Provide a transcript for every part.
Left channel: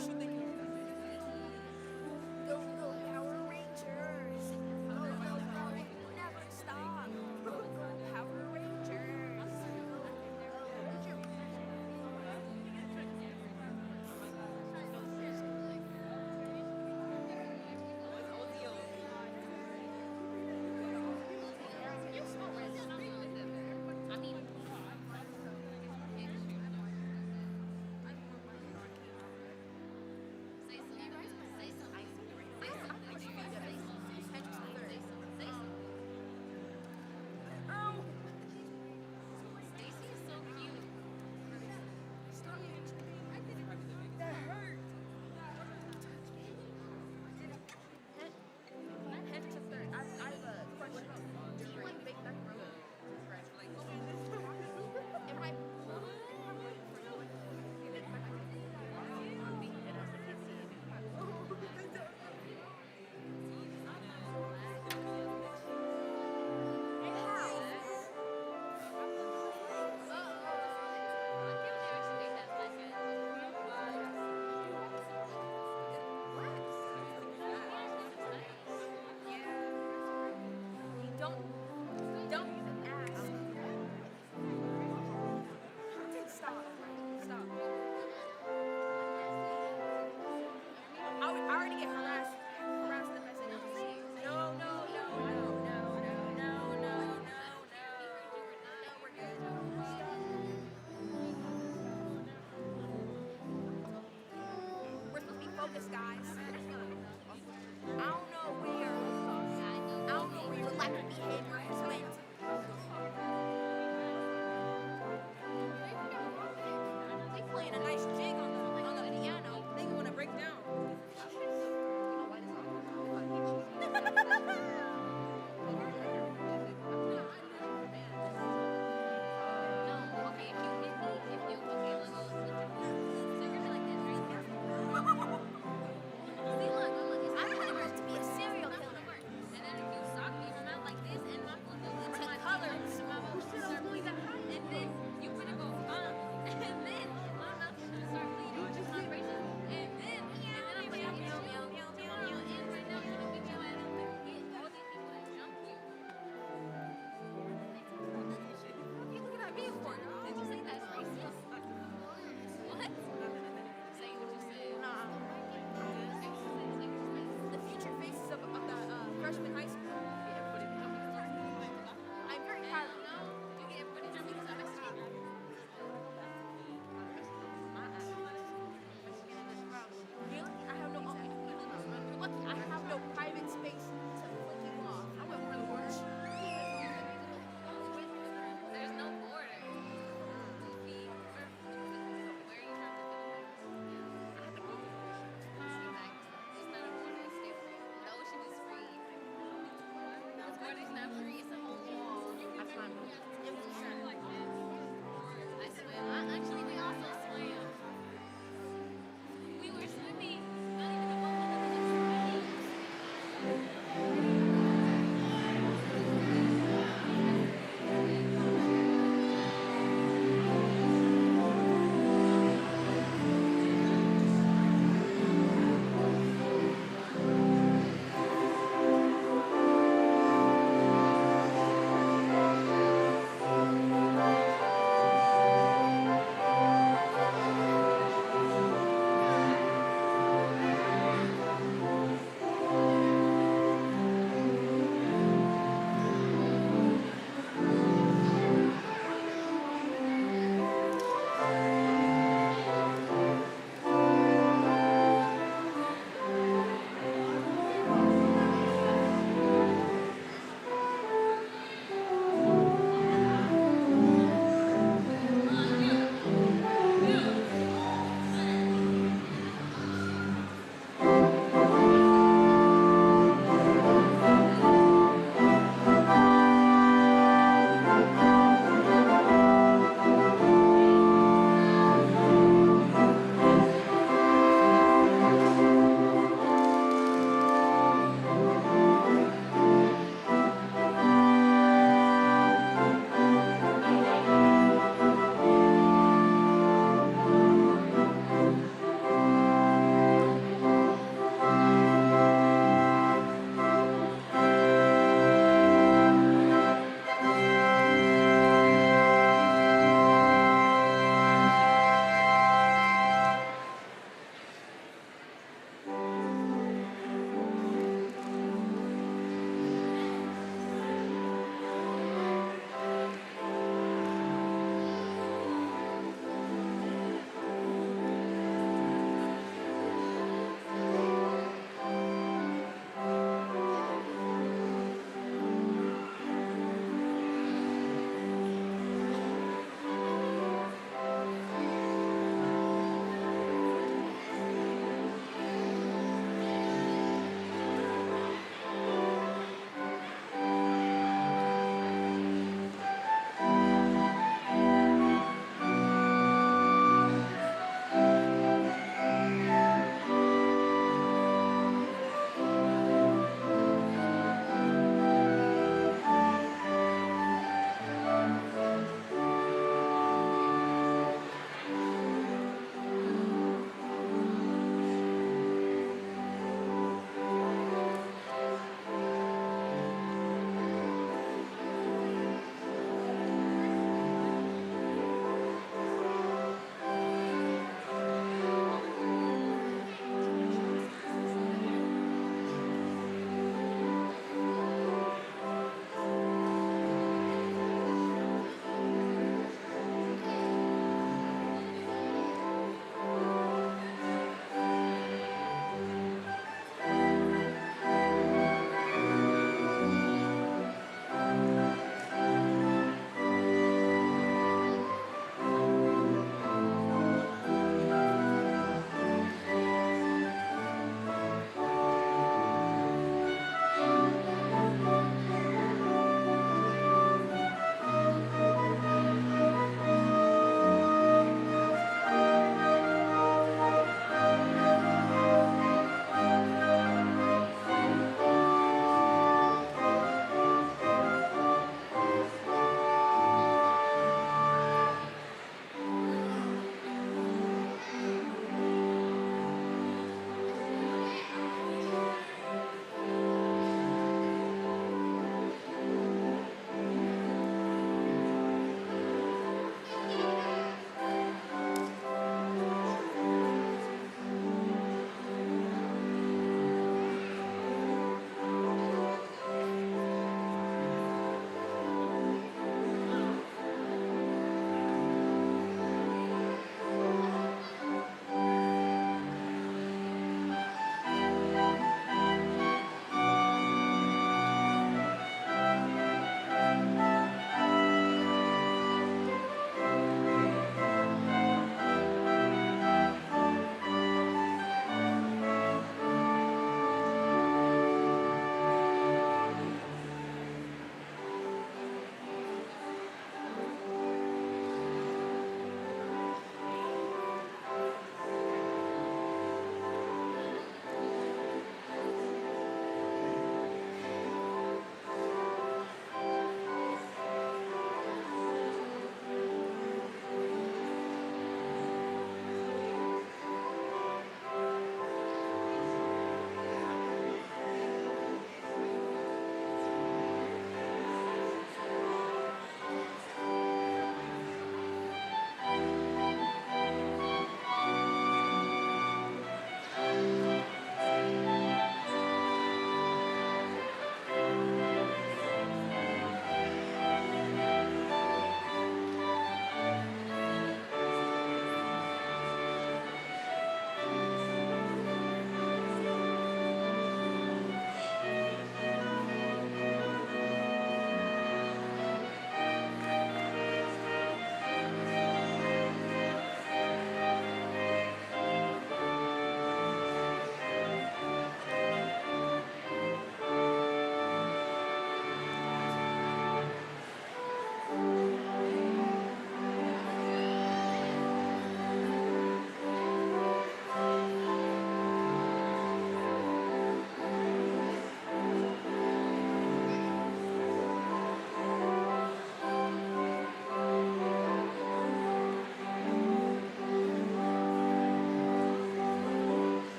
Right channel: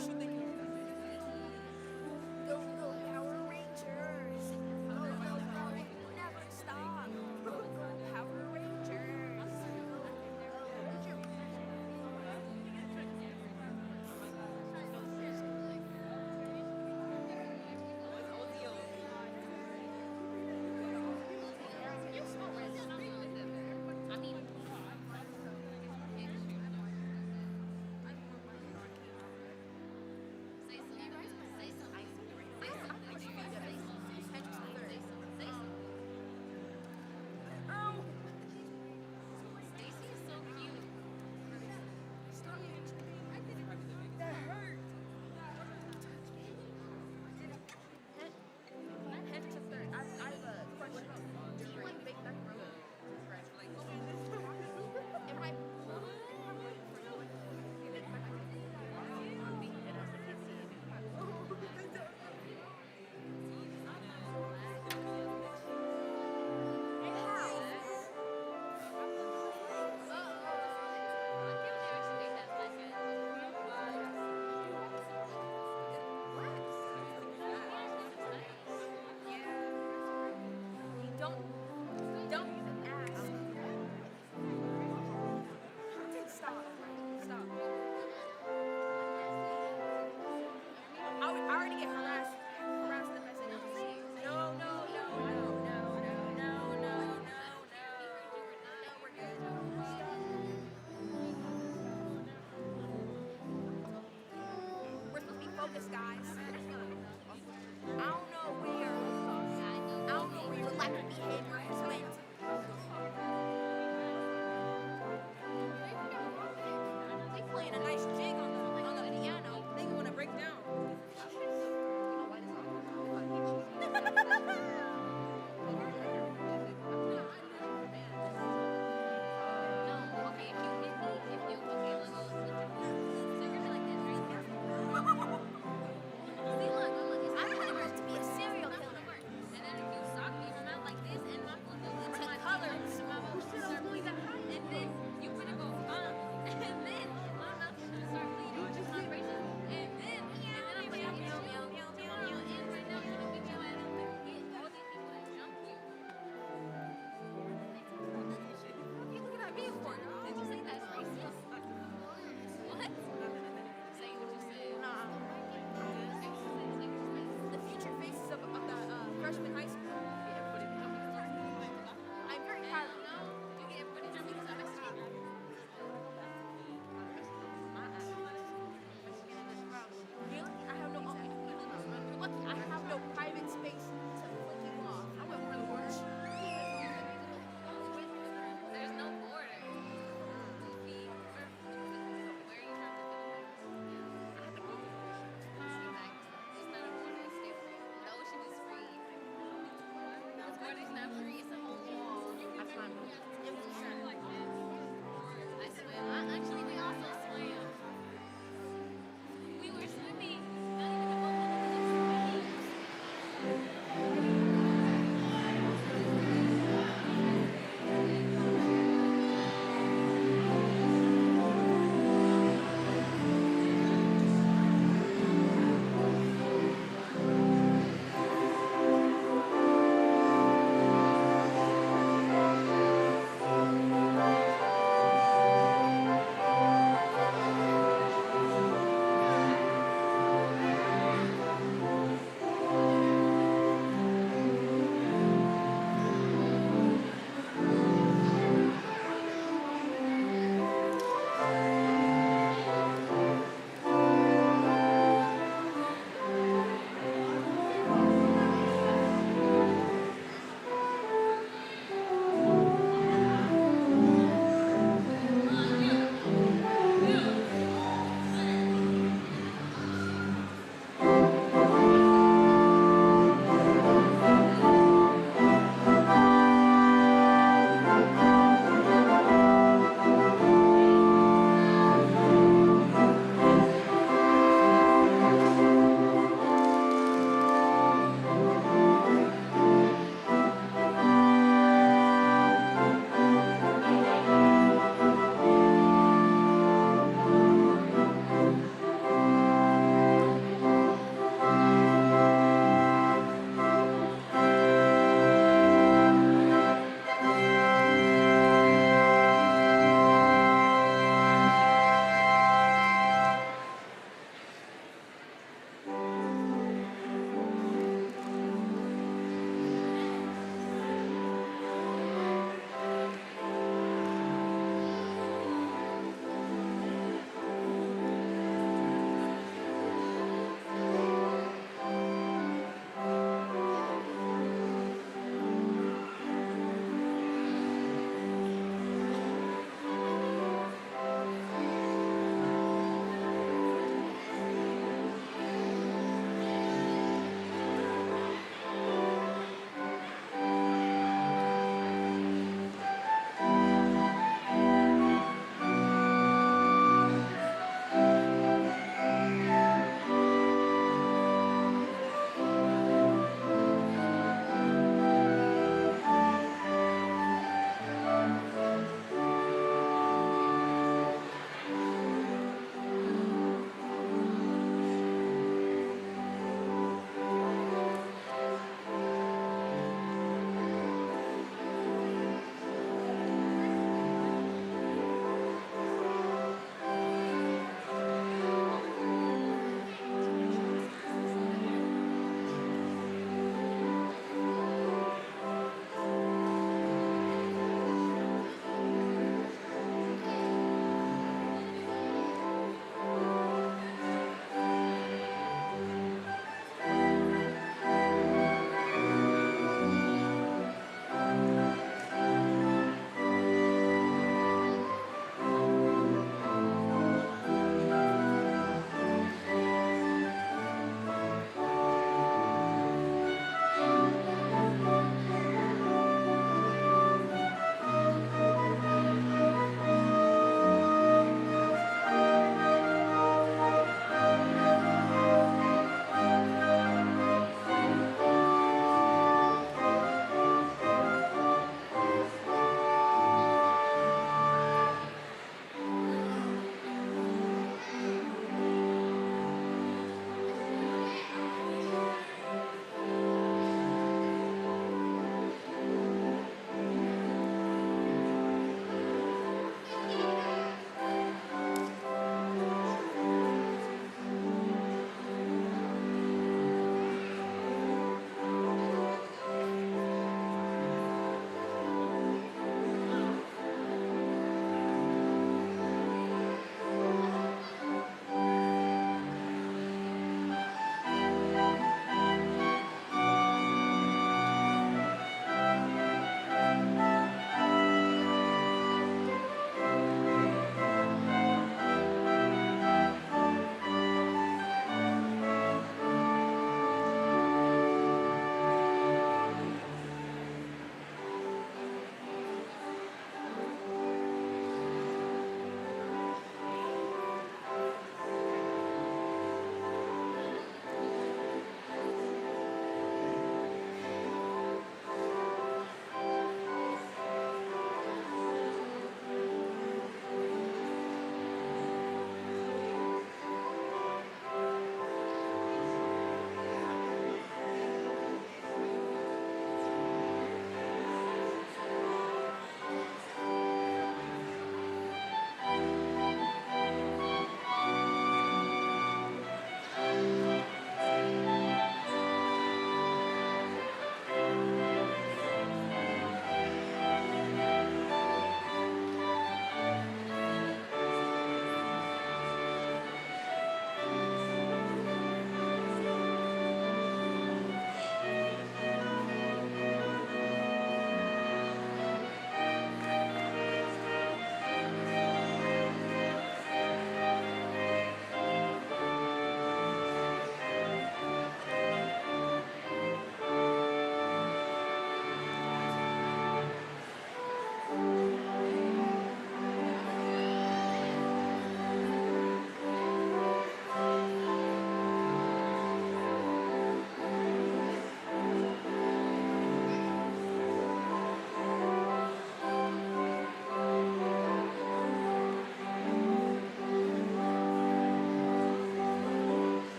what you think? Go, go, Power Rangers! Go, go, go! Never stop! Go, go, Power Rangers! That hurt! Head to third. I have a question. Do you like bake macaroni? Am I? Don't even ask. Stop. Stop. I already get harassed if I say no. No, no, no, no, no, no, no, no, no, no. No, we're good. We're supposed to be focused, guys. I don't know where your lack of behavior has went. They playing a nice jig on the piano. They want to break down. Freshman high school. I'm very proud of you. Really? I have no. You're lucky. I have no private space to flip you off. I went for the worst. There's no border.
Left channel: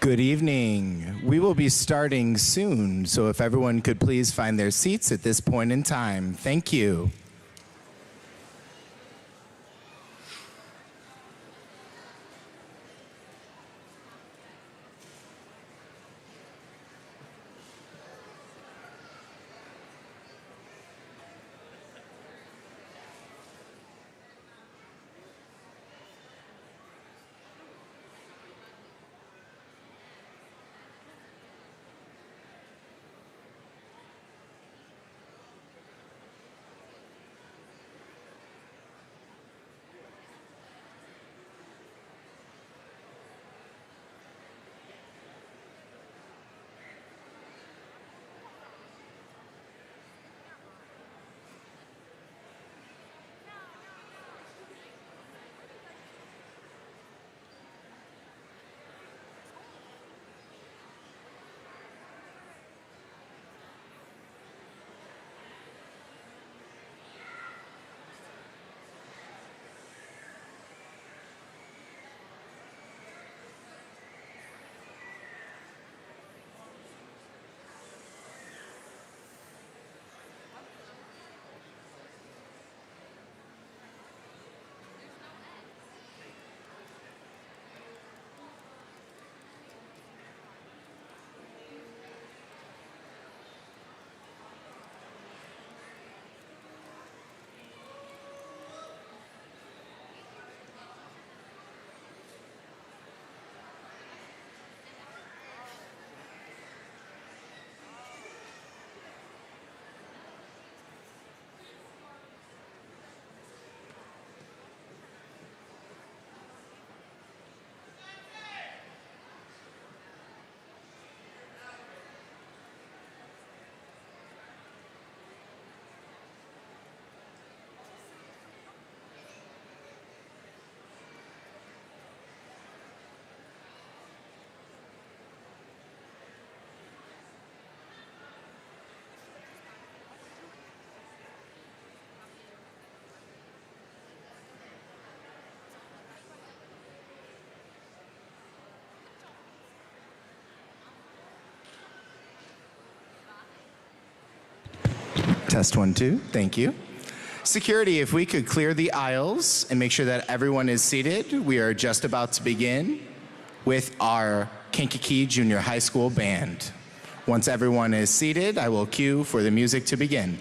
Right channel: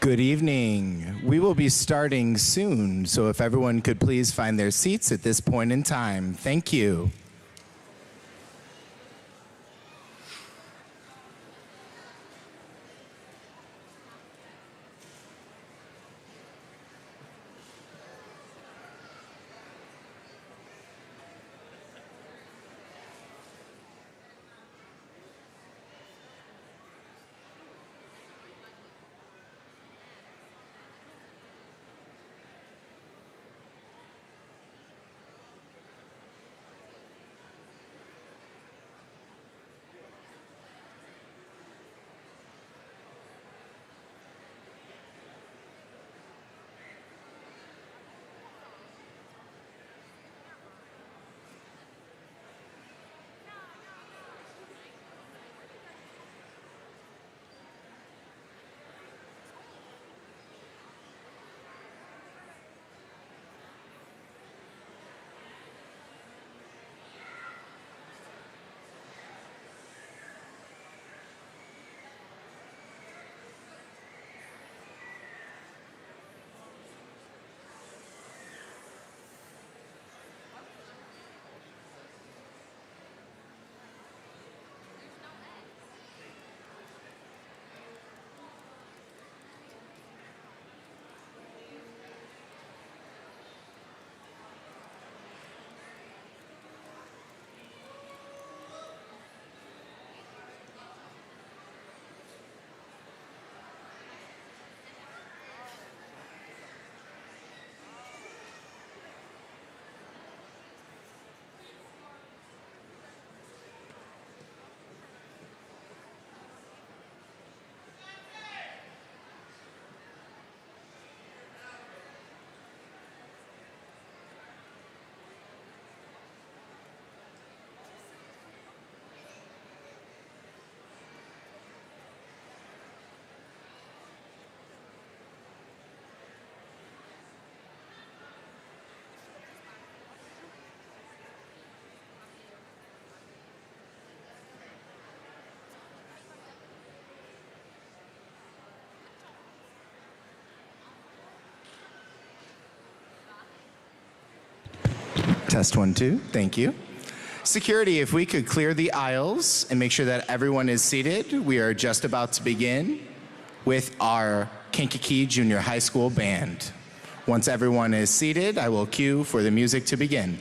Good evening. We will be starting soon, so if everyone could please find their seats at this point in time. Thank you. Test 1, 2. Thank you. Security, if we could clear the aisles and make sure that everyone is seated, we are just about to begin with our Kankakee Junior High School Band. Once everyone is seated, I will cue for the music to begin.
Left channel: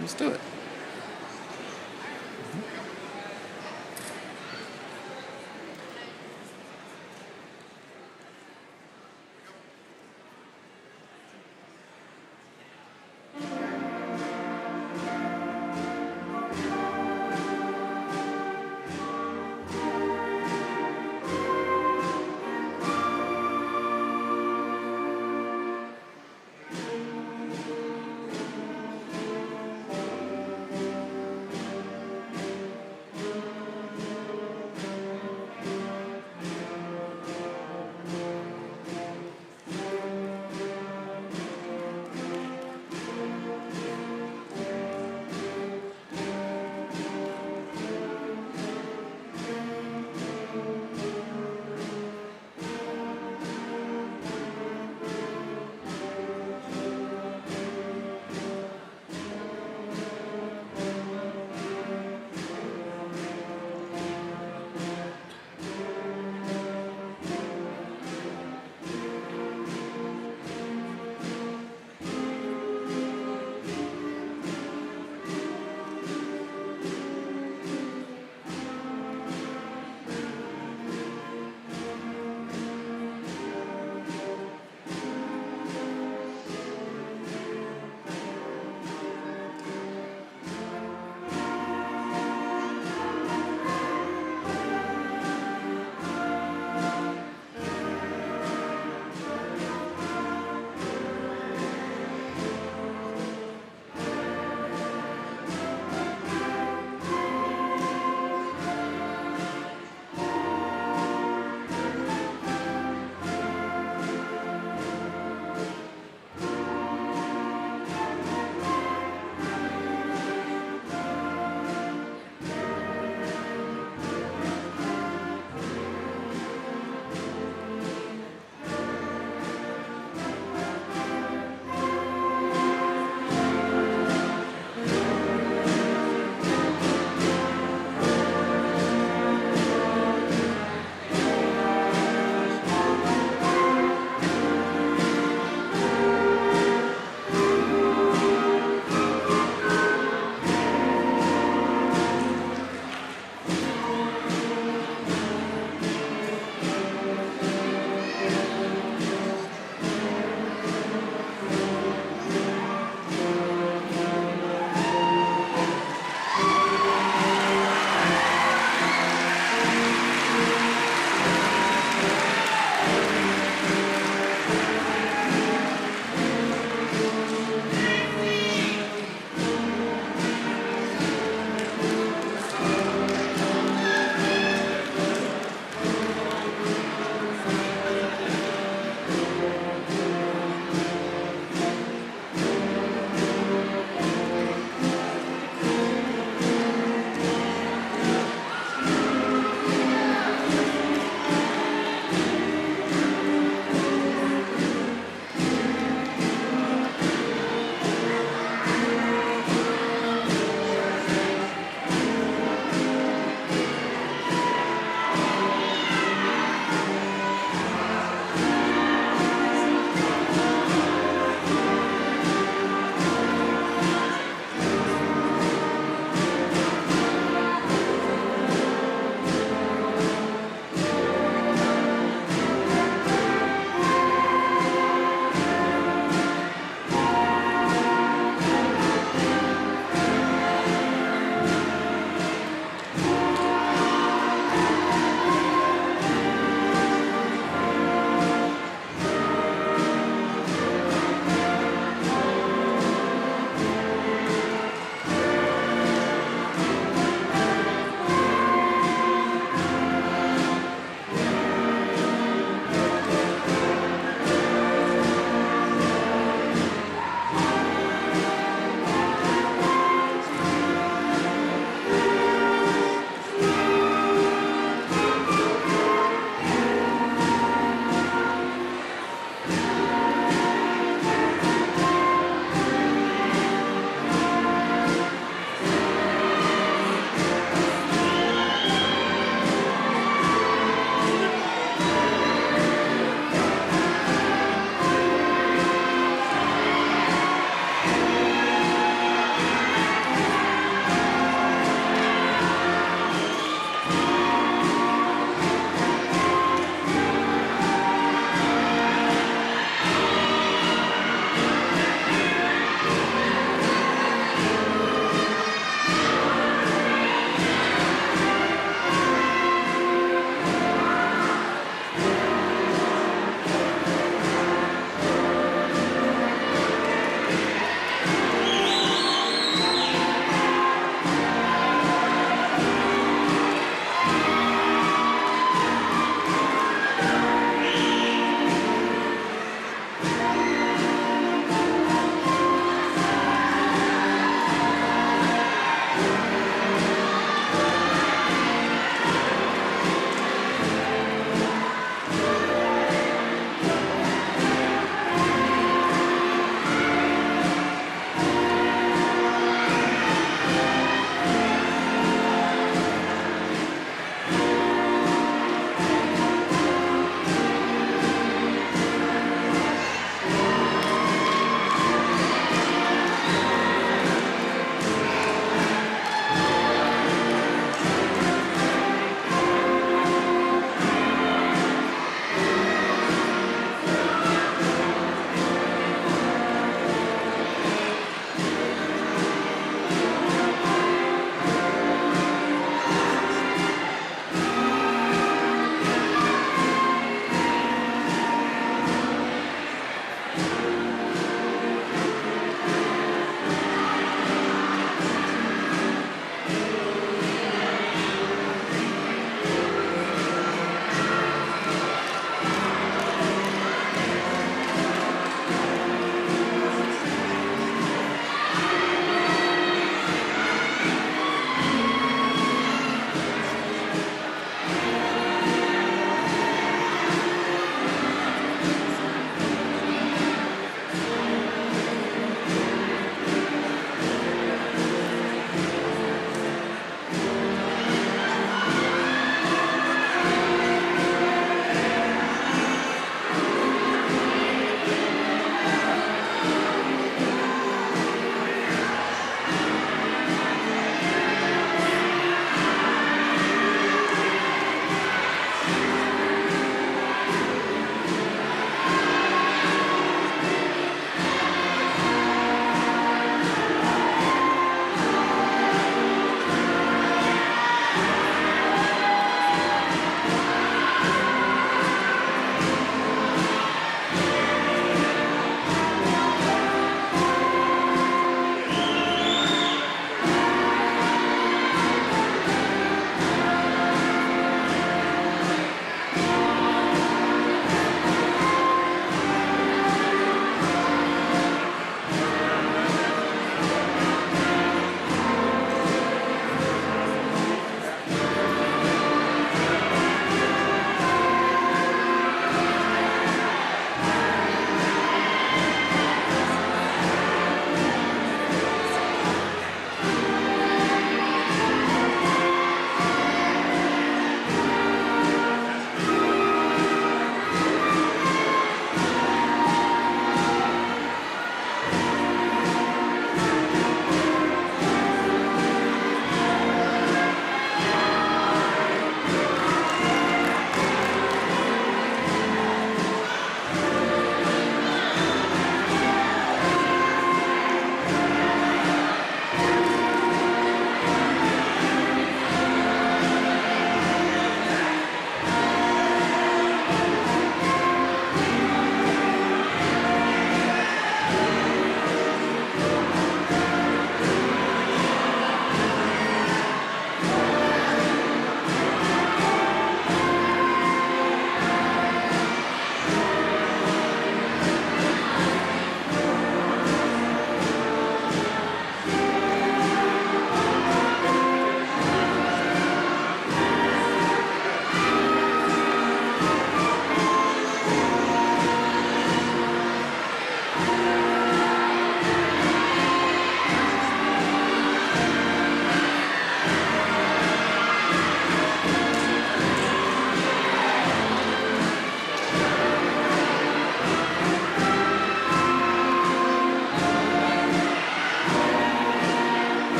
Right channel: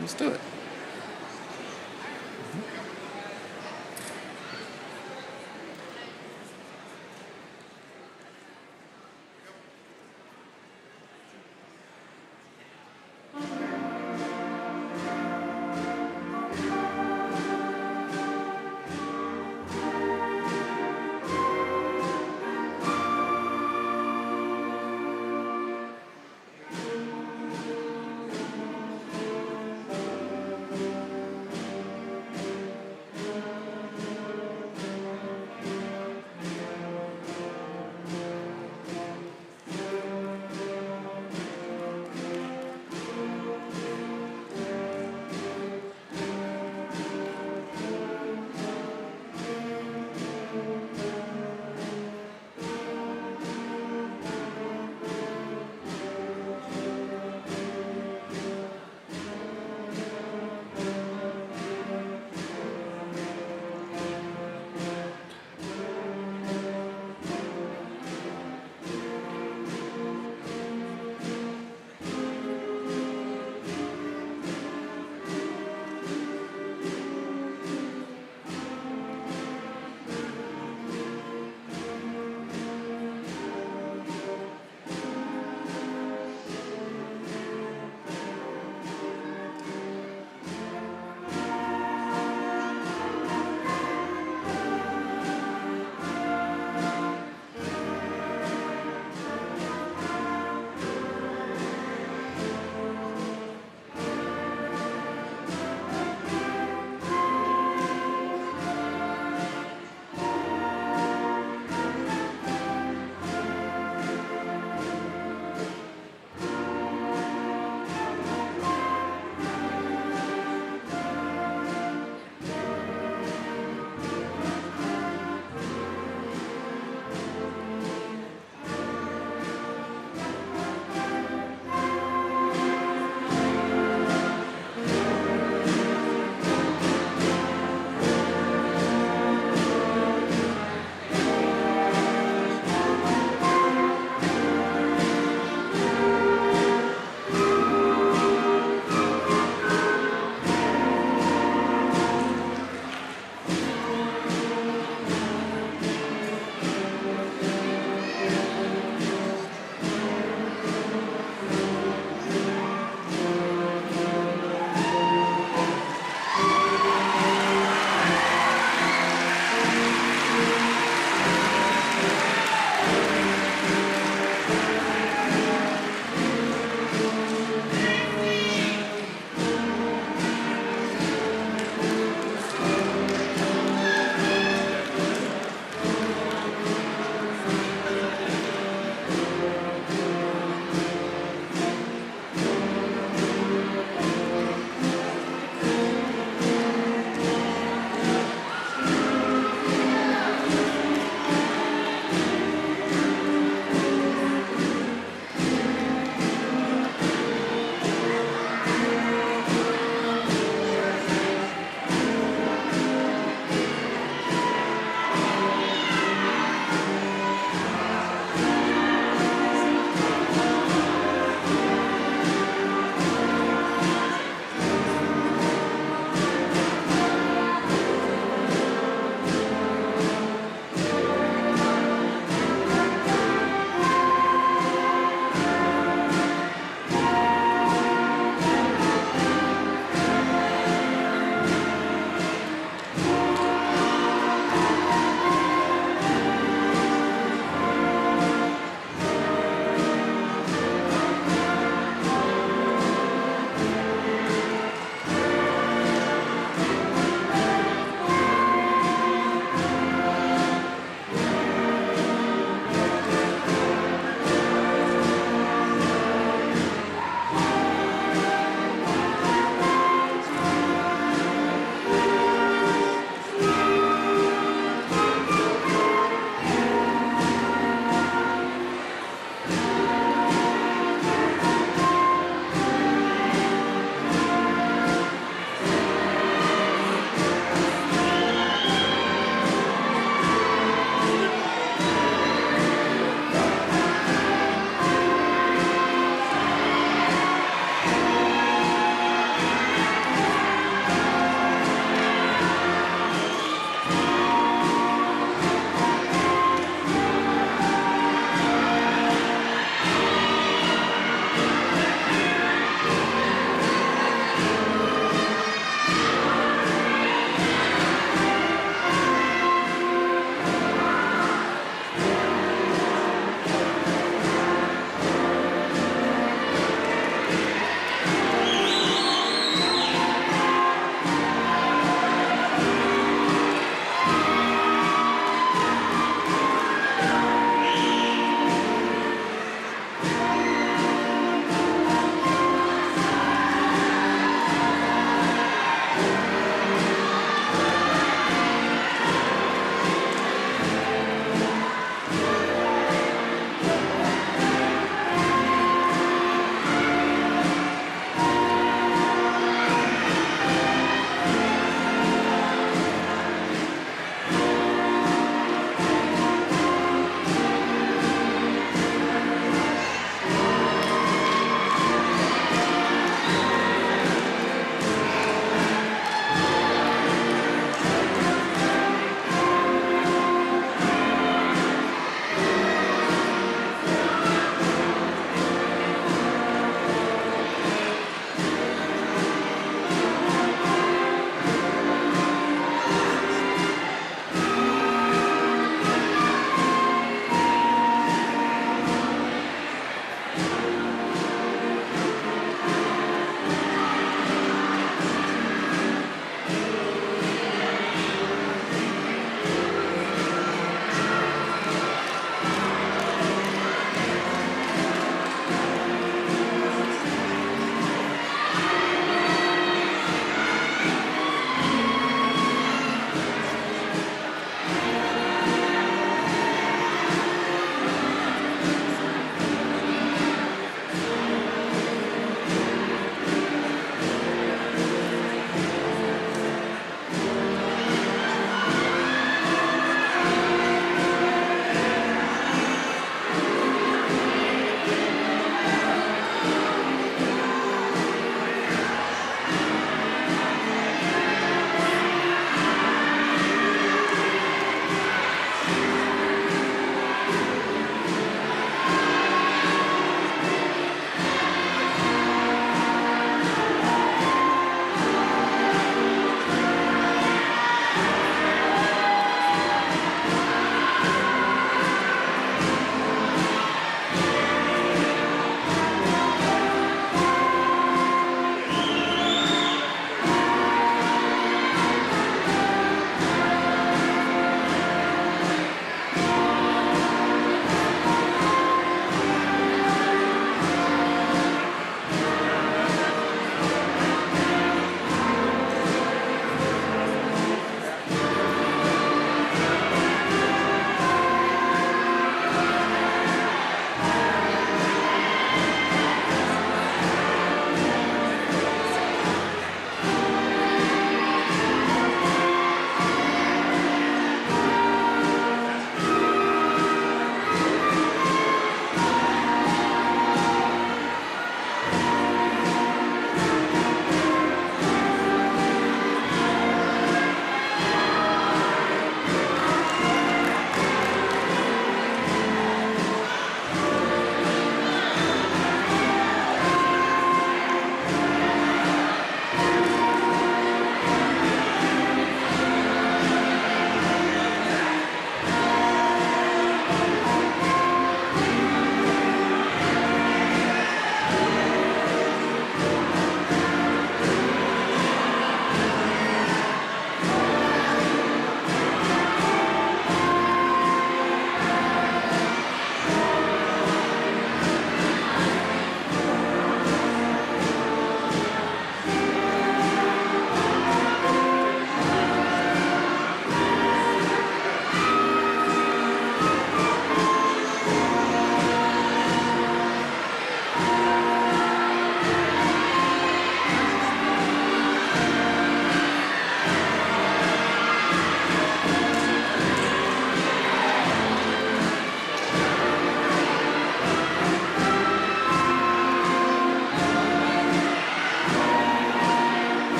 Let's do it.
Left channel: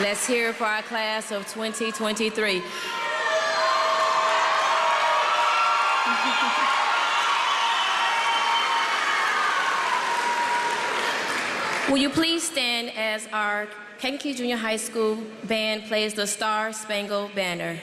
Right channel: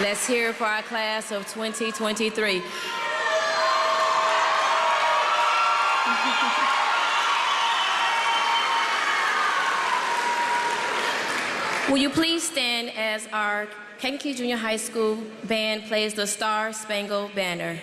Let's hear it for our class of 2023. Will you please stand as our Kankakee Junior High School band plays the Star Spangled Banner?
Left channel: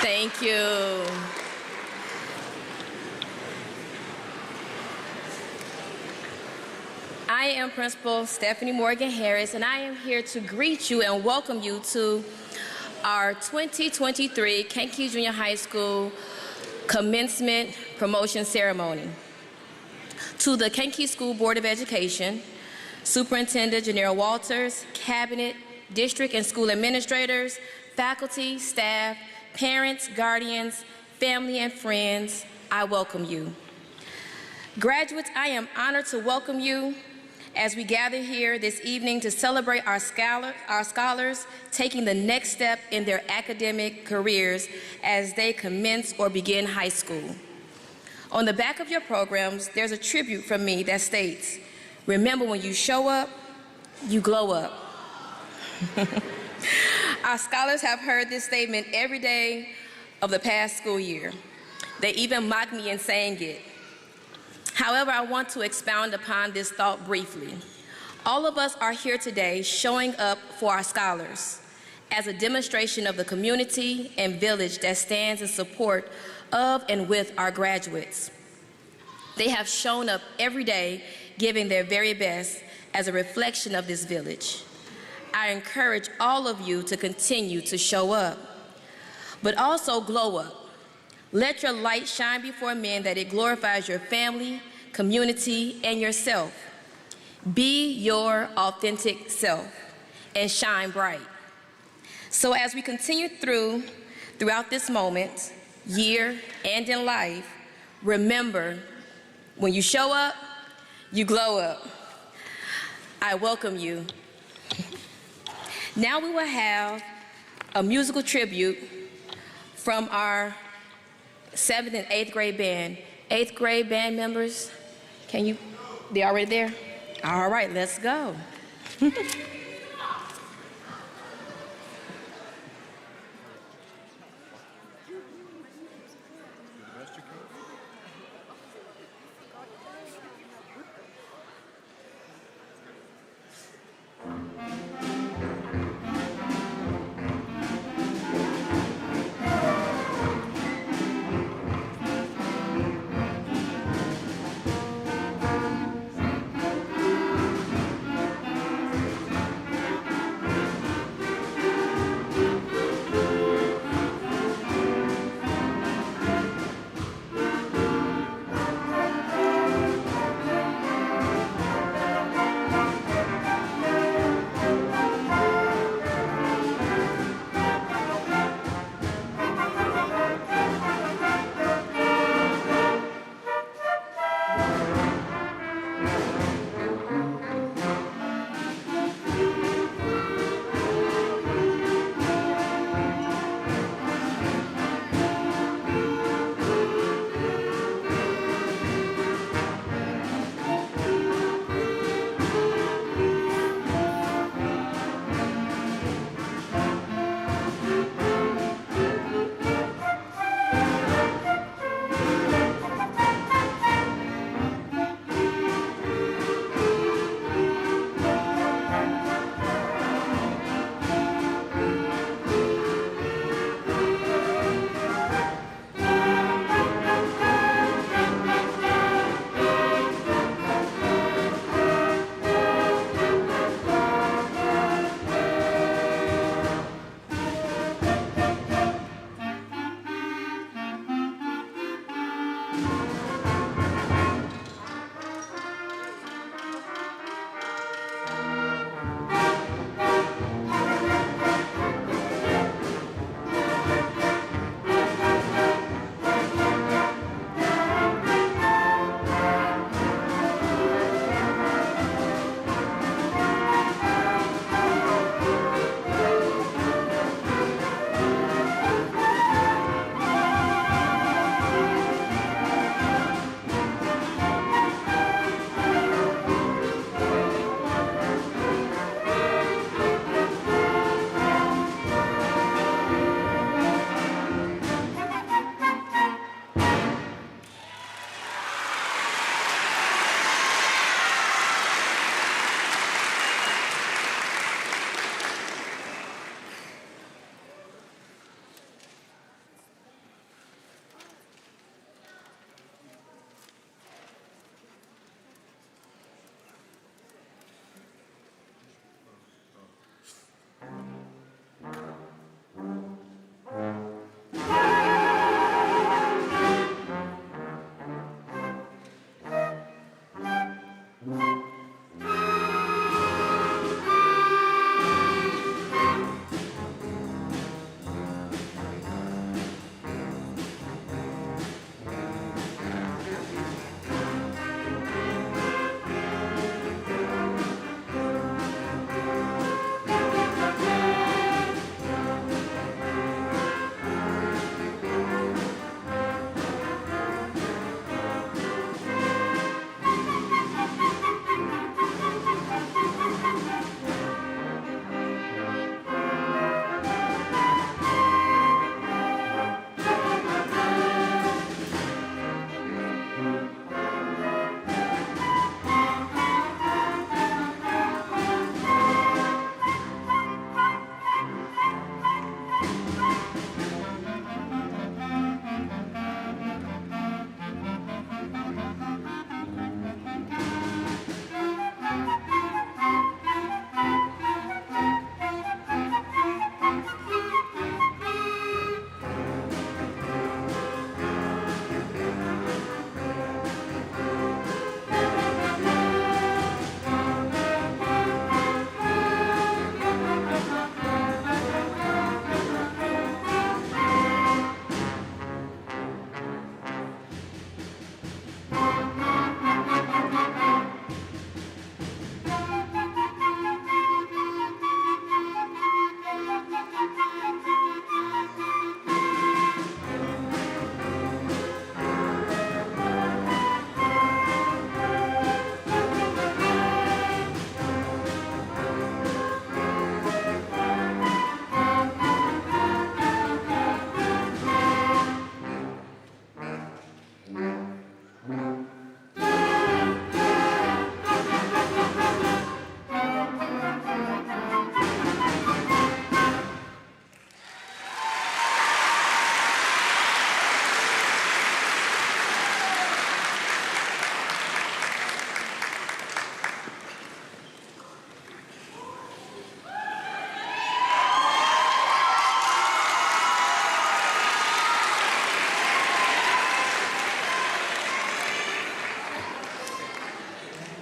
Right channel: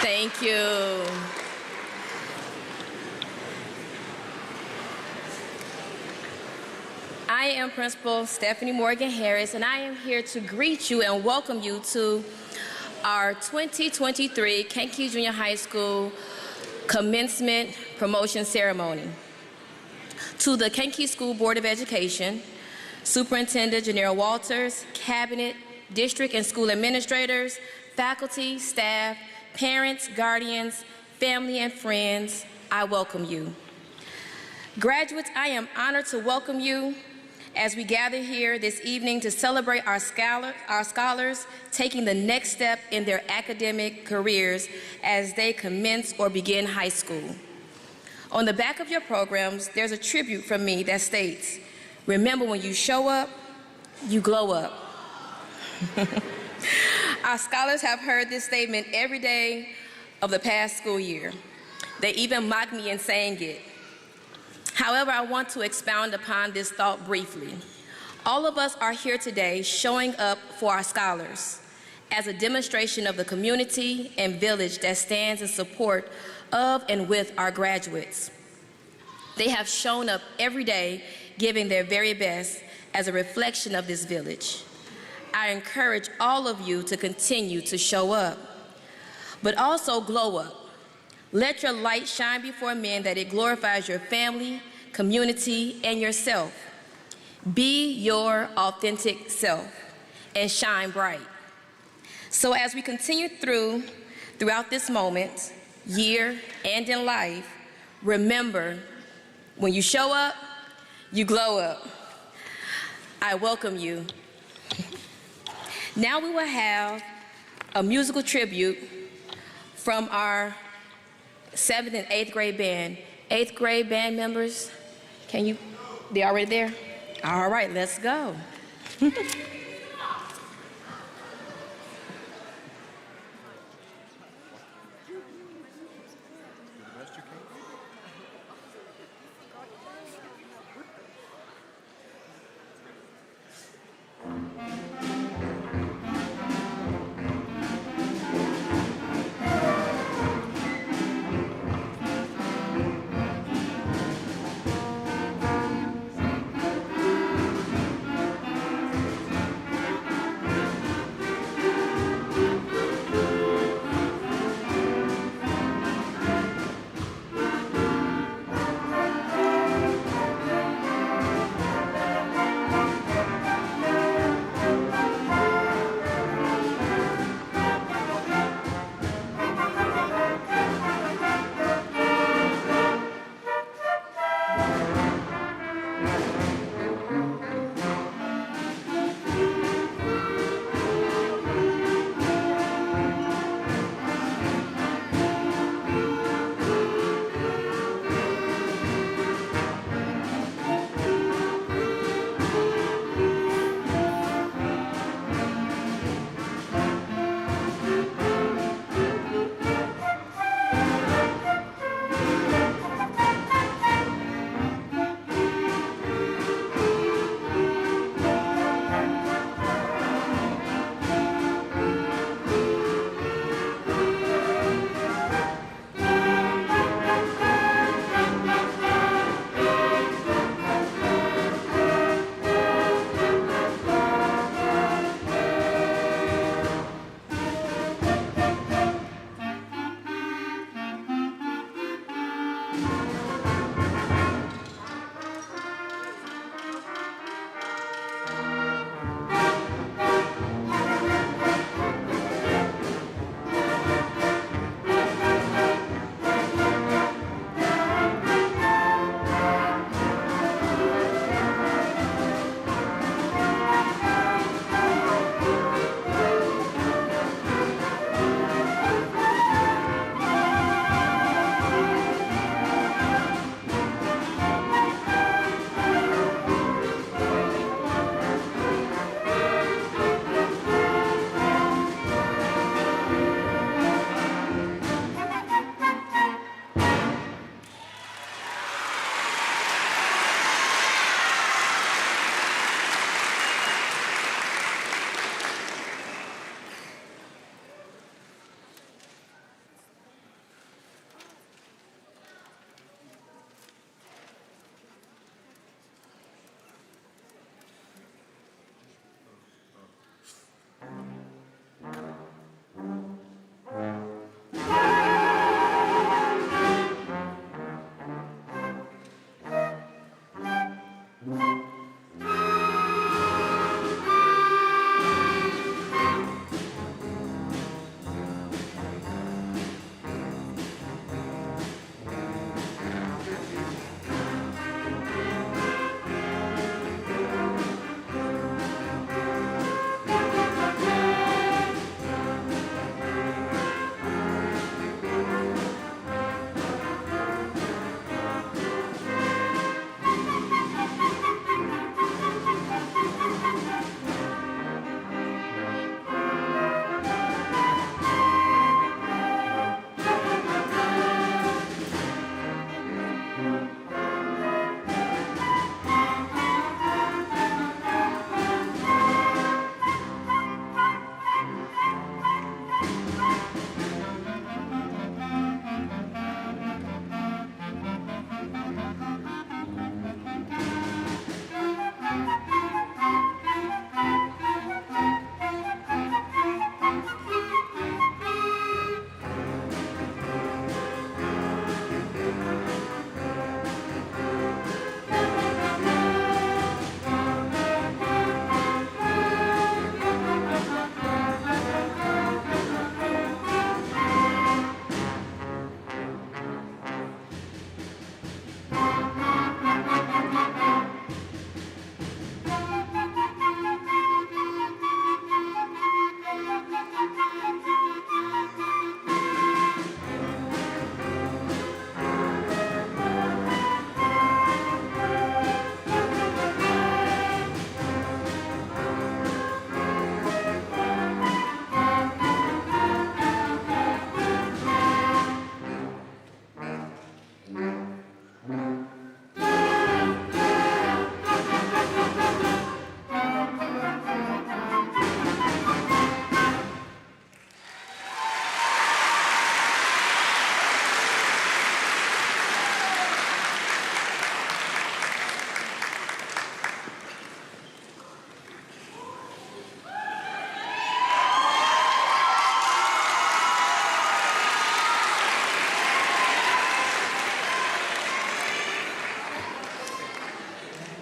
Thank you. I am Principal Stephanie Morgan Harris, and I am here to greet you and welcome you to our 2023 Kankakee Junior High School Commencement Promotion Ceremony. To the Kankakee School Board of Education, Superintendent Janelle Walters, Cabinet, District and School Administrators, faculty, staff, parents, guardians, family, and friends, I welcome you. Graduates, I am honored to welcome you as we gather here this evening to celebrate our scholars taking the next step in their academic careers as they commence or begin high school. On the back of your programs, there's a tribute from me that states, remember when you show up, you glow up. Our scholars have heard this statement every day of the past school year. They even mock me in saying it. However, I want to expound upon this thought briefly. All of us are here today showing up for our scholars as a demonstration of the community and village that stands in support of and with our graduates. They have shown up every day, giving their very best as a reflection of this village. I encourage all of you to continue to show up, but also glow up. Let your light shine before men that it glorifies your family, community, and yourself. Be your authentic self and shine bright. So as we continue throughout this moment, year, and in life, remember, when you show up, you glow up. I welcome you. Now we will have a musical tribute from our 7th and 8th grade band. 8th grade band members, they already there? All right, let's go.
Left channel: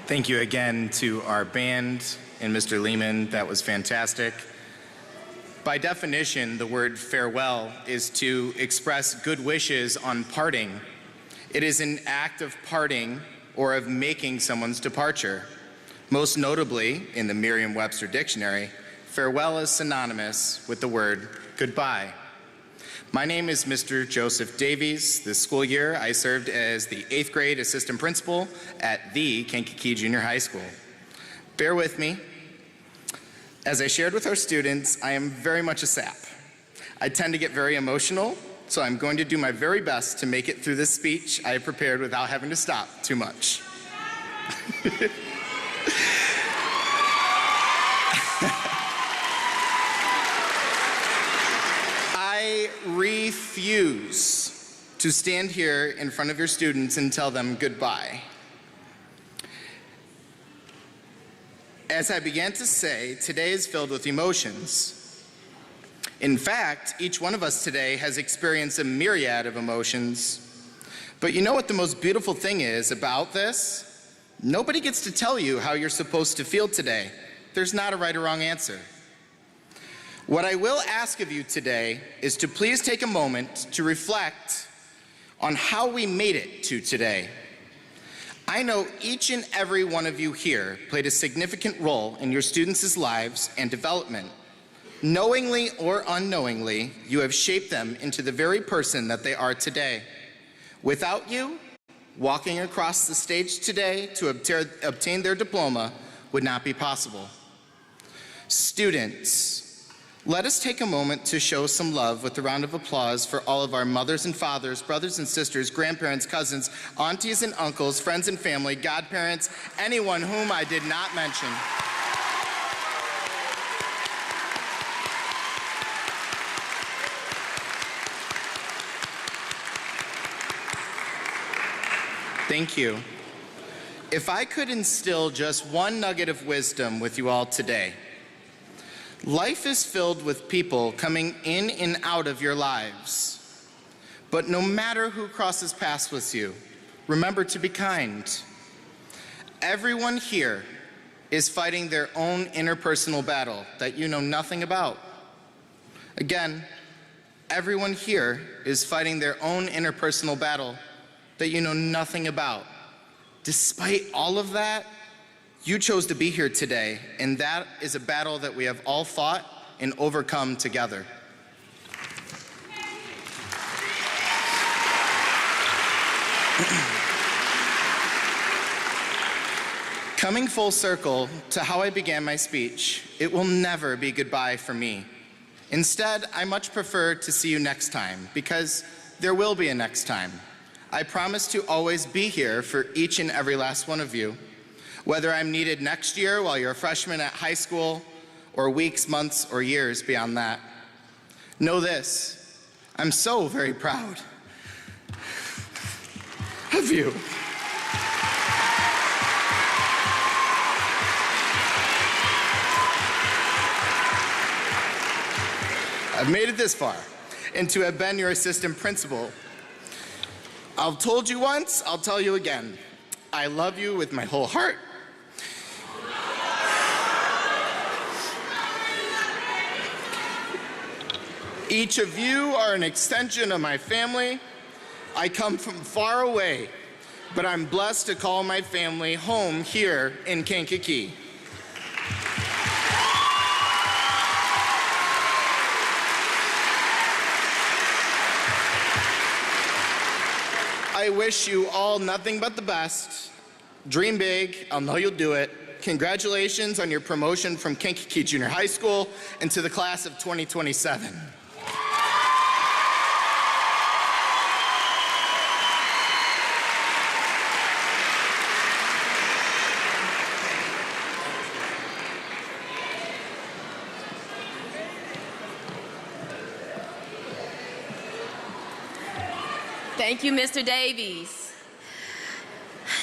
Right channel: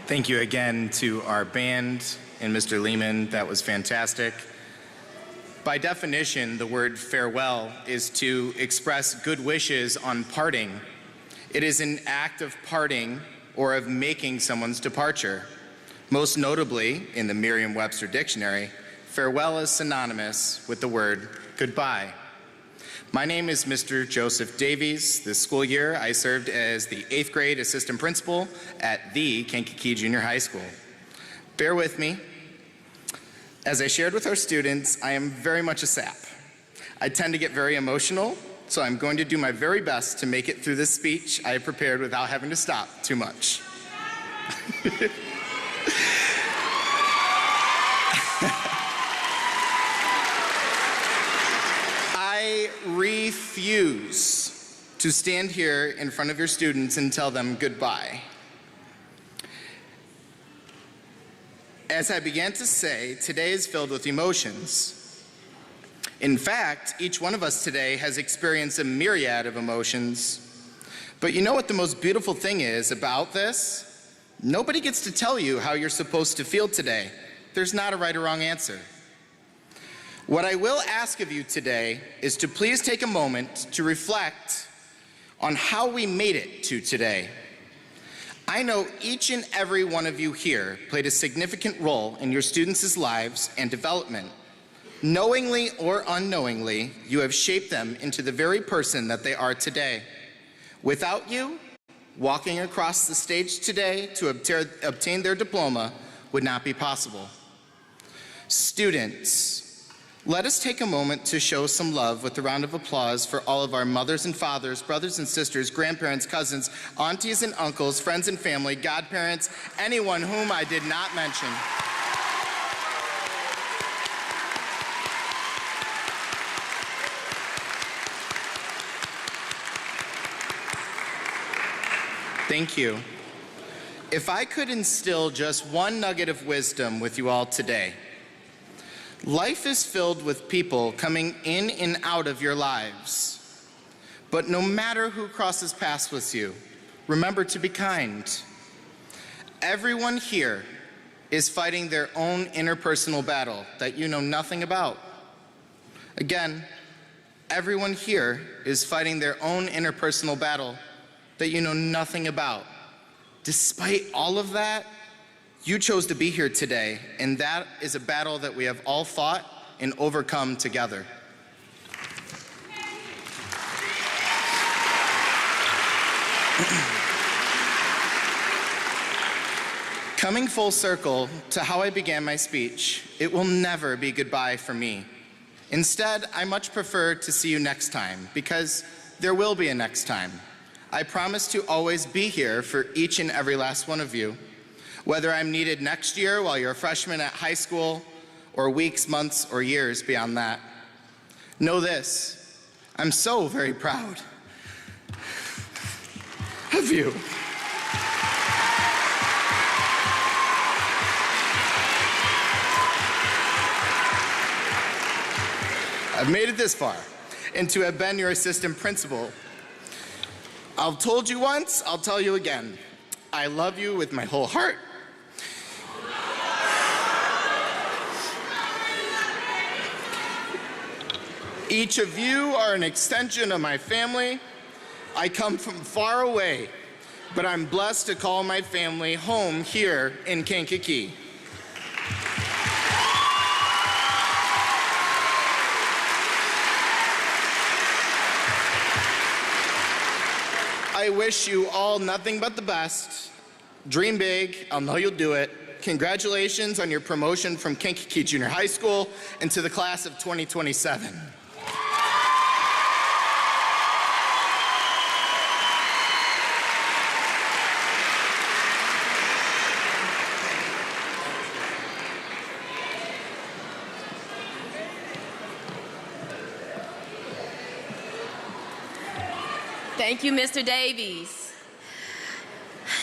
Thank you again to our band and Mr. Lehman. That was fantastic. By definition, the word farewell is to express good wishes on parting. It is an act of parting or of making someone's departure. Most notably, in the Merriam-Webster dictionary, farewell is synonymous with the word goodbye. My name is Mr. Joseph Davies. This school year, I served as the 8th grade assistant principal at the Kankakee Junior High School. Bear with me. As I shared with our students, I am very much a sap. I tend to get very emotional, so I'm going to do my very best to make it through this speech I have prepared without having to stop too much. I refuse to stand here in front of your students and tell them goodbye. As I began to say, today is filled with emotions. In fact, each one of us today has experienced a myriad of emotions. But you know what the most beautiful thing is about this? Nobody gets to tell you how you're supposed to feel today. There's not a right or wrong answer. What I will ask of you today is to please take a moment to reflect on how we made it to today. I know each and every one of you here played a significant role in your students' lives and development. Knowingly or unknowingly, you have shaped them into the very person that they are today. Without you, walking across the stage today to obtain their diploma would not be possible. Students, let us take a moment to show some love with a round of applause for all of our mothers and fathers, brothers and sisters, grandparents, cousins, aunties and uncles, friends and family, godparents, anyone whom I did not mention. Thank you. If I could instill just one nugget of wisdom with you all today, life is filled with people coming in and out of your lives. But no matter who crosses paths with you, remember to be kind. Everyone here is fighting their own interpersonal battle that you know nothing about. Again, everyone here is fighting their own interpersonal battle that you know nothing about. Despite all of that, you chose to be here today, and that is a battle that we have all fought and overcome together. Coming full circle to how I began my speech, it will never be goodbye for me. Instead, I much prefer to see you next time, because there will be a next time. I promise to always be here for each and every last one of you, whether I'm needed next year while you're a freshman at high school, or weeks, months, or years beyond that. Know this, I'm so very proud of you. I've made it this far, and to have been your assistant principal. I've told you once, I'll tell you again. I love you with my whole heart. Each of you are an extension of my family. I come from far away, but I'm blessed to call my family home here in Kankakee. I wish you all nothing but the best. Dream big. I'll know you'll do it. Congratulations on your promotion from Kankakee Junior High School into the class of 2027. Thank you, Mr. Davies.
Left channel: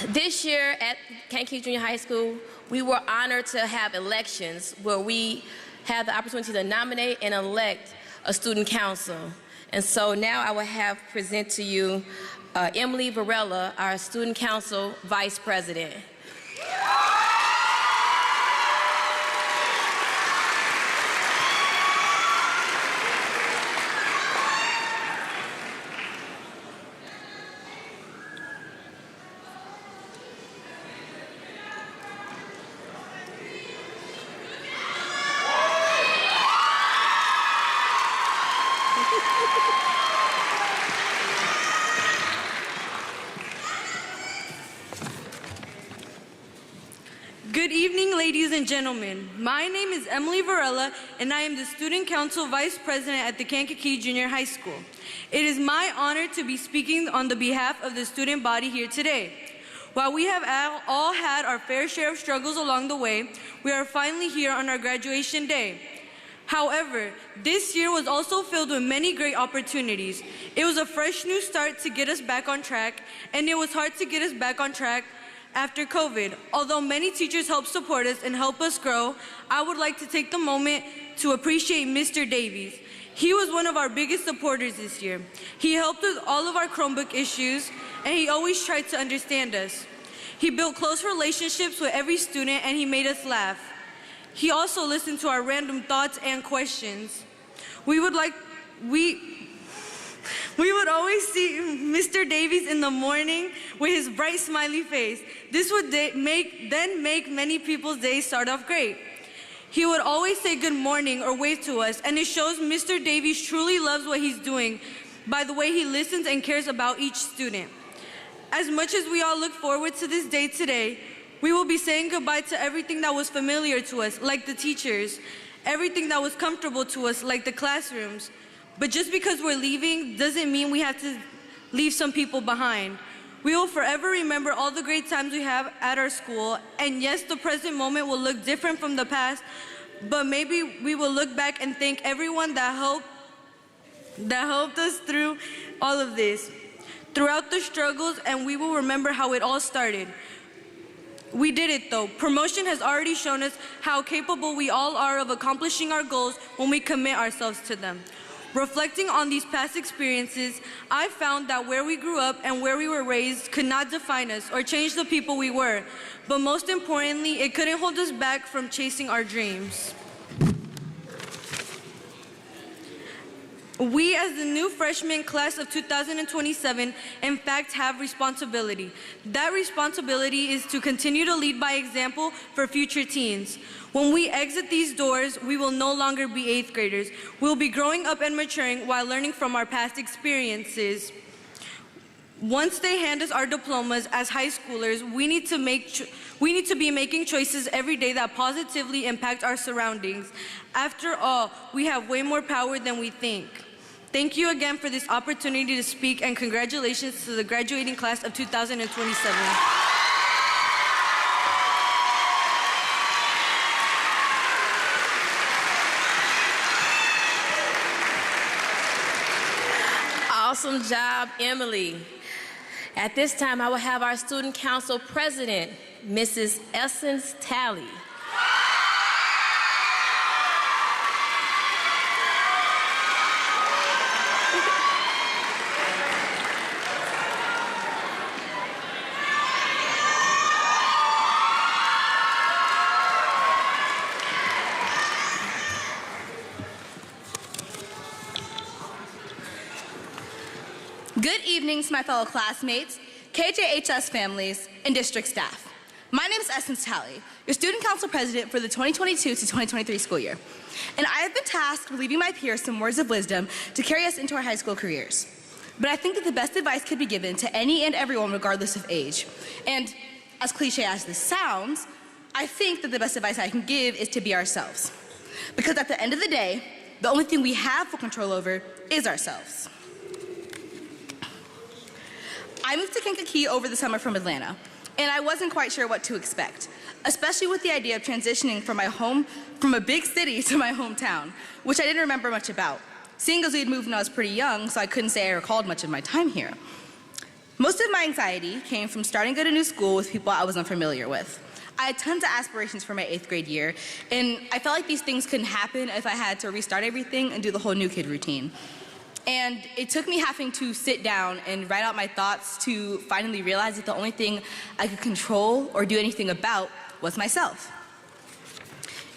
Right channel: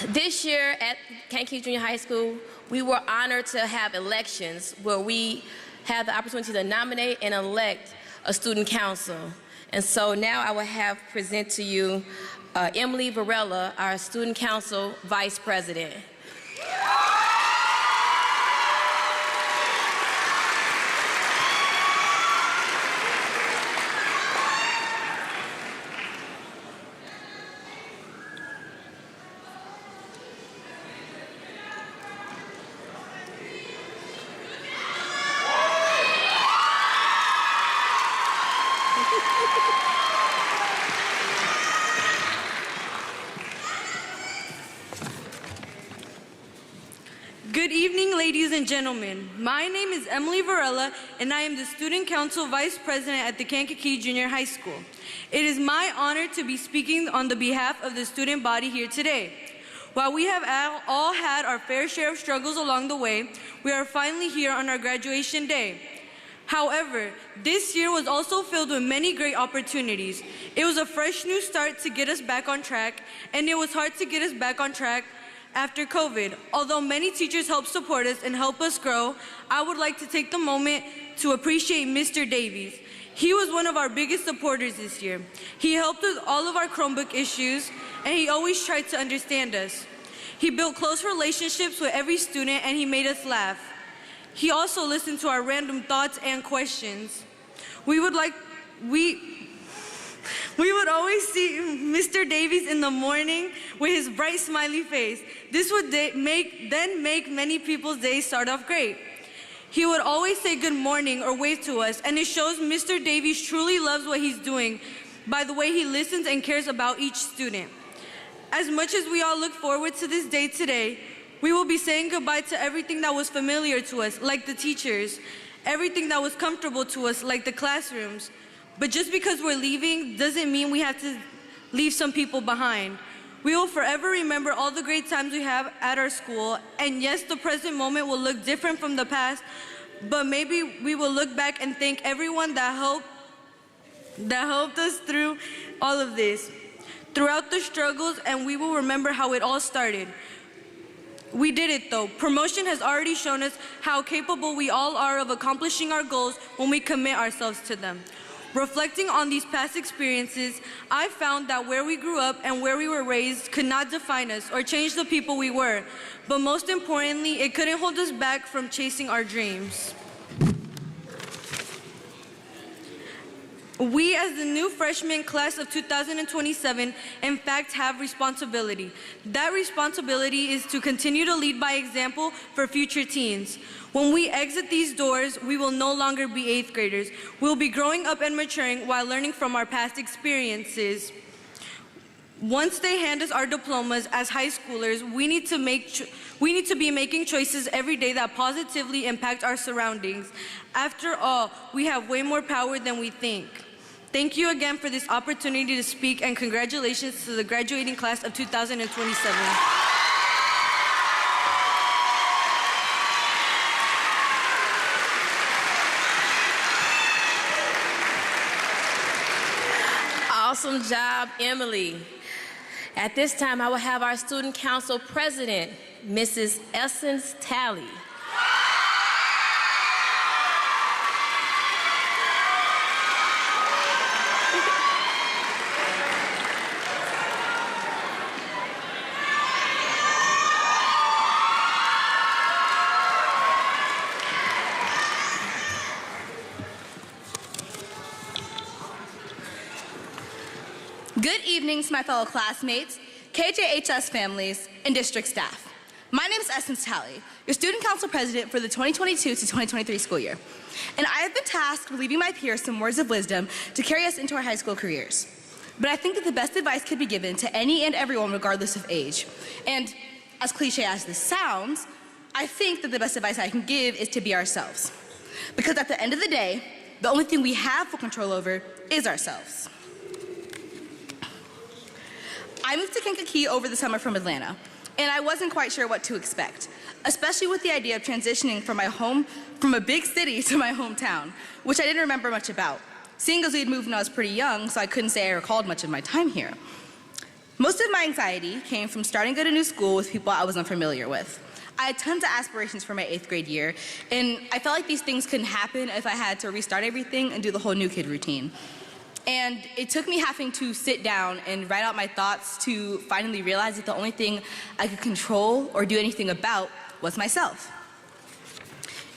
This year at Kankakee Junior High School, we were honored to have elections where we had the opportunity to nominate and elect a student council. And so now I will have present to you Emily Varela, our student council vice president. Good evening, ladies and gentlemen. My name is Emily Varela, and I am the Student Council Vice President at the Kankakee Junior High School. It is my honor to be speaking on the behalf of the student body here today. While we have all had our fair share of struggles along the way, we are finally here on our graduation day. However, this year was also filled with many great opportunities. It was a fresh new start to get us back on track, and it was hard to get us back on track after COVID. Although many teachers helped support us and help us grow, I would like to take the moment to appreciate Mr. Davies. He was one of our biggest supporters this year. He helped with all of our Chromebook issues, and he always tried to understand us. He built close relationships with every student, and he made us laugh. He also listened to our random thoughts and questions. We would always see Mr. Davies in the morning with his bright smiley face. This would make many people's days start off great. He would always say good morning or wave to us, and it shows Mr. Davies truly loves what he's doing by the way he listens and cares about each student. As much as we all look forward to this day today, we will be saying goodbye to everything that was familiar to us, like the teachers, everything that was comfortable to us, like the classrooms. But just because we're leaving doesn't mean we have to leave some people behind. We will forever remember all the great times we have at our school, and yes, the present moment will look different from the past, but maybe we will look back and thank everyone that helped us through all of this, throughout the struggles, and we will remember how it all started. We did it though. Promotion has already shown us how capable we all are of accomplishing our goals when we commit ourselves to them. Reflecting on these past experiences, I found that where we grew up and where we were raised could not define us or change the people we were. But most importantly, it couldn't hold us back from chasing our dreams. We, as the new freshman class of 2027, in fact have responsibility. That responsibility is to continue to lead by example for future teens. When we exit these doors, we will no longer be 8th graders. We'll be growing up and maturing while learning from our past experiences. Once they hand us our diplomas as high schoolers, we need to be making choices every day that positively impact our surroundings. After all, we have way more power than we think. Thank you again for this opportunity to speak, and congratulations to the graduating class of 2027. Awesome job, Emily. At this time, I will have our Student Council President, Mrs. Essence Talley. Good evening to my fellow classmates, KJHS families, and district staff. My name is Essence Talley, your Student Council President for the 2022 to 2023 school year. And I have been tasked with leaving my peers some words of wisdom to carry us into our high school careers. But I think that the best advice could be given to any and everyone regardless of age. And as cliche as this sounds, I think that the best advice I can give is to be ourselves. Because at the end of the day, the only thing we have full control over is ourselves. I moved to Kankakee over the summer from Atlanta, and I wasn't quite sure what to expect, especially with the idea of transitioning from a big city to my hometown, which I didn't remember much about, seeing as we had moved when I was pretty young, so I couldn't say I recalled much of my time here. Most of my anxiety came from starting at a new school with people I was unfamiliar with. I had tons of aspirations for my 8th grade year, and I felt like these things couldn't happen if I had to restart everything and do the whole new kid routine. And it took me having to sit down and write out my thoughts to finally realize that the only thing I could control or do anything about was myself.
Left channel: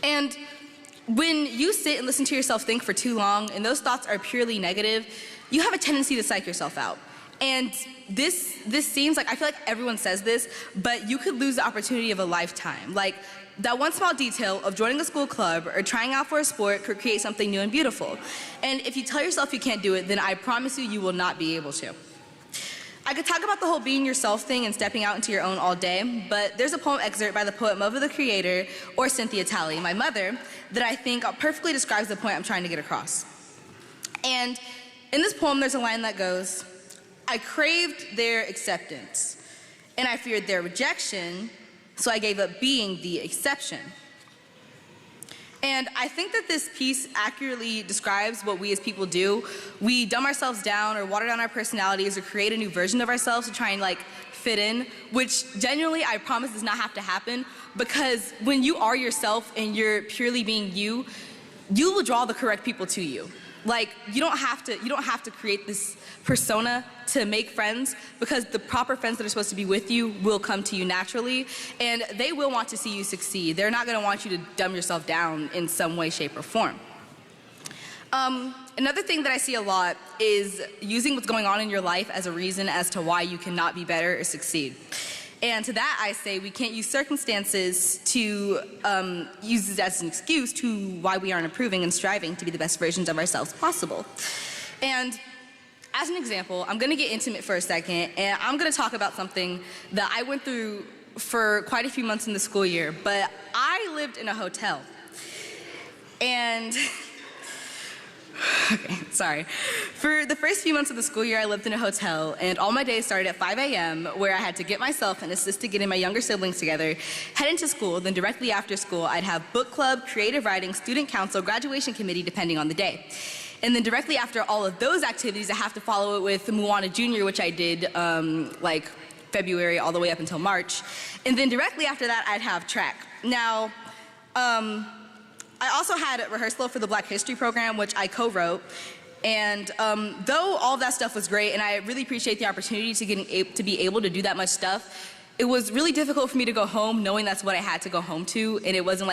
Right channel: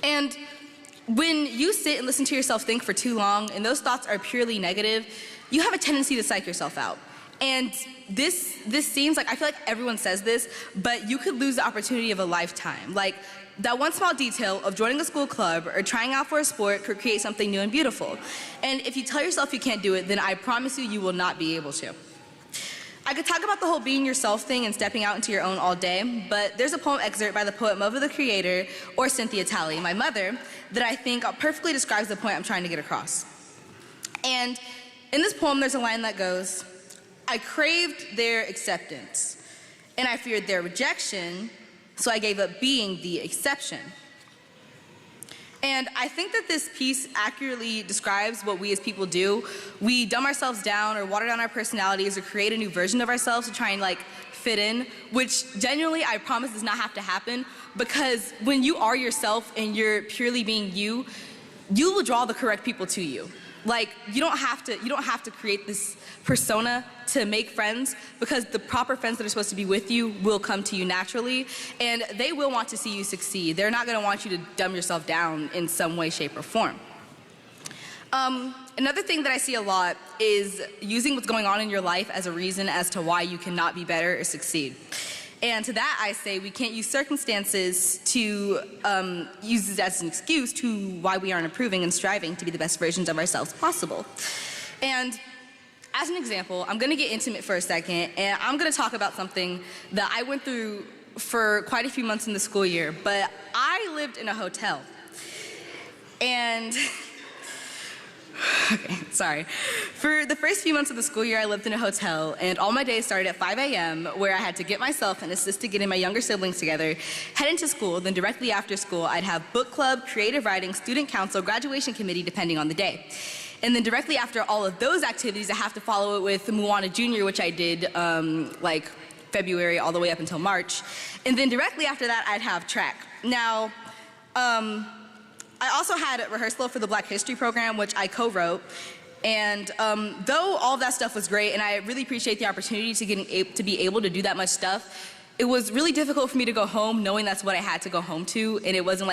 And when you sit and listen to yourself think for too long and those thoughts are purely negative, you have a tendency to psych yourself out. And this seems like, I feel like everyone says this, but you could lose the opportunity of a lifetime. Like, that one small detail of joining a school club or trying out for a sport could create something new and beautiful. And if you tell yourself you can't do it, then I promise you, you will not be able to. I could talk about the whole being yourself thing and stepping out into your own all day, but there's a poem excerpt by the poet Mother the Creator, or Cynthia Talley, my mother, that I think perfectly describes the point I'm trying to get across. And in this poem, there's a line that goes, "I craved their acceptance, and I feared their rejection, so I gave up being the exception." And I think that this piece accurately describes what we as people do. We dumb ourselves down or water down our personalities or create a new version of ourselves to try and fit in, which genuinely I promise does not have to happen, because when you are yourself and you're purely being you, you will draw the correct people to you. You don't have to create this persona to make friends, because the proper friends that are supposed to be with you will come to you naturally, and they will want to see you succeed. They're not going to want you to dumb yourself down in some way, shape, or form. Another thing that I see a lot is using what's going on in your life as a reason as to why you cannot be better or succeed. And to that I say we can't use circumstances to use it as an excuse to why we aren't improving and striving to be the best versions of ourselves possible. And as an example, I'm going to get intimate for a second, and I'm going to talk about something that I went through for quite a few months in the school year, but I lived in a hotel. And okay, sorry. For the first few months of the school year, I lived in a hotel, and all my days started at 5 a.m., where I had to get myself and assist to getting my younger siblings together, head into school, then directly after school, I'd have book club, creative writing, student council, graduation committee, depending on the day. And then directly after all of those activities, I have to follow it with Moana Junior, which I did February all the way up until March. And then directly after that, I'd have track. Now, I also had a rehearsal for the Black History program, which I co-wrote. And though all of that stuff was great, and I really appreciate the opportunity to be able to do that much stuff, it was really difficult for me to go home knowing that's what I had to go home to. And it wasn't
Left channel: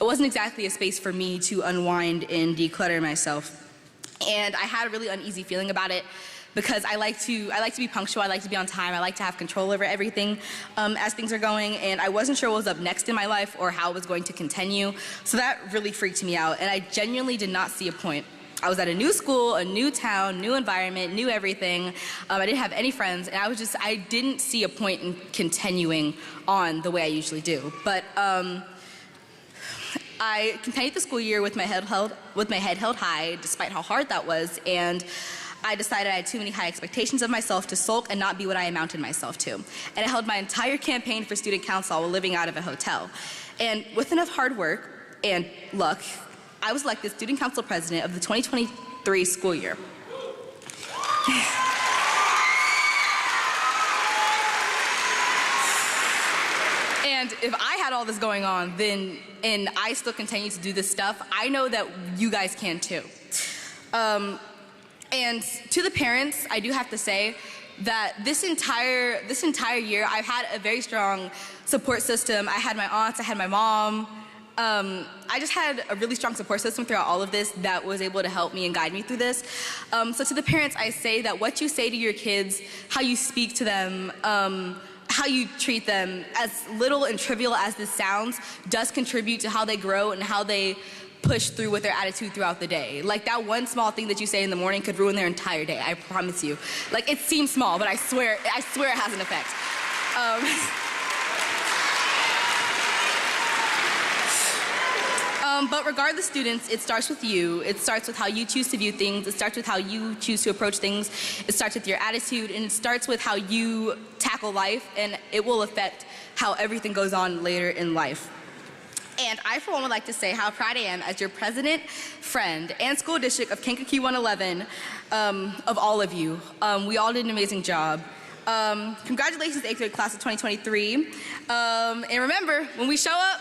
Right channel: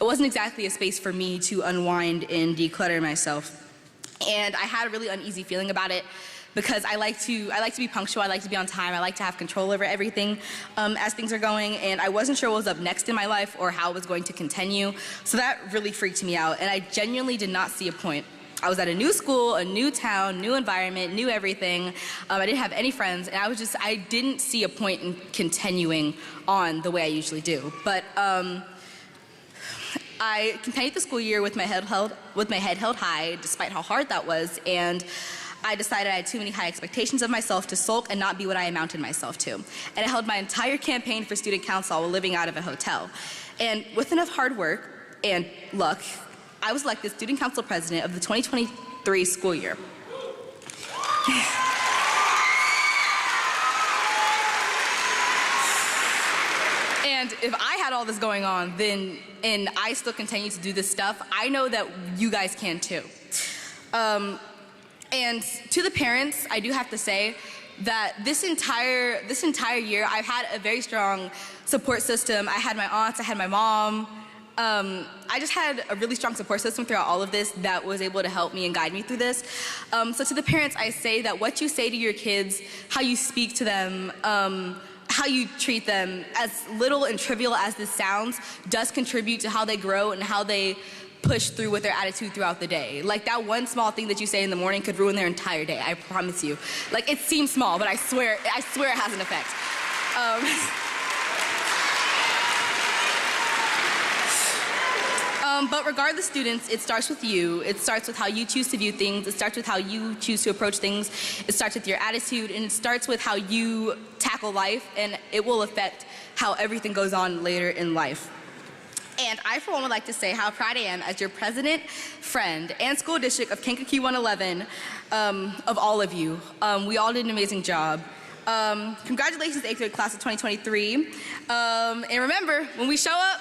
exactly a space for me to unwind and declutter myself. And I had a really uneasy feeling about it, because I like to be punctual, I like to be on time, I like to have control over everything as things are going, and I wasn't sure what was up next in my life or how it was going to continue, so that really freaked me out, and I genuinely did not see a point. I was at a new school, a new town, new environment, new everything. I didn't have any friends, and I didn't see a point in continuing on the way I usually do. But I continued the school year with my head held high, despite how hard that was, and I decided I had too many high expectations of myself to sulk and not be what I amounted myself to. And I held my entire campaign for student council while living out of a hotel. And with enough hard work and luck, I was elected student council president of the 2023 school year. And if I had all this going on, and I still continue to do this stuff, I know that you guys can too. And to the parents, I do have to say that this entire year, I've had a very strong support system. I had my aunts, I had my mom. I just had a really strong support system throughout all of this that was able to help me and guide me through this. So to the parents, I say that what you say to your kids, how you speak to them, how you treat them, as little and trivial as this sounds, does contribute to how they grow and how they push through with their attitude throughout the day. That one small thing that you say in the morning could ruin their entire day, I promise you. It seems small, but I swear it has an effect. But regardless, students, it starts with you. It starts with how you choose to view things. It starts with how you choose to approach things. It starts with your attitude, and it starts with how you tackle life, and it will affect how everything goes on later in life. And I, for one, would like to say how proud I am as your president, friend, and school district of Kankakee 111, of all of you. We all did an amazing job. Congratulations, 8th grade class of 2023. And remember, when we show up,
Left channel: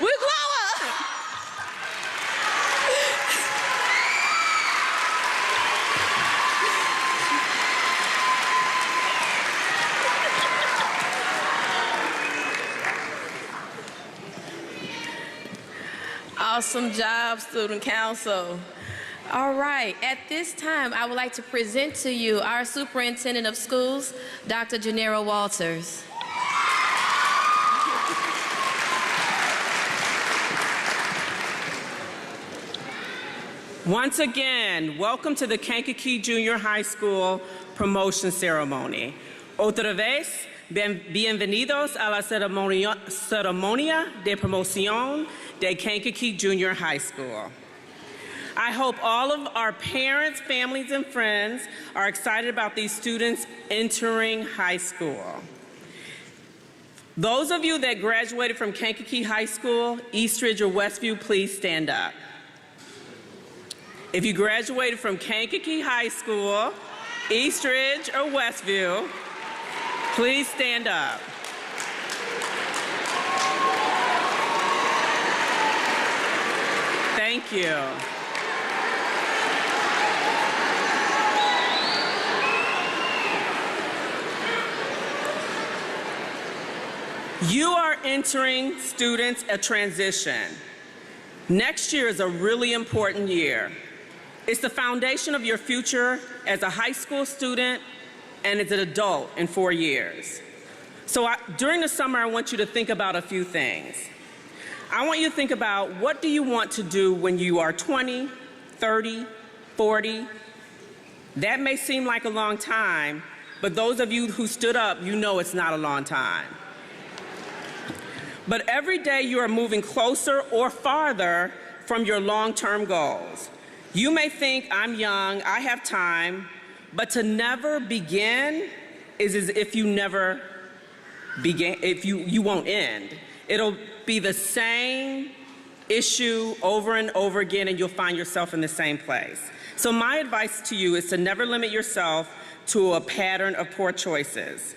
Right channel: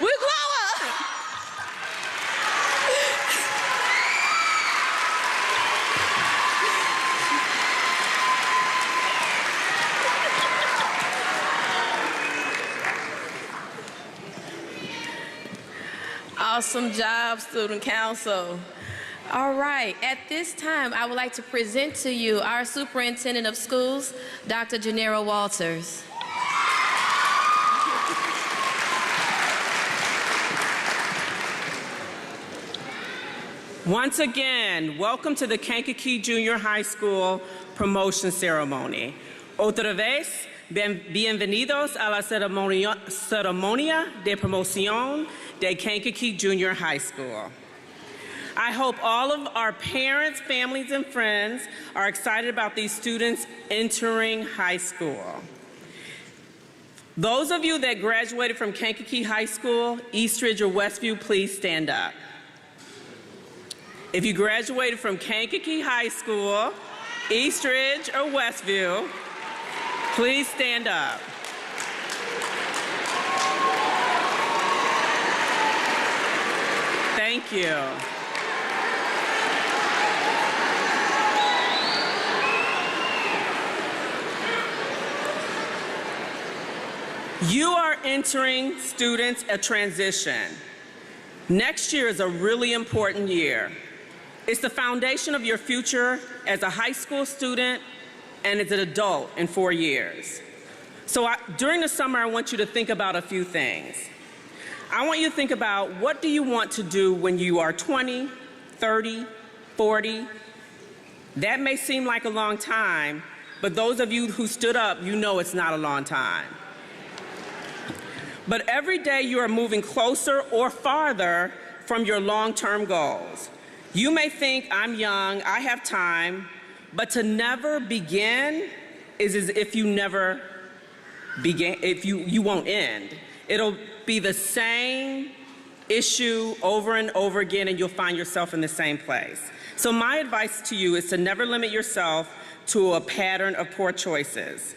we glow up! Awesome job, Student Council. All right, at this time, I would like to present to you our Superintendent of Schools, Dr. Janera Walters. Once again, welcome to the Kankakee Junior High School promotion ceremony. Otra vez, bienvenidos a la ceremonia de promoción de Kankakee Junior High School. I hope all of our parents, families, and friends are excited about these students entering high school. Those of you that graduated from Kankakee High School, Eastridge, or Westview, please stand up. If you graduated from Kankakee High School, Eastridge, or Westview, please stand up. Thank you. You are entering, students, a transition. Next year is a really important year. It's the foundation of your future as a high school student and as an adult in 4 years. So during the summer, I want you to think about a few things. I want you to think about, what do you want to do when you are 20, 30, 40? That may seem like a long time, but those of you who stood up, you know it's not a long time. But every day you are moving closer or farther from your long-term goals. You may think, I'm young, I have time, but to never begin is as if you never began, if you won't end. It'll be the same issue over and over again, and you'll find yourself in the same place. So my advice to you is to never limit yourself to a pattern of poor choices.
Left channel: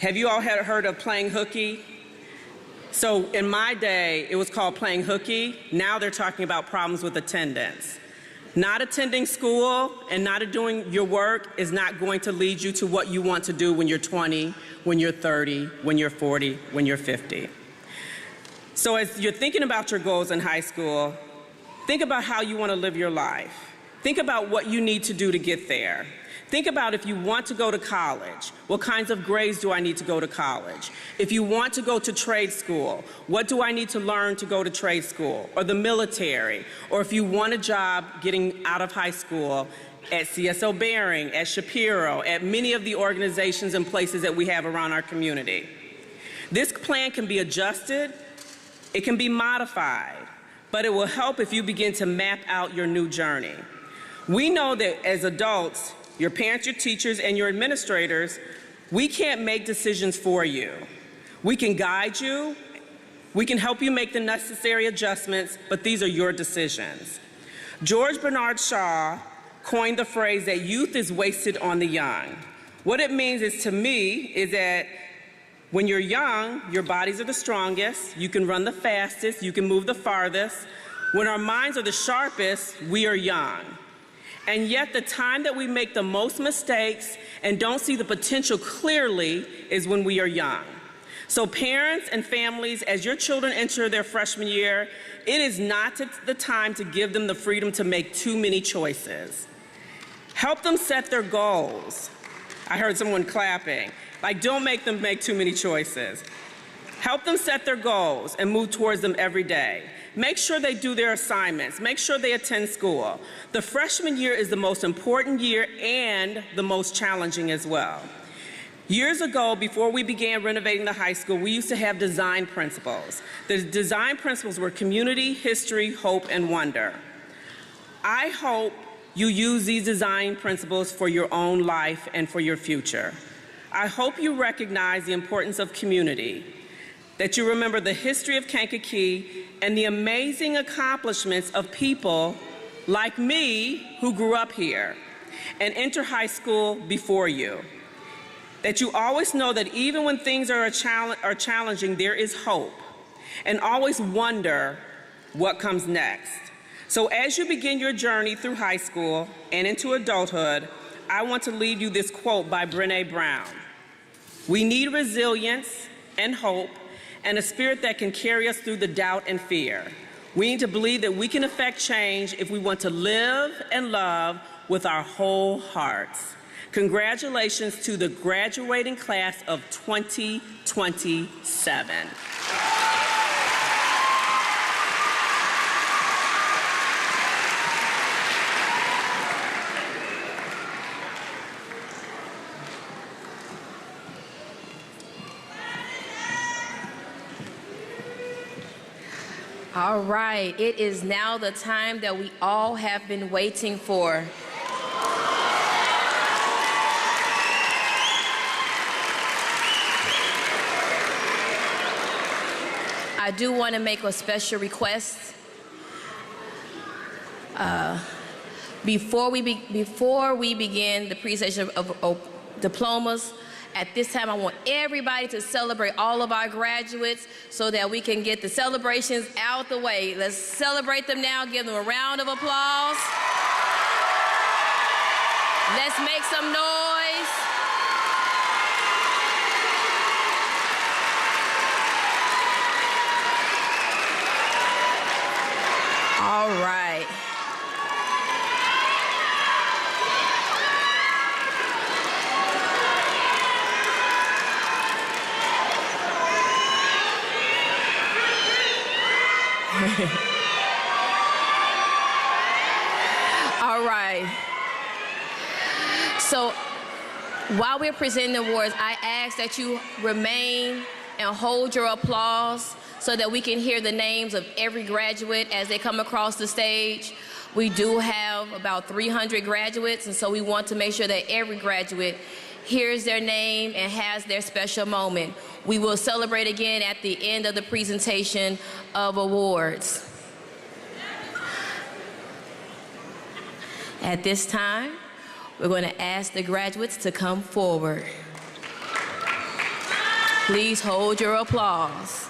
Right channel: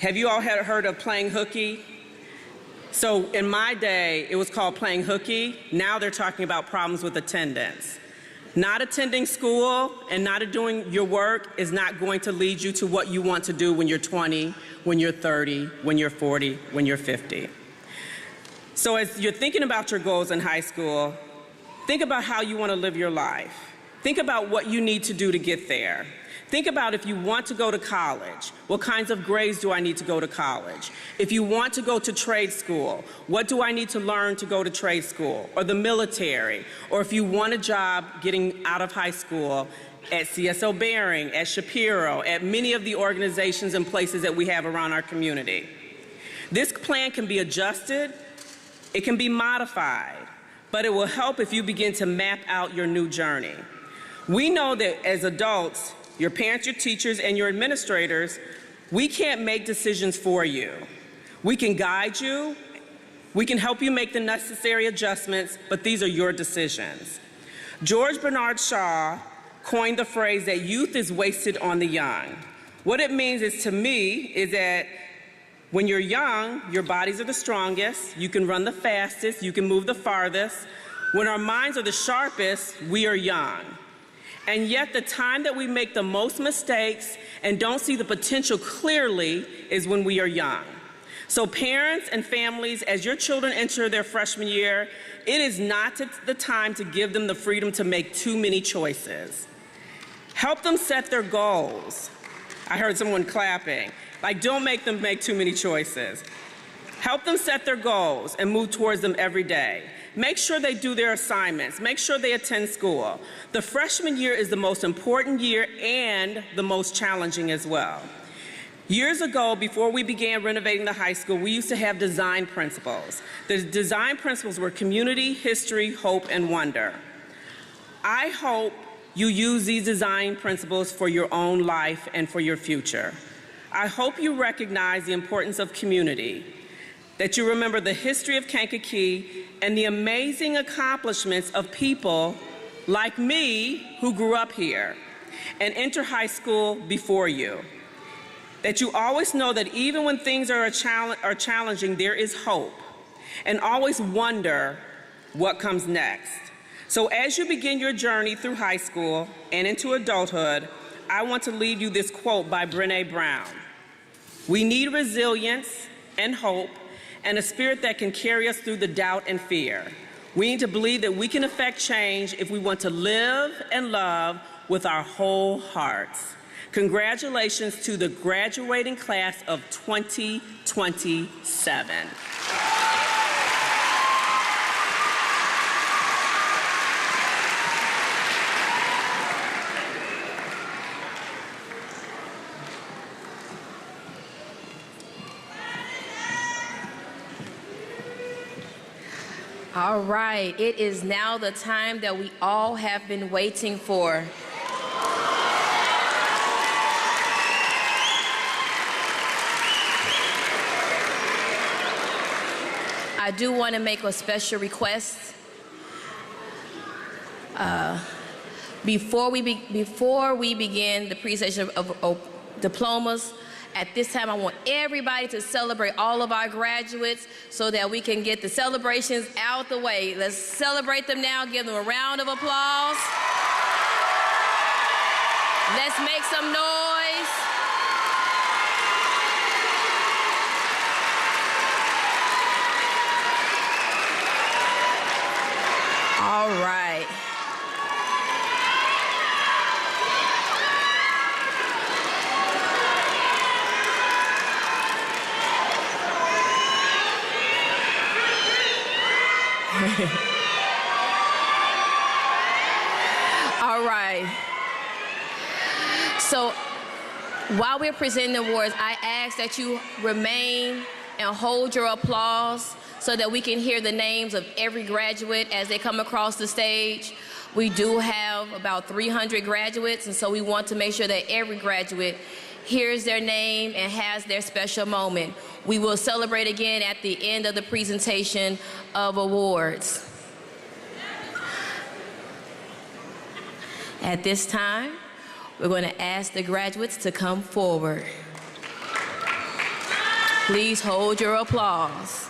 Have you all heard of playing hooky? So in my day, it was called playing hooky. Now they're talking about problems with attendance. Not attending school and not doing your work is not going to lead you to what you want to do when you're 20, when you're 30, when you're 40, when you're 50. So as you're thinking about your goals in high school, think about how you want to live your life. Think about what you need to do to get there. Think about if you want to go to college, what kinds of grades do I need to go to college? If you want to go to trade school, what do I need to learn to go to trade school or the military? Or if you want a job getting out of high school at CSO Bearing, at Shapiro, at many of the organizations and places that we have around our community. This plan can be adjusted, it can be modified, but it will help if you begin to map out your new journey. We know that as adults, your parents, your teachers, and your administrators, we can't make decisions for you. We can guide you, we can help you make the necessary adjustments, but these are your decisions. George Bernard Shaw coined the phrase that youth is wasted on the young. What it means is, to me, is that when you're young, your bodies are the strongest, you can run the fastest, you can move the farthest. When our minds are the sharpest, we are young. And yet the time that we make the most mistakes and don't see the potential clearly is when we are young. So parents and families, as your children enter their freshman year, it is not the time to give them the freedom to make too many choices. Help them set their goals. I heard someone clapping. Like, don't make them make too many choices. Help them set their goals and move towards them every day. Make sure they do their assignments. Make sure they attend school. The freshman year is the most important year and the most challenging as well. Years ago, before we began renovating the high school, we used to have design principles. The design principles were community, history, hope, and wonder. I hope you use these design principles for your own life and for your future. I hope you recognize the importance of community, that you remember the history of Kankakee and the amazing accomplishments of people like me who grew up here and enter high school before you. That you always know that even when things are challenging, there is hope, and always wonder what comes next. So as you begin your journey through high school and into adulthood, I want to leave you this quote by Brené Brown. We need resilience and hope and a spirit that can carry us through the doubt and fear. We need to believe that we can affect change if we want to live and love with our whole hearts. Congratulations to the graduating class of 2027. All right, it is now the time that we all have been waiting for. I do want to make a special request. Before we begin the presentation of diplomas, at this time I want everybody to celebrate all of our graduates so that we can get the celebrations out the way. Let's celebrate them now. Give them a round of applause. Let's make some noise. All right. All right. So while we're presenting the awards, I ask that you remain and hold your applause so that we can hear the names of every graduate as they come across the stage. We do have about 300 graduates, and so we want to make sure that every graduate hears their name and has their special moment. We will celebrate again at the end of the presentation of awards. At this time, we're going to ask the graduates to come forward. Please hold your applause.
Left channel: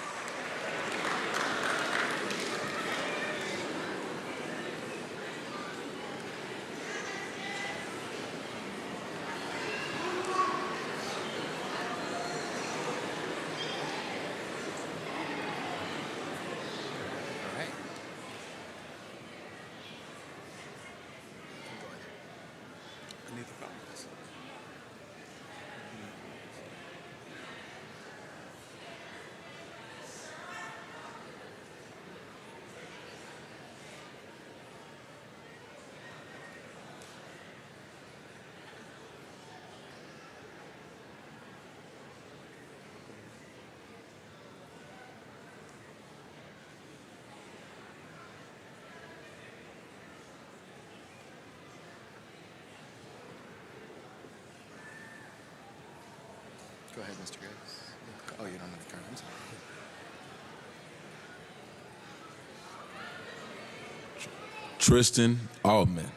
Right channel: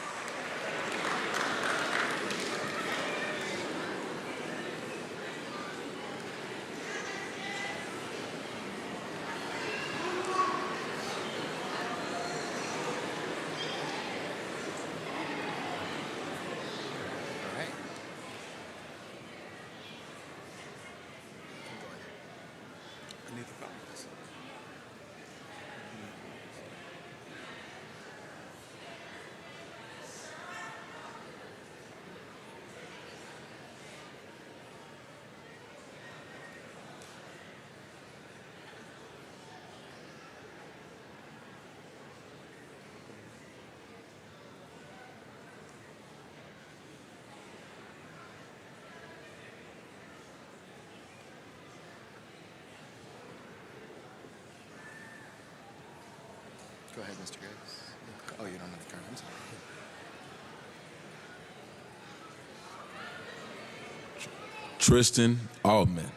Go ahead, Mr. Gates. Oh, you don't have the cards. Tristan Altman.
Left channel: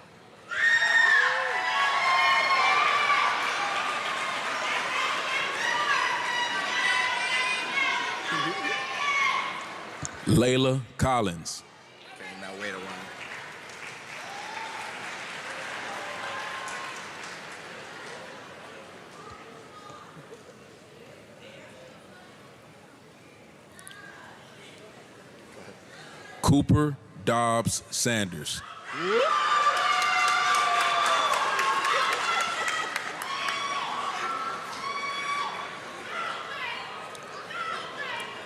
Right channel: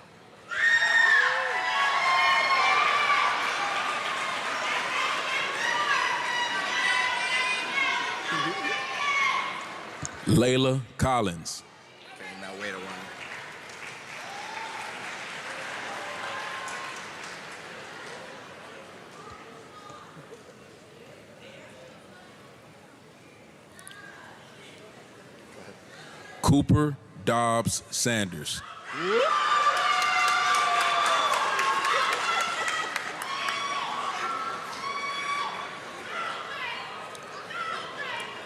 Layla Collins. Okay, now wait a while. Cooper Dobbs Sanders.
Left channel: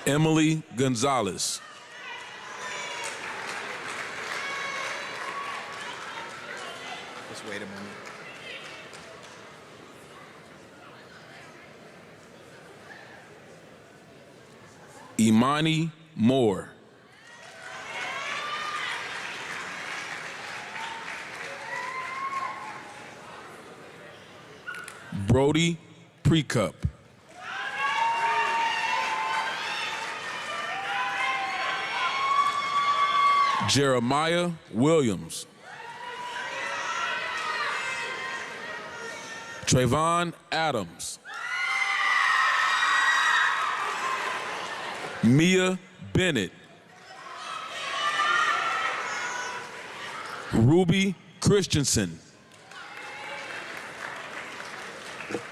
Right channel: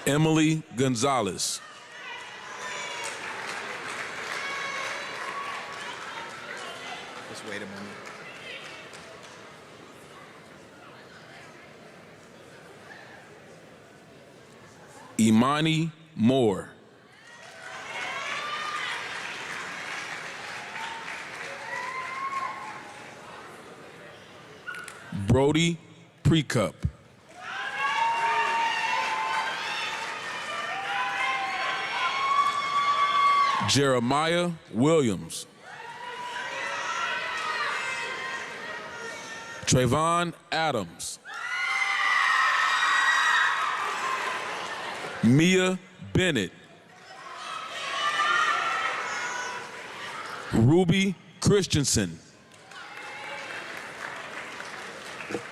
Emily Gonzalez. Just wait a moment. Imani Moore. Brody Precup. Jeremiah Williams. Trayvon Adams. Mia Bennett. Ruby Christensen.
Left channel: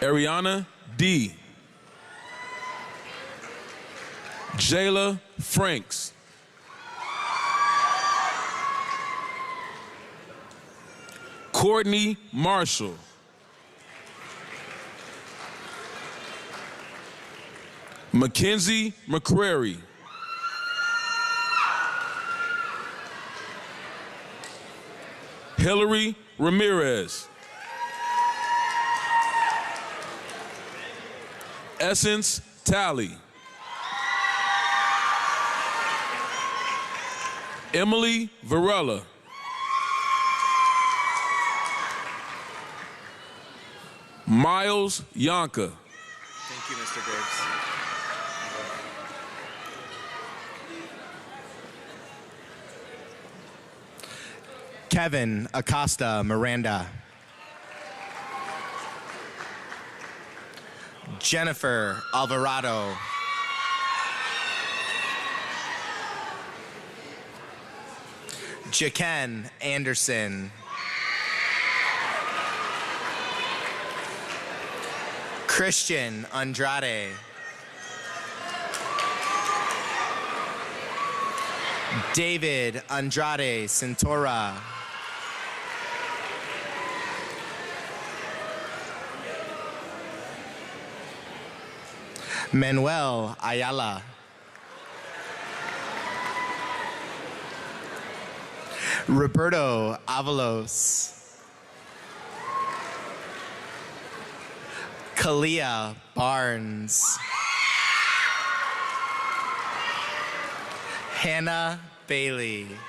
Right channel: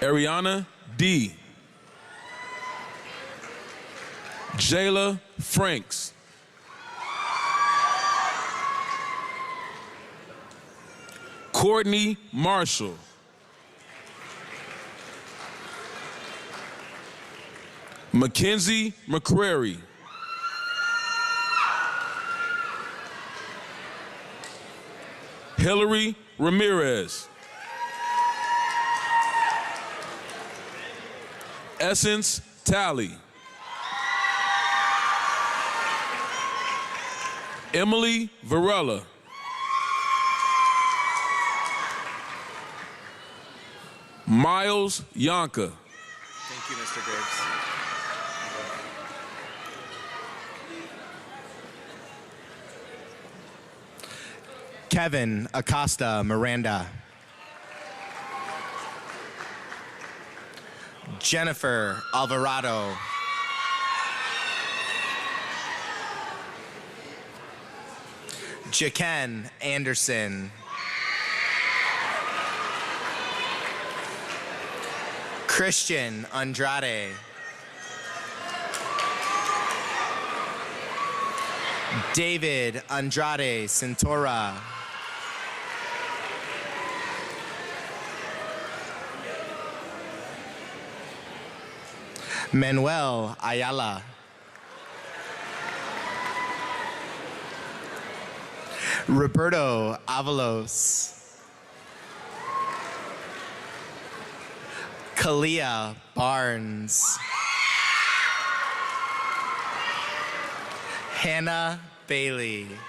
Ariana D. Jayla Franks. Courtney Marshall. Mackenzie McCrary. Hillary Ramirez. Essence Talley. Emily Varela. Miles Yonka. Thank you, Mr. Gibbs. Kevin Acosta Miranda. Jennifer Alvarado. Jaken Anderson. Christian Andrade. David Andrade Cintora. Manuel Ayala. Roberto Avalos. Kalia Barnes. Hannah Bailey.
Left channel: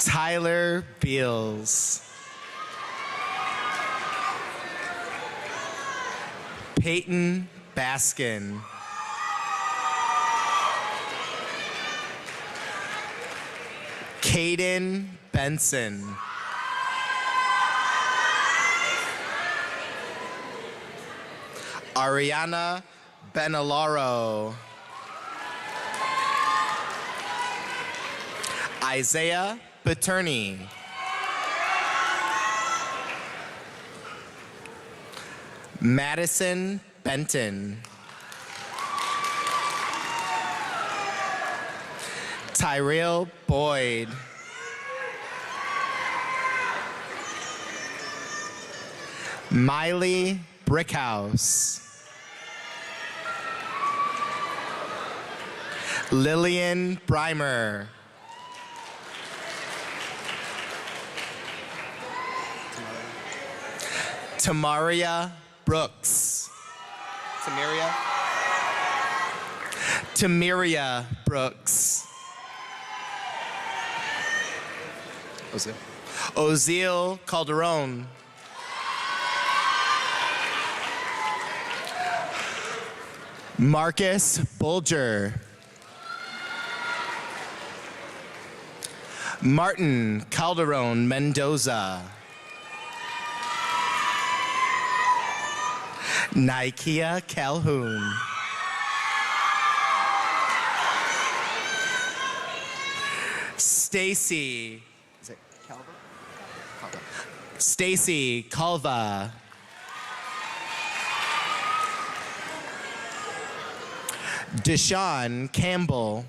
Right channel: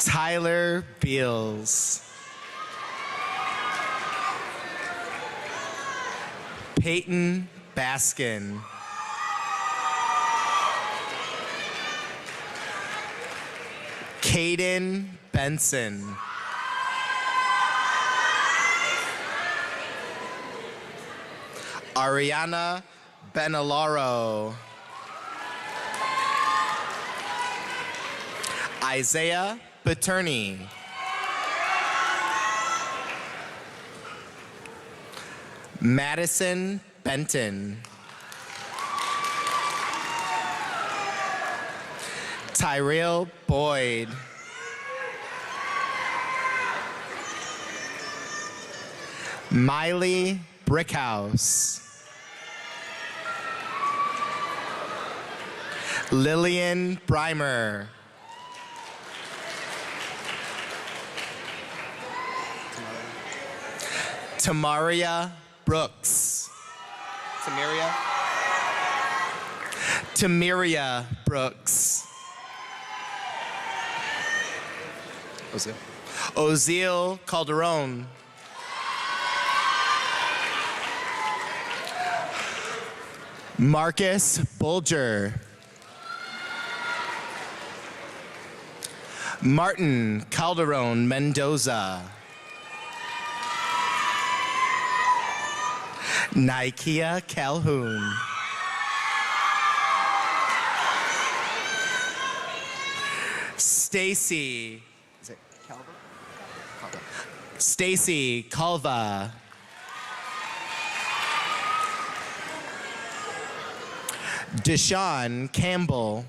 Tyler Beals. Peyton Baskin. Caden Benson. Ariana Benalaro. Isaiah Paterni. Madison Benton. Tyrell Boyd. Miley Brickhouse. Lillian Breimer. Tamaria Brooks. Tamiria Brooks. Ozil Calderon. Marcus Bulger. Martin Calderon Mendoza. Nikia Calhoun. Stacy. Is it Calva? Stacy Calva. Deshaun Campbell.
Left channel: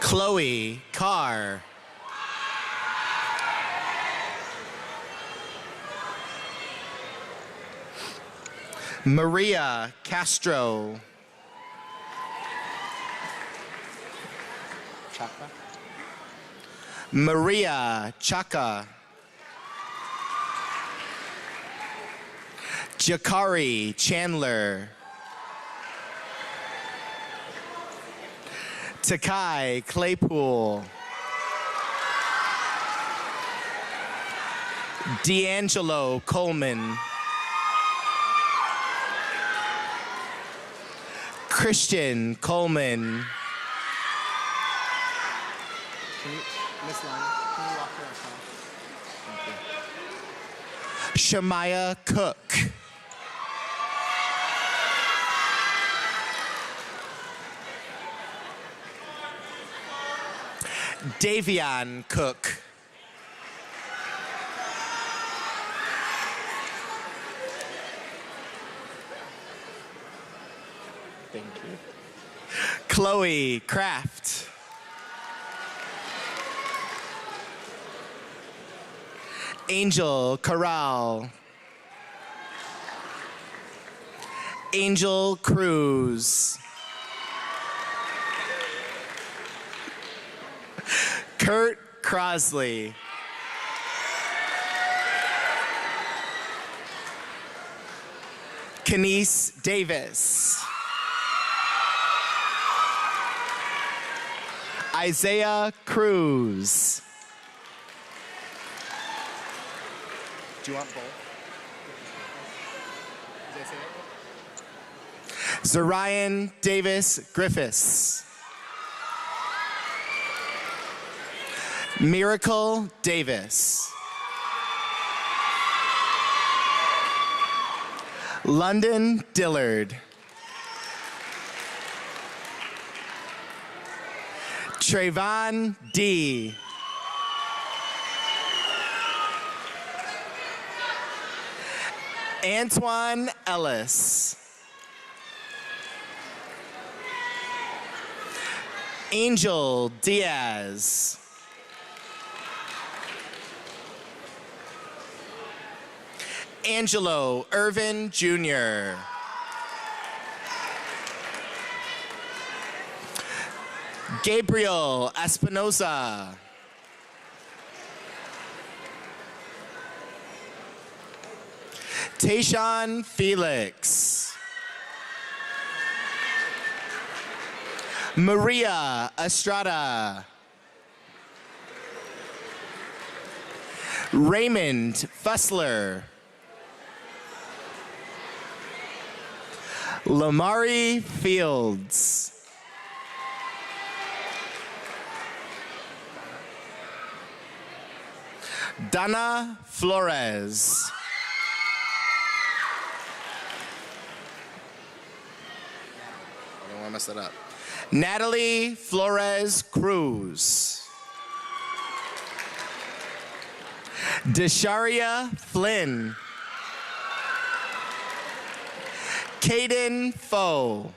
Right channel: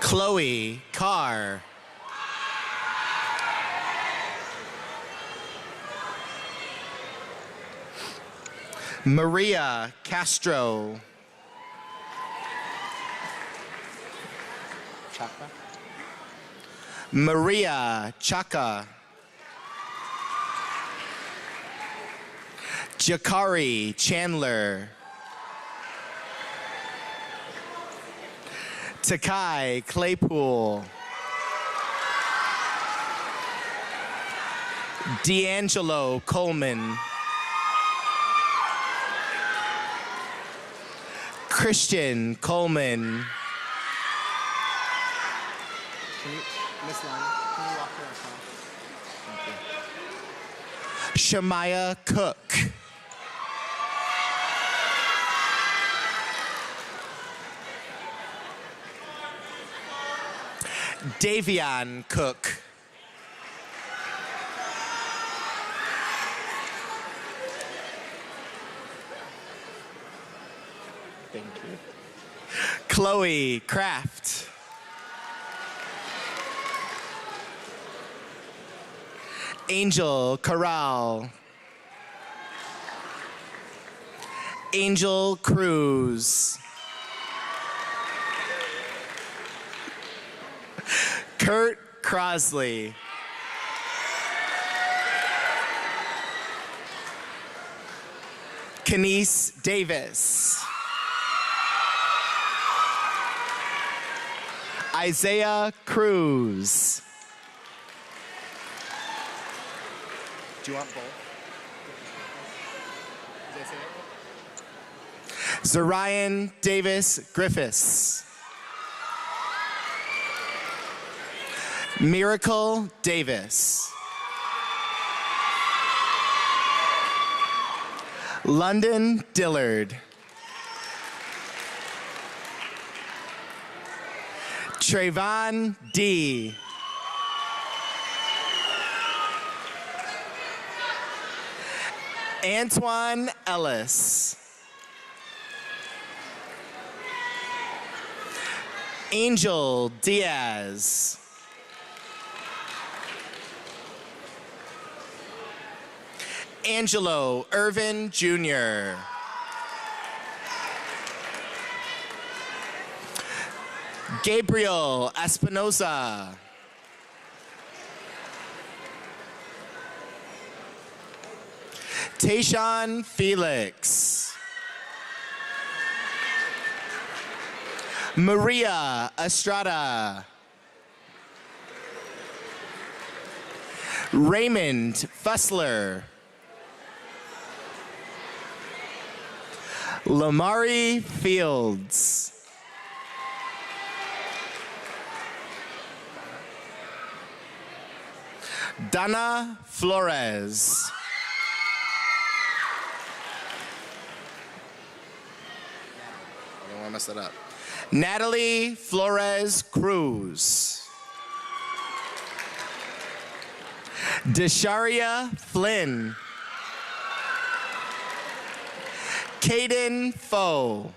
Chloe Carr. Maria Castro. Maria Chaka. Jakari Chandler. Takai Claypool. D'Angelo Coleman. Christian Coleman. Miss Long, can you walk to that side? Thank you. Shemaya Cook. Davion Cook. Thank you. Chloe Kraft. Angel Corral. Angel Cruz. Kurt Crosley. Kenise Davis. Isaiah Cruz. Do you want both? Zarian Davis Griffiths. Miracle Davis. London Dillard. Trayvon D. Antoine Ellis. Angel Diaz. Angelo Irvin Jr. Gabriel Espinosa. Tayshawn Felix. Maria Estrada. Raymond Fussler. Lamari Fields. Donna Flores. I don't want to mess that up. Natalie Flores Cruz. Desharia Flynn. Caden Foe.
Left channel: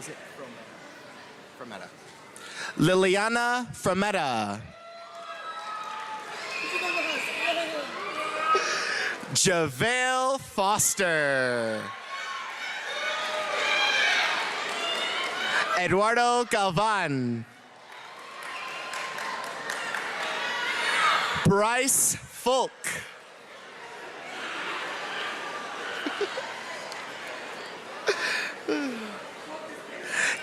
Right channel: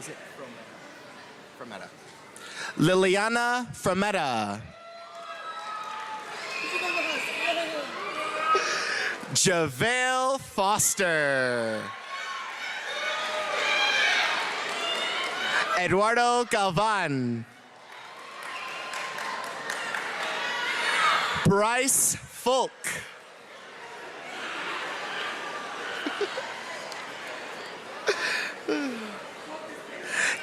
Is it Frometta? Liliana Frometta. JaVale Foster. Eduardo Galvan. Bryce Folk.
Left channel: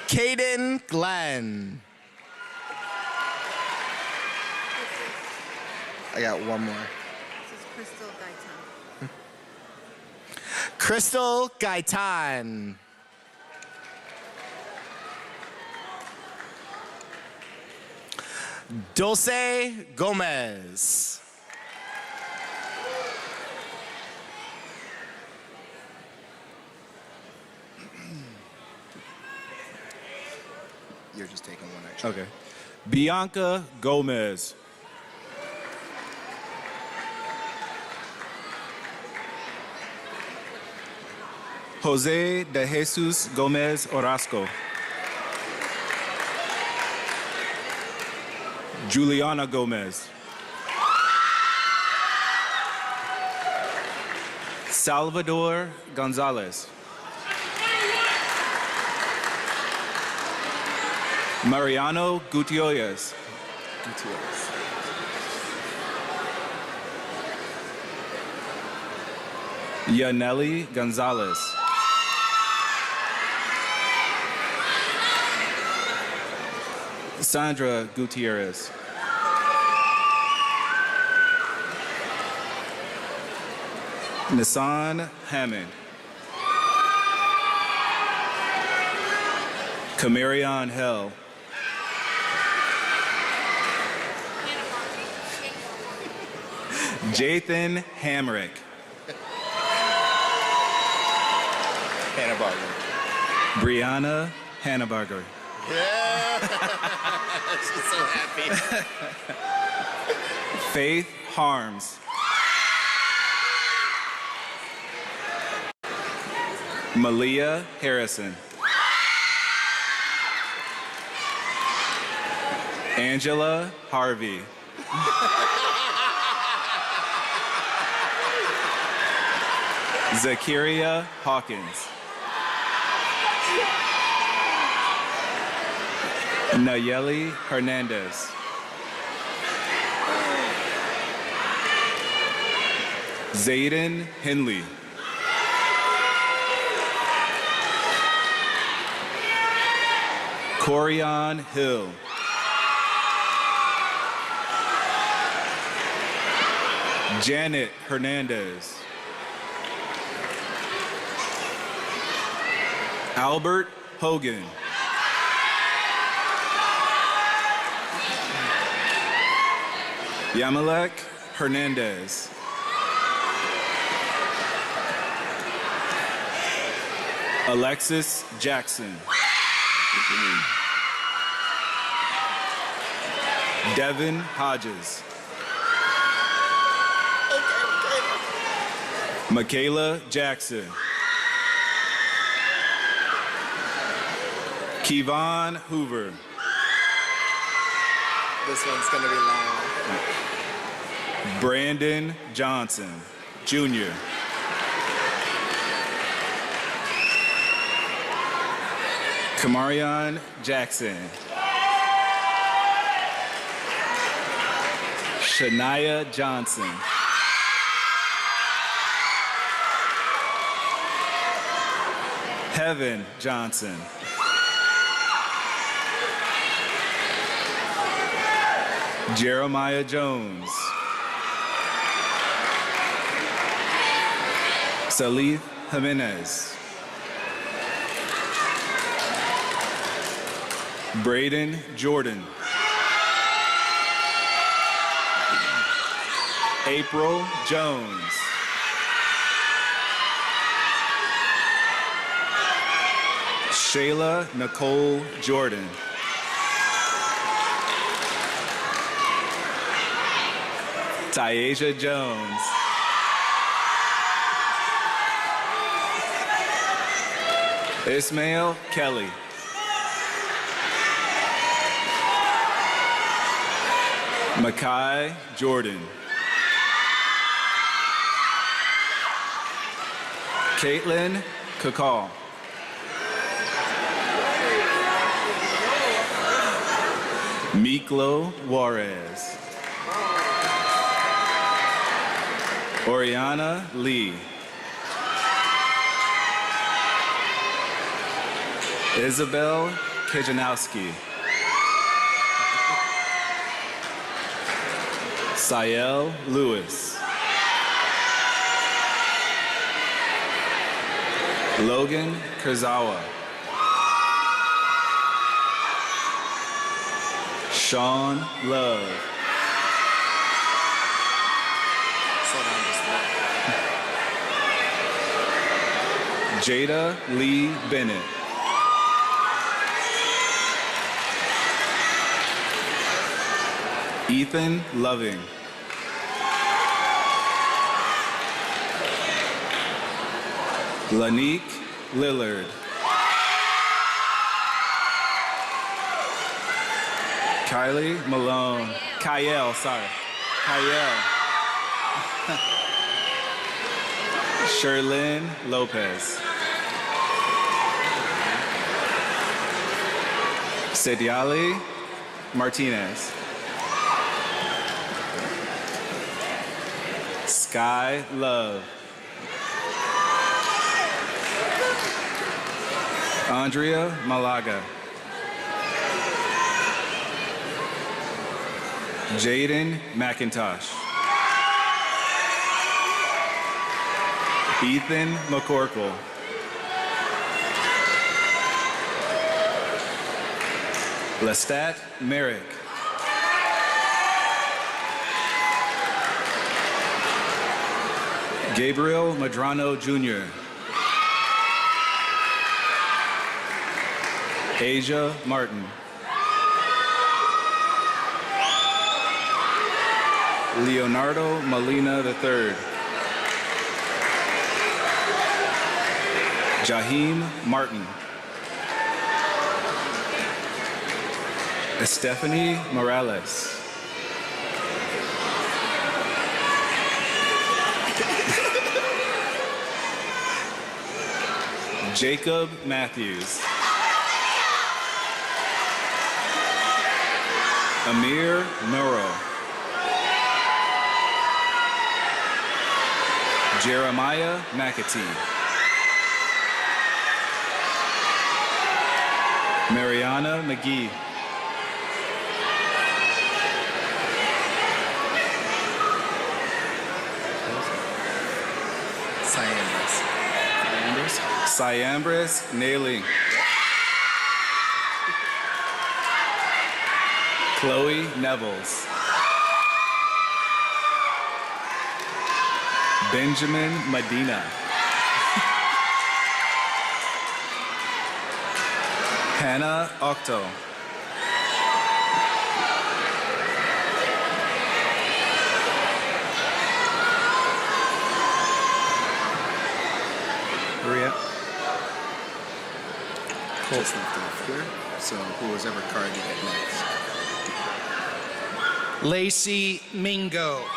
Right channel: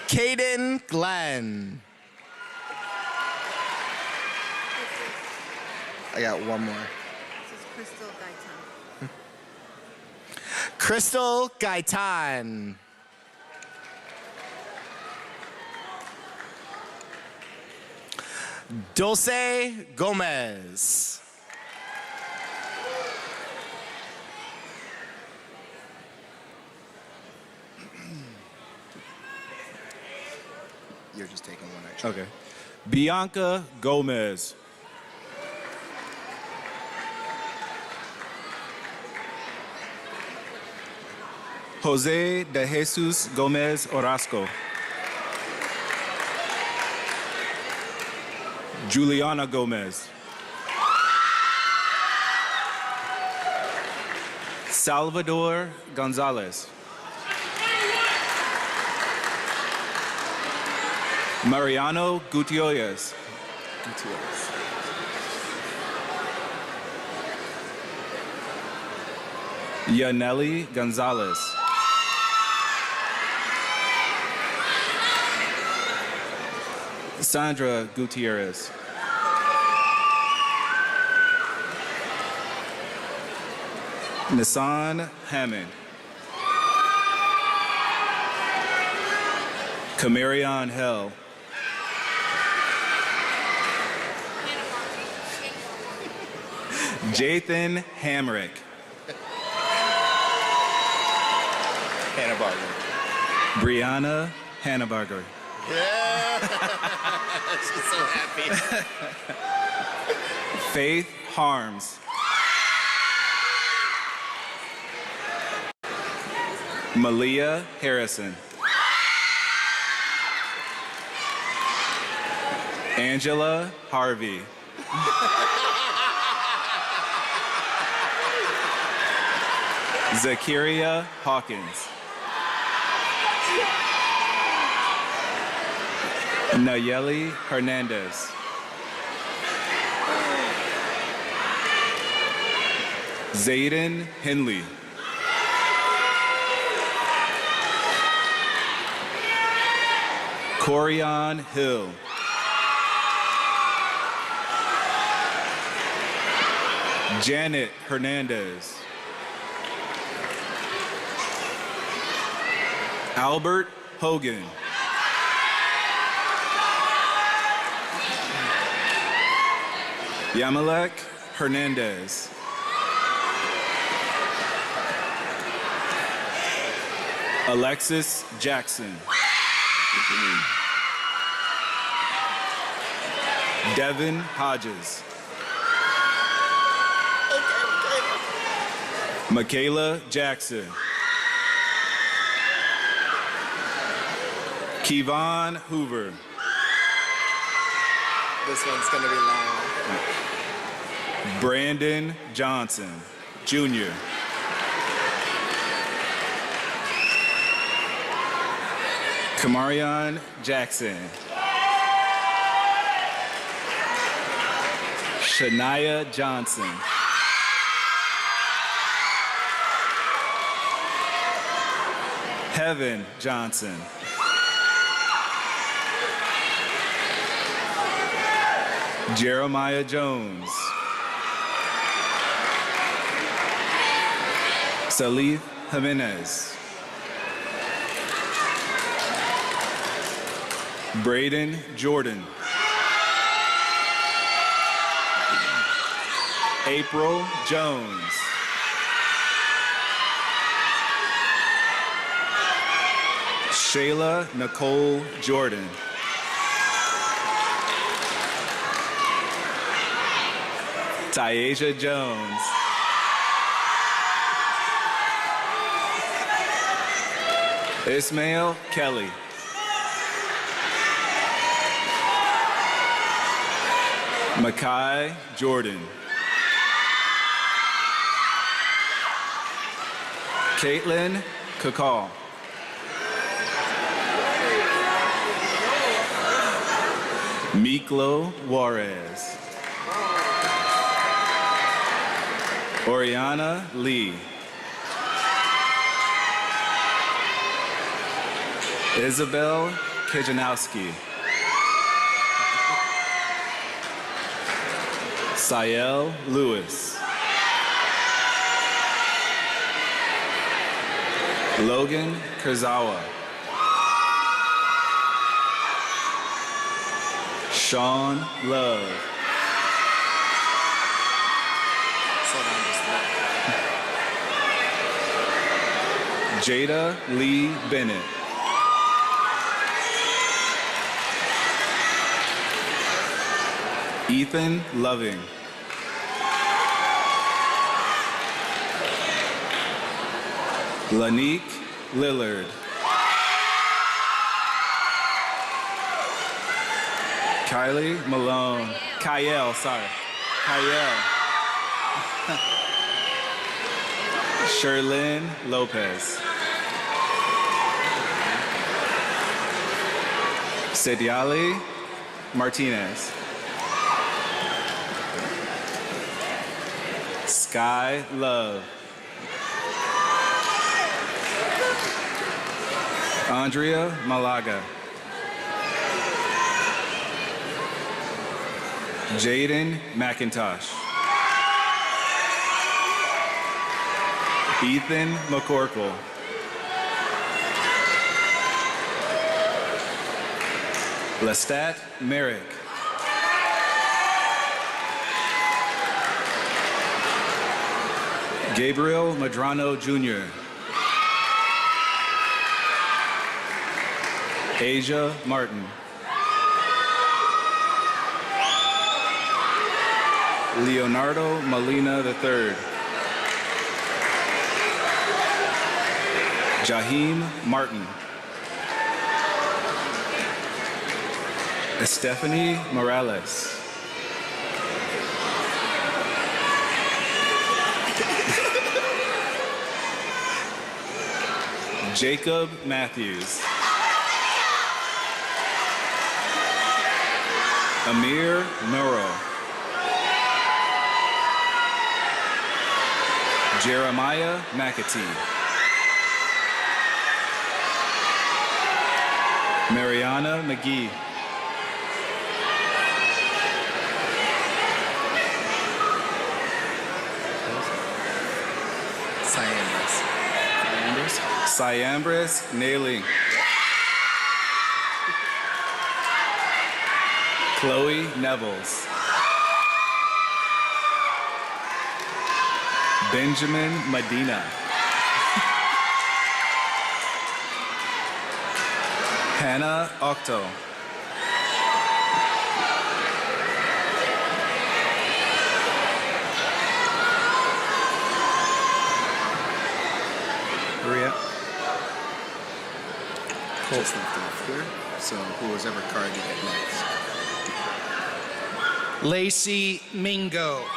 Caden Glenn. I got one more. Crystal Gaitan. Dulce Gomez. You're just taking one extra. Okay. Bianca Gomez. Jose de Jesus Gomez Orozco. Juliana Gomez. Salvador Gonzalez. Mariano Gutierrez. Yaneli Gonzalez. Sandra Gutierrez. Nissan Hammond. Camarion Hell. Jathan Hamrick. Hannah-Barger. Brianna Hannah-Barger. Yeah. She's so happy. Faith Harms. Malia Harrison. Angela Harvey. Zakiria Hawkins. Nayeli Hernandez. Zayden Henley. Corian Hill. Janet Hernandez. Albert Hogan. Yamalek Hernandez. Alexis Jackson. Devin Hodges. Michaela Jackson. Kevon Hoover. This one's going to be long. Brandon Johnson, Jr. Kamarion Jackson. Shania Johnson. Heaven Johnson. Jeremiah Jones. Salif Jimenez. Braden Jordan. April Jones. Shayla Nicole Jordan. Tyasia Jones. Ismail Kelly. Makai Jordan. Caitlin Kakal. Miklo Juarez. Oriana Lee. Isabel Kajanowski. Sael Lewis. Logan Kurzawa. Sean Love. Jada Lee Bennett. Ethan Loving. Lanique Lillard. Kylie Malone. Kyle. Sherlyn Lopez. Sediali Martinez. Sky Love. Andrea Malaga. Jaden McIntosh. Ethan McCorkle. Lestat Merrick. Gabriel Madrano Jr. Asia Martin. Leonardo Molina III. Jaheim Martin. Stephanie Morales. Jacob Matthews. Amir Murrow. Jeremiah McAtee. Mariana McGee. Cyambris Nailing. Chloe Nevels. Benjamin Medina. Hannah Octo. Hurry up. Just left off here. So whoever card you get next. Lacey Mingo.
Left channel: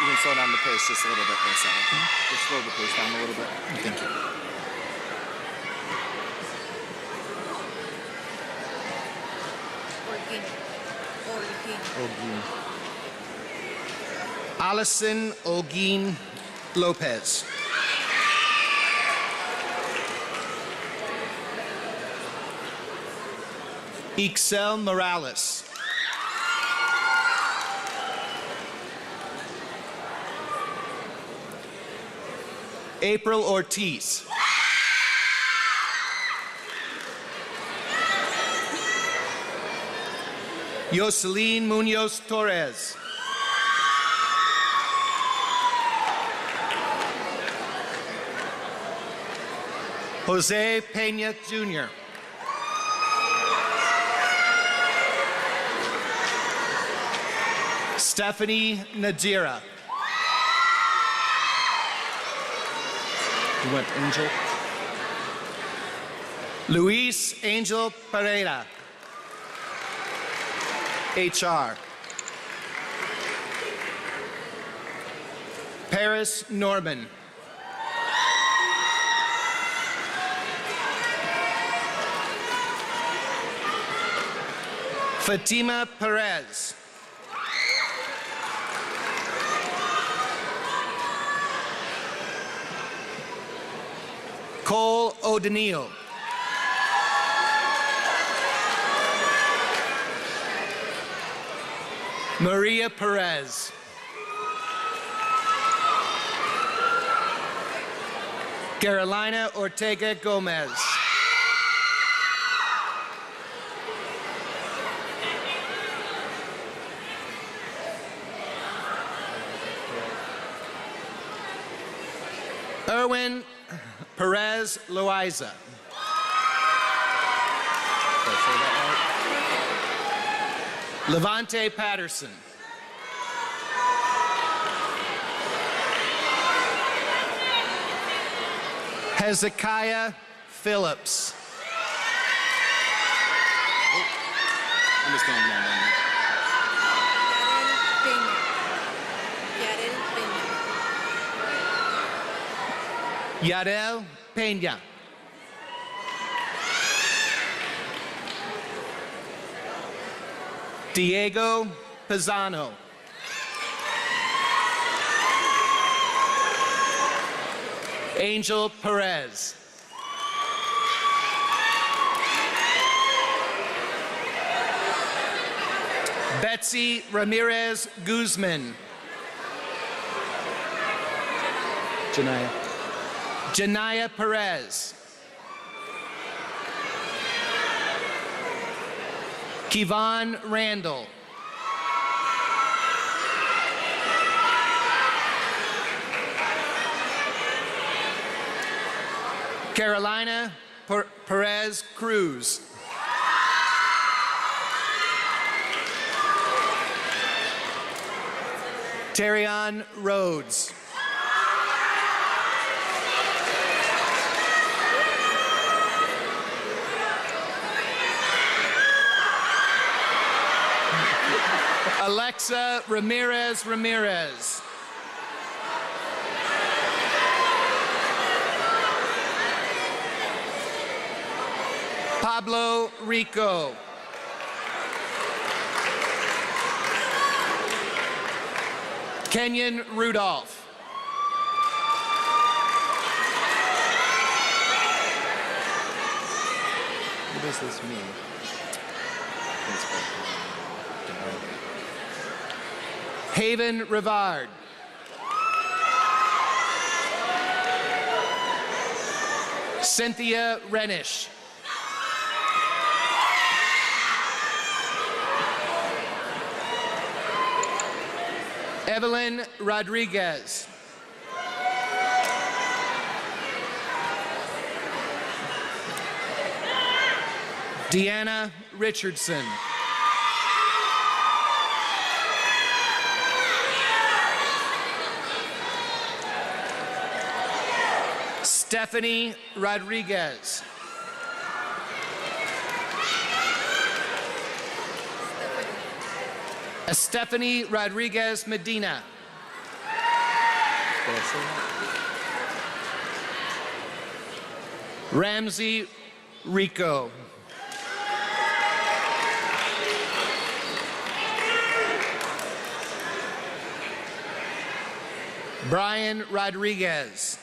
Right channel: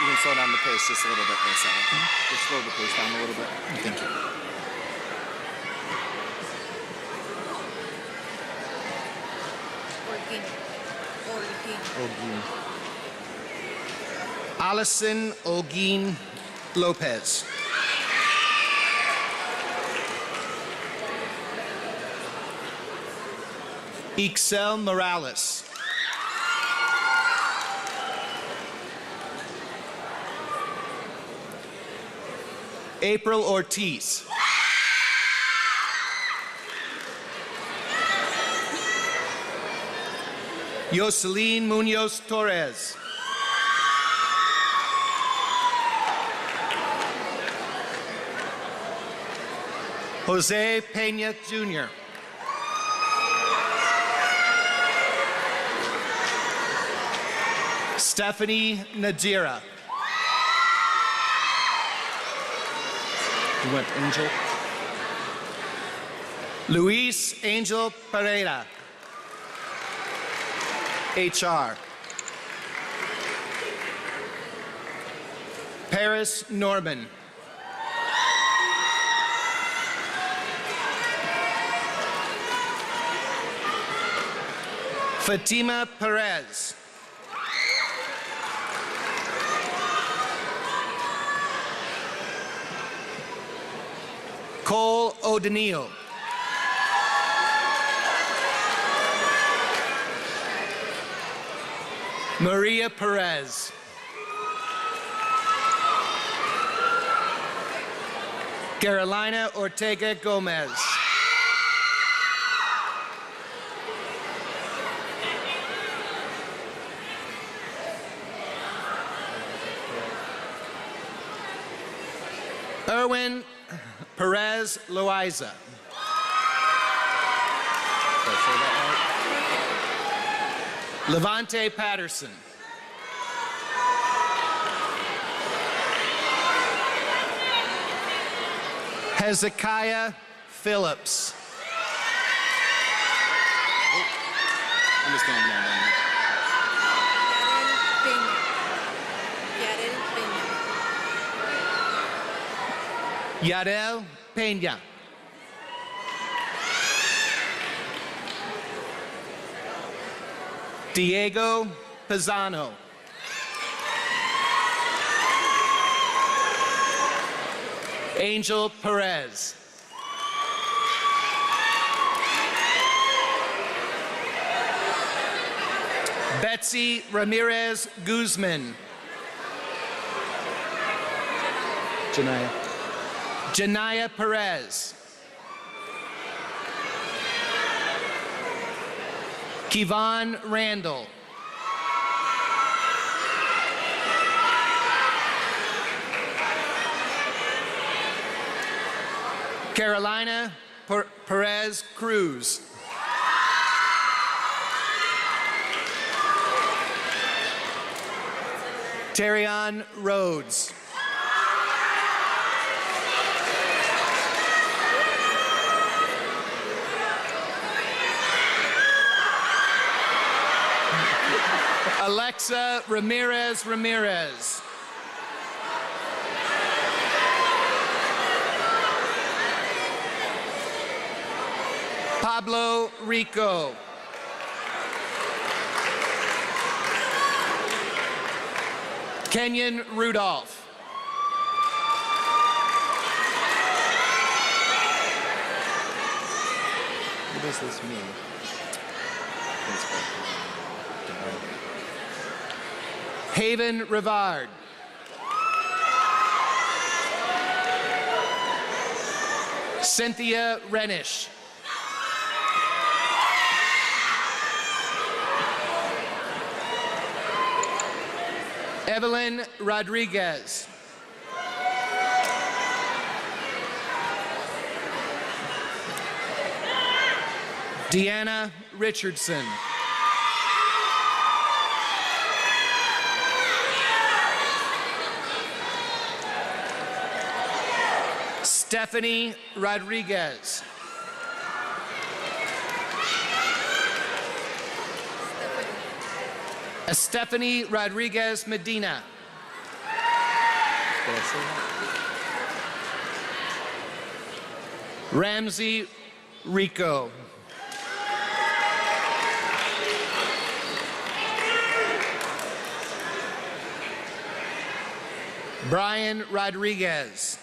You can slow down the pace just a little bit, Lisa. Okay? Just slow the pace down a little bit. Thank you. Olguin. Allison Olguin Lopez. Ixel Morales. April Ortiz. Yoselin Munoz Torres. Jose Peña Jr. Stephanie Nadira. You went Angel. Luis Angel Pereira. HR. Paris Norman. Fatima Perez. Cole O'Donnell. Maria Perez. Carolina Ortega Gomez. Erwin Perez Loaiza. Levante Patterson. Hezekiah Phillips. I'm just going down there. Yarel Peña. Diego Pisano. Angel Perez. Betsy Ramirez Guzman. Janaya Perez. Kevon Randall. Carolina Perez Cruz. Terrion Rhodes. Alexa Ramirez. Pablo Rico. Kenyon Rudolph. What does this mean? Haven Rivard. Cynthia Renish. Evelyn Rodriguez. Deanna Richardson. Stephanie Rodriguez. Stephanie Rodriguez Medina. Did I say that? Ramsey Rico. Brian Rodriguez.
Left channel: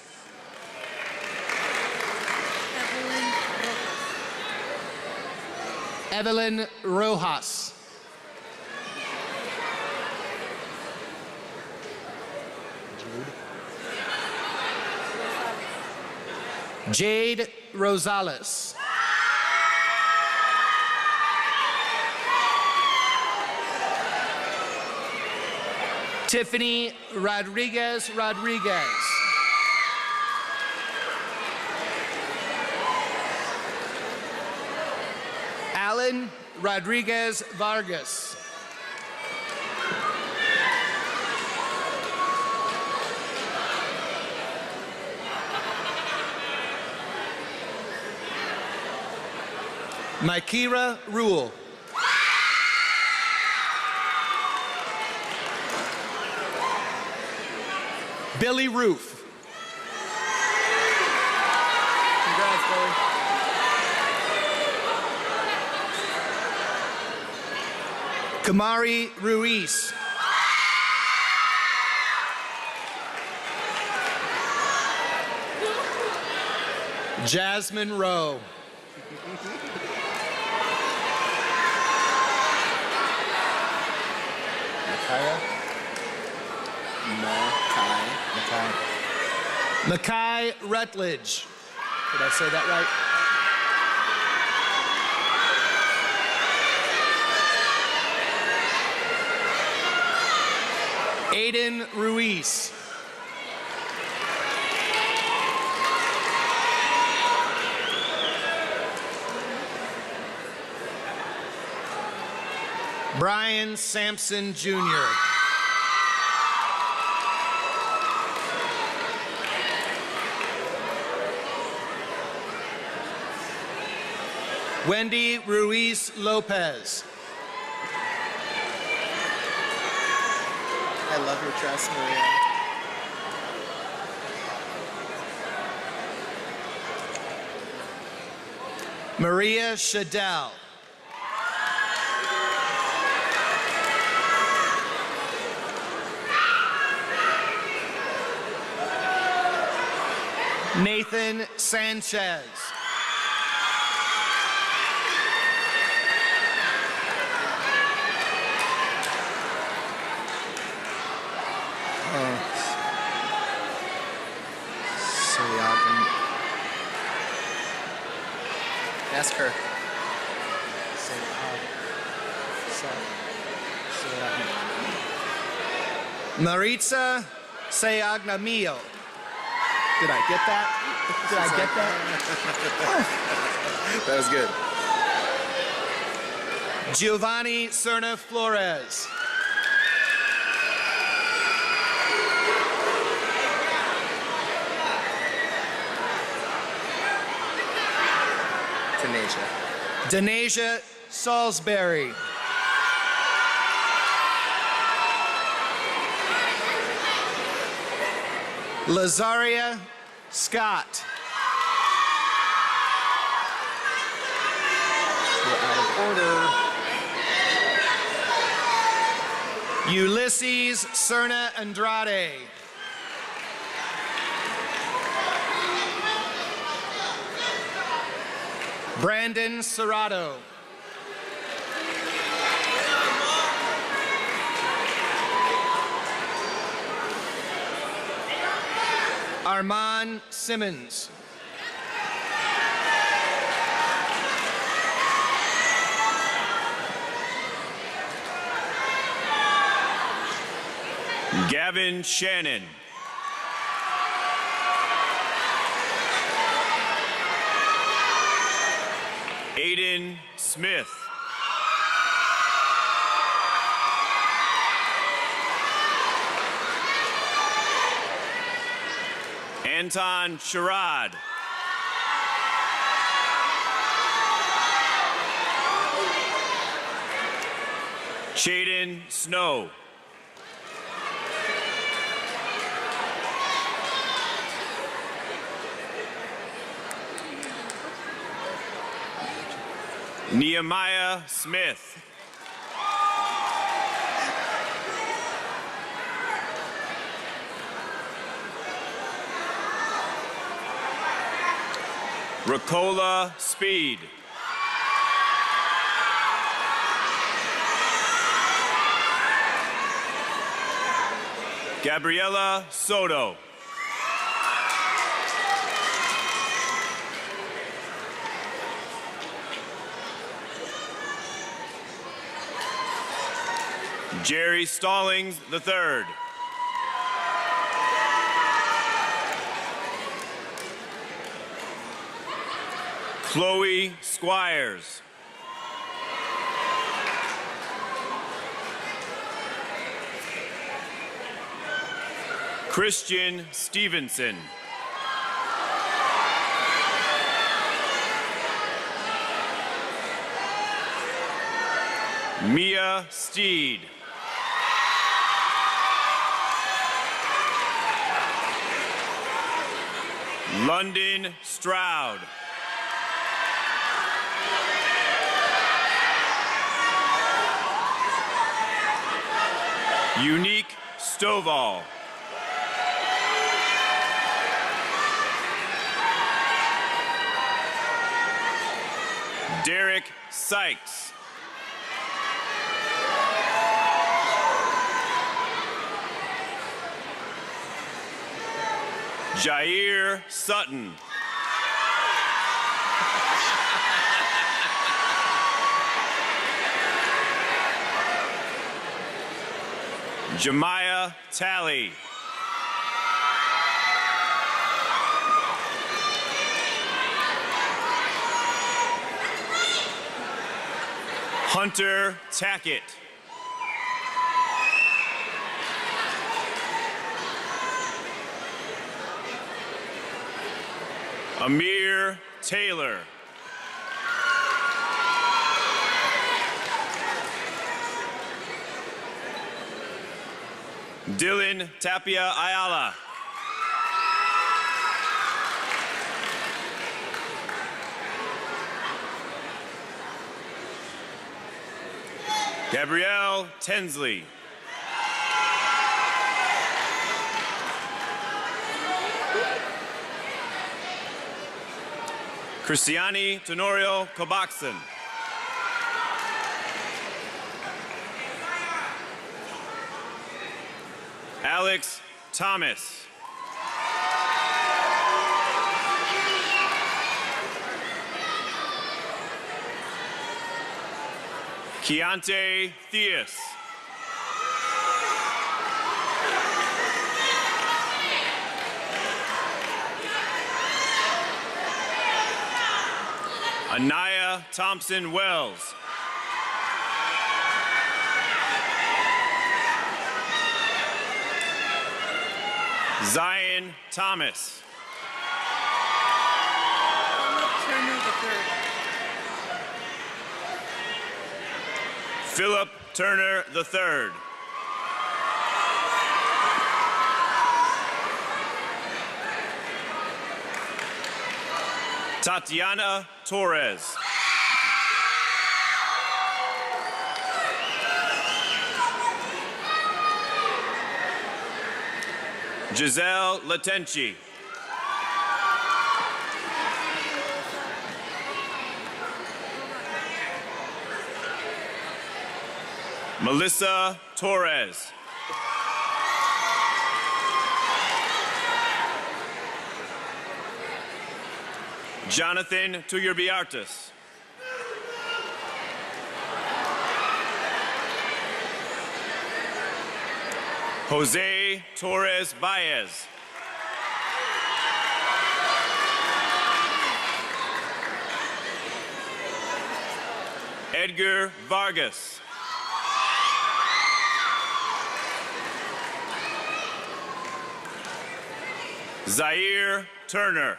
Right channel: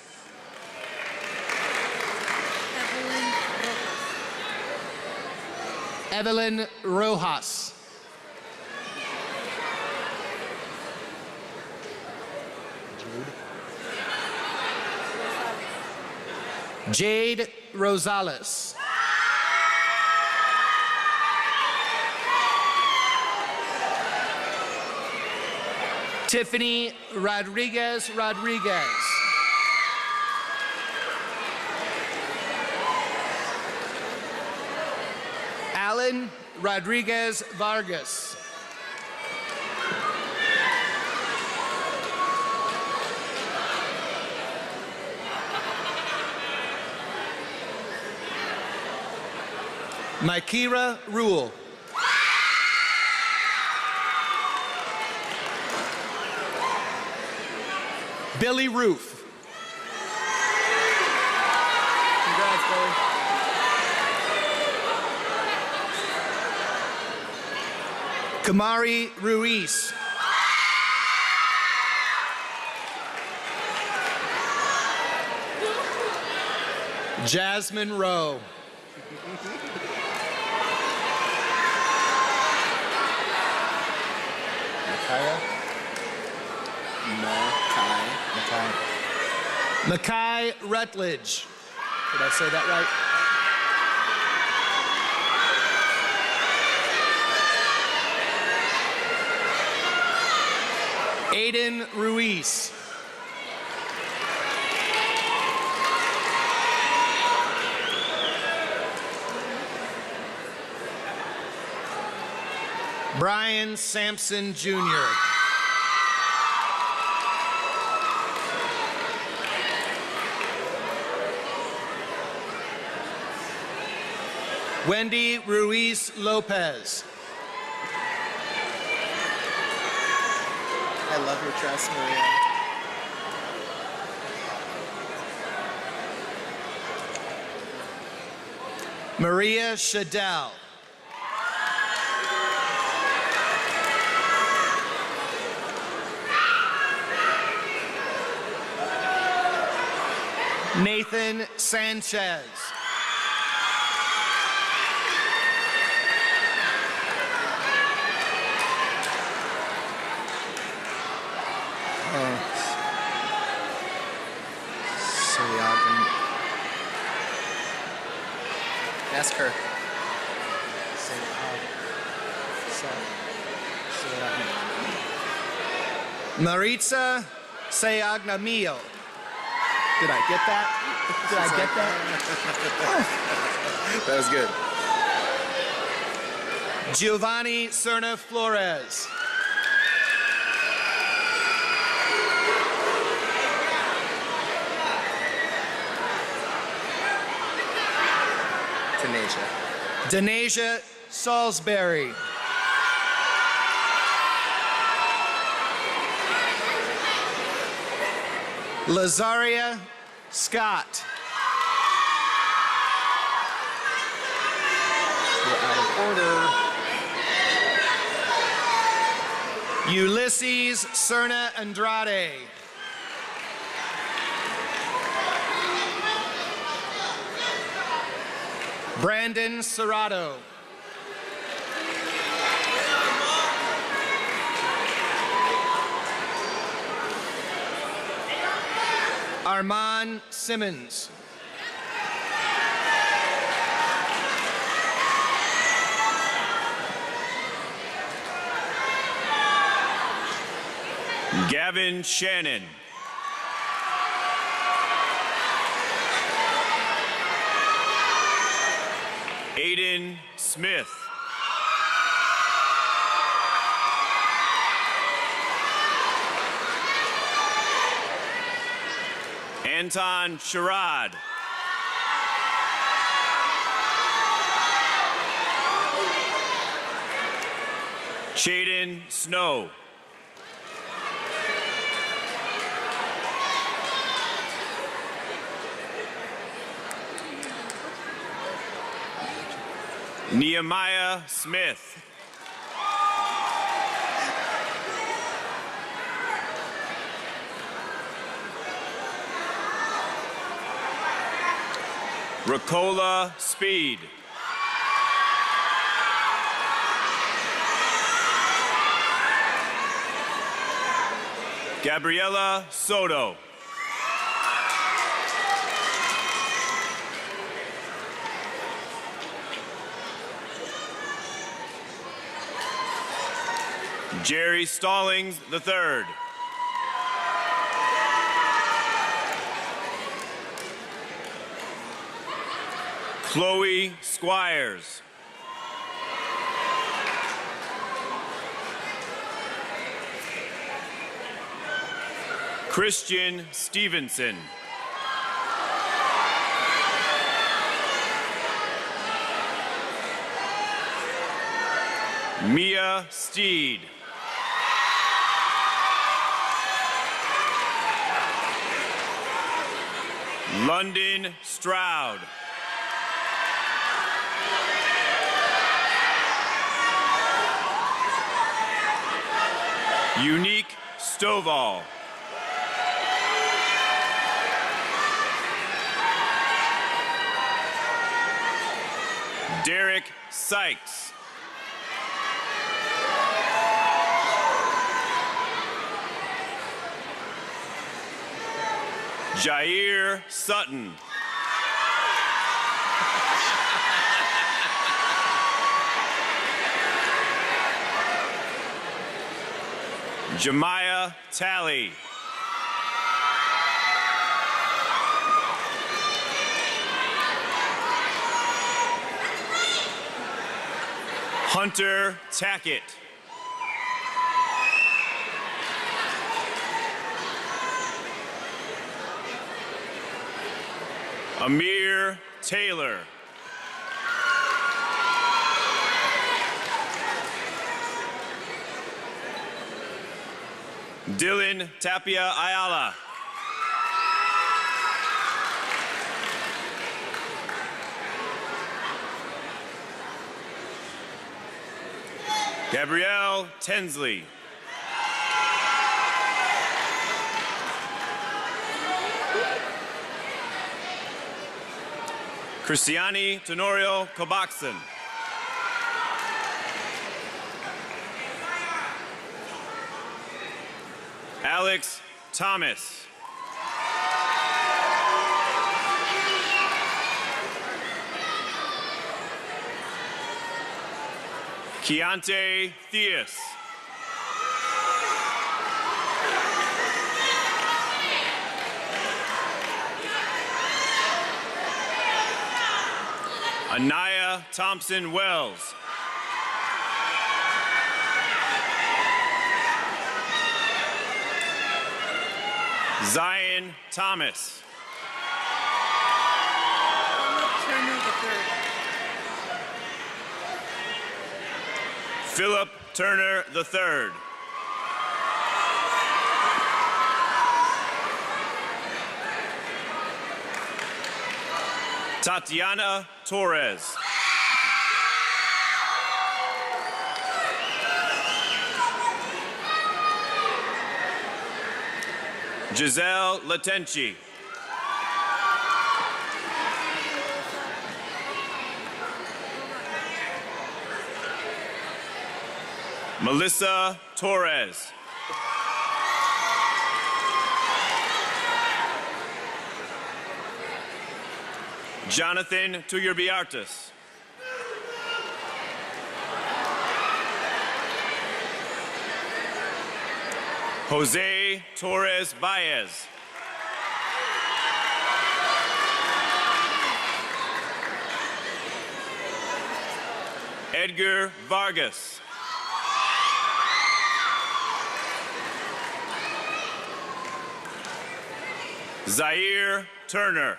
Evelyn Rojas. Jade Rosales. Tiffany Rodriguez Rodriguez. Alan Rodriguez Vargas. Mykira Rule. Billy Roof. Congrats, Billy. Kamari Ruiz. Jasmine Rowe. Makai Rutledge. Did I say that right? Aiden Ruiz. Brian Sampson Jr. Wendy Ruiz Lopez. I love your dress, Maria. Maria Shadell. Nathan Sanchez. Ask her. Maritza Sayagnamio. Did I get that? Did I get that? That was good. Giovanni Serna Flores. Denasia Salisbury. Lazaria Scott. We're out of order. Ulysses Serna Andrade. Brandon Serrato. Armand Simmons. Gavin Shannon. Aiden Smith. Anton Sherrod. Shaden Snow. Nehemiah Smith. Ricola Speed. Gabriela Soto. Jerry Stallings III. Chloe Squires. Christian Stevenson. Mia Steed. London Stroud. Unique Stovall. Derek Sykes. Jair Sutton. Jemiah Talley. Hunter Tackett. Amir Taylor. Dylan Tapia Ayala. Gabrielle Tensley. Christiani Tenorio Kobaxon. Alex Thomas. Keontae Theus. Anaya Thompson Wells. Zion Thomas. Philip Turner III. Tatiana Torres. Giselle Latenci. Melissa Torres. Jonathan Tuyurbiartis. Jose Torres Baez. Edgar Vargas. Zaire Turner.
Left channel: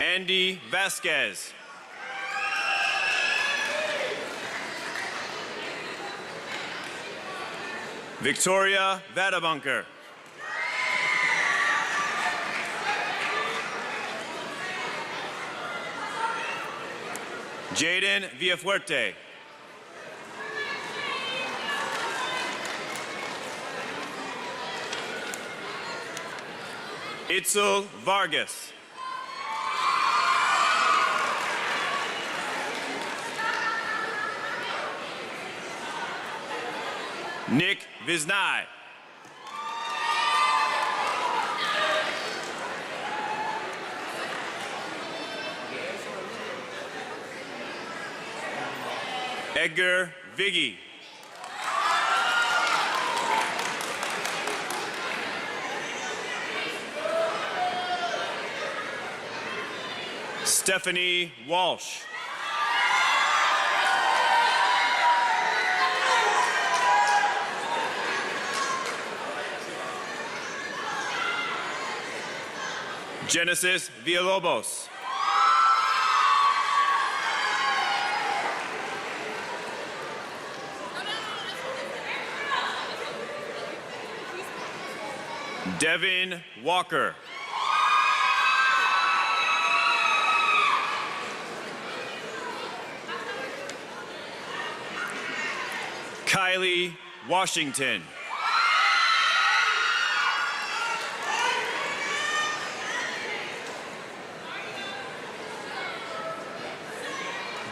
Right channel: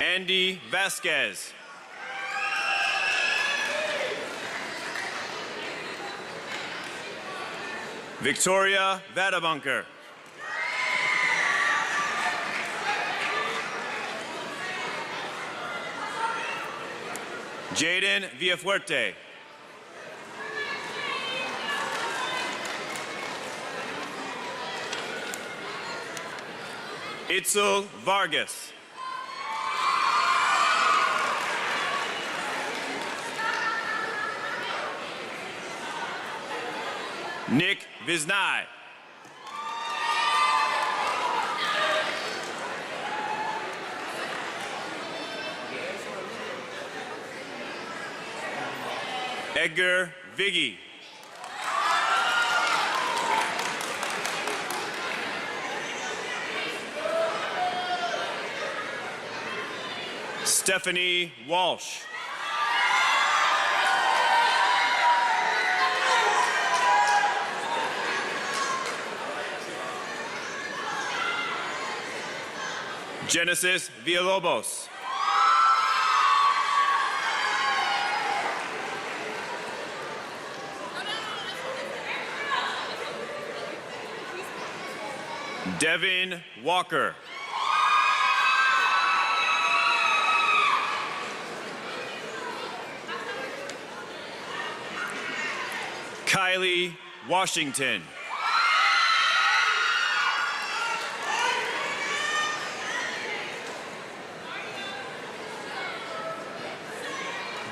Andy Vasquez. Victoria Vadabunker. Jaden Villafuerte. Itzel Vargas. Nick Visnai. Edgar Viggy. Stephanie Walsh. Genesis Villalobos. Devin Walker. Kylie Washington.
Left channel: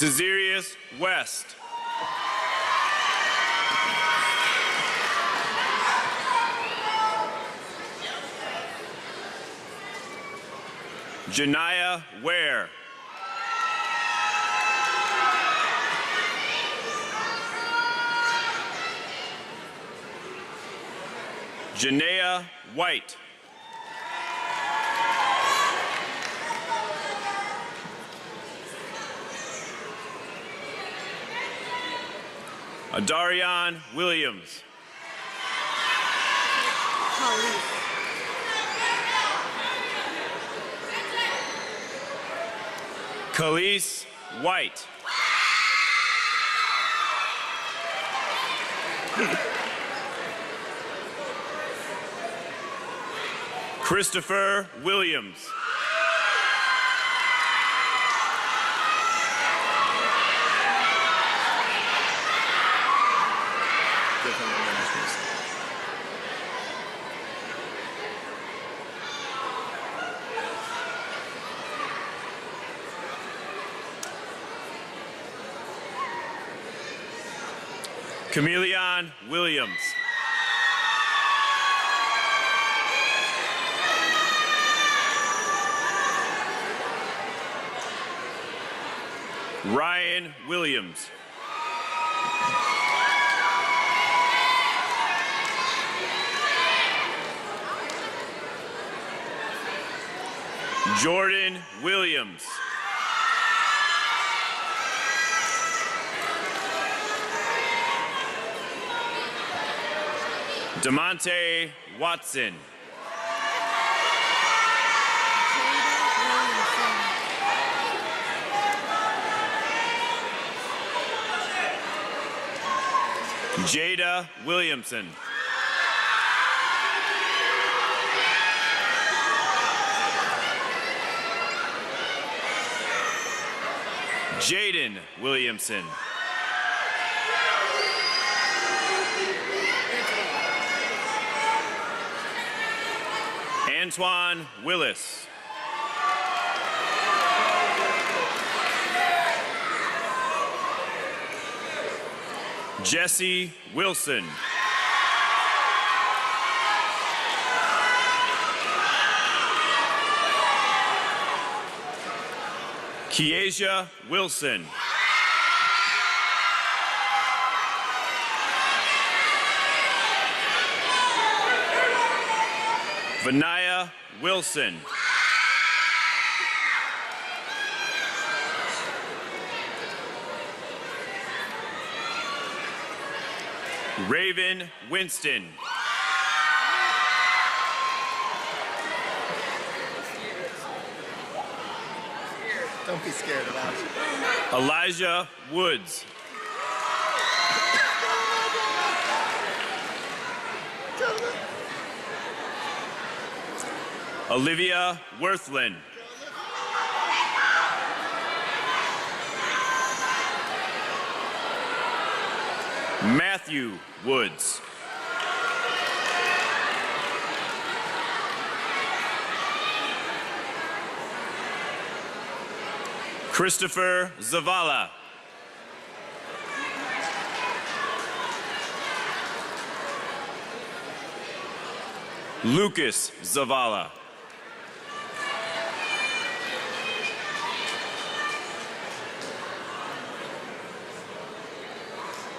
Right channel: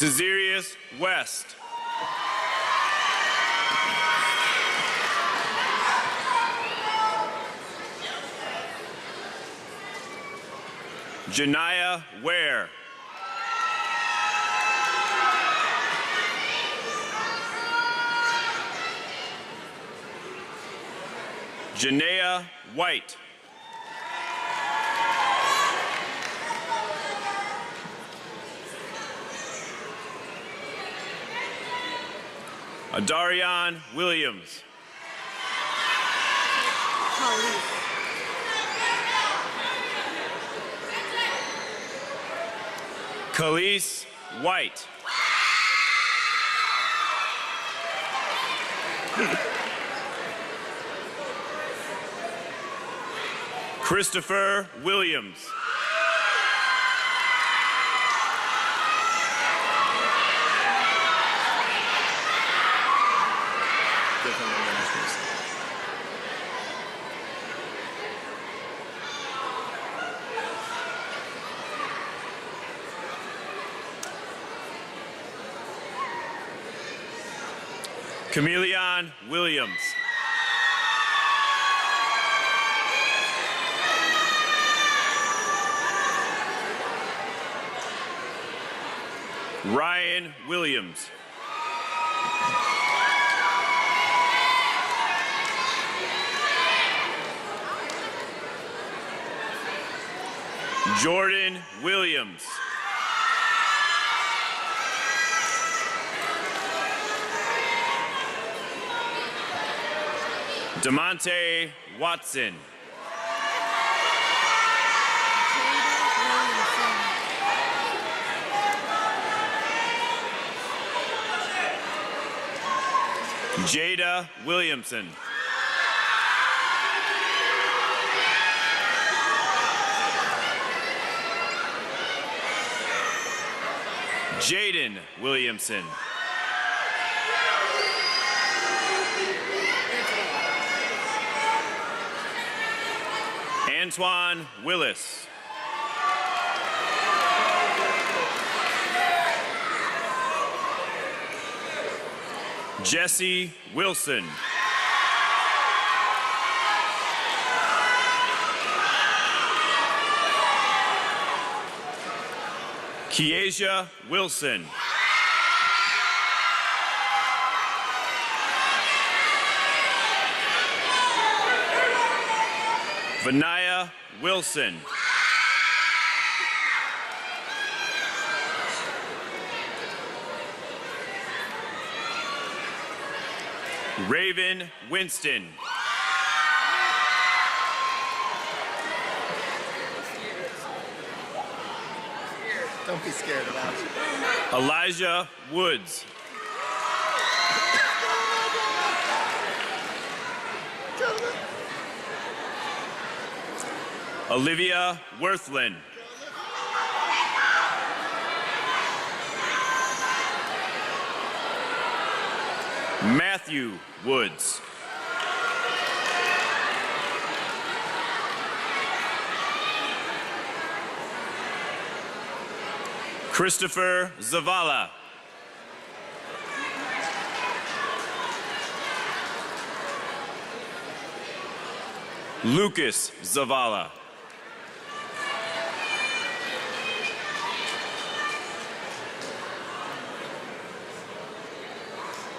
Desirius West. Janiyah Ware. Janea White. Adarian Williams. Khalees White. Christopher Williams. Chameleon Williams. Ryan Williams. Jordan Williams. DeMonte Watson. Jada Williamson. Jaden Williamson. Antoine Willis. Jesse Wilson. Kiesia Wilson. Vanaya Wilson. Raven Winston. Don't be scared of that. Elijah Woods. Olivia Worthland. Matthew Woods. Christopher Zavala. Lucas Zavala.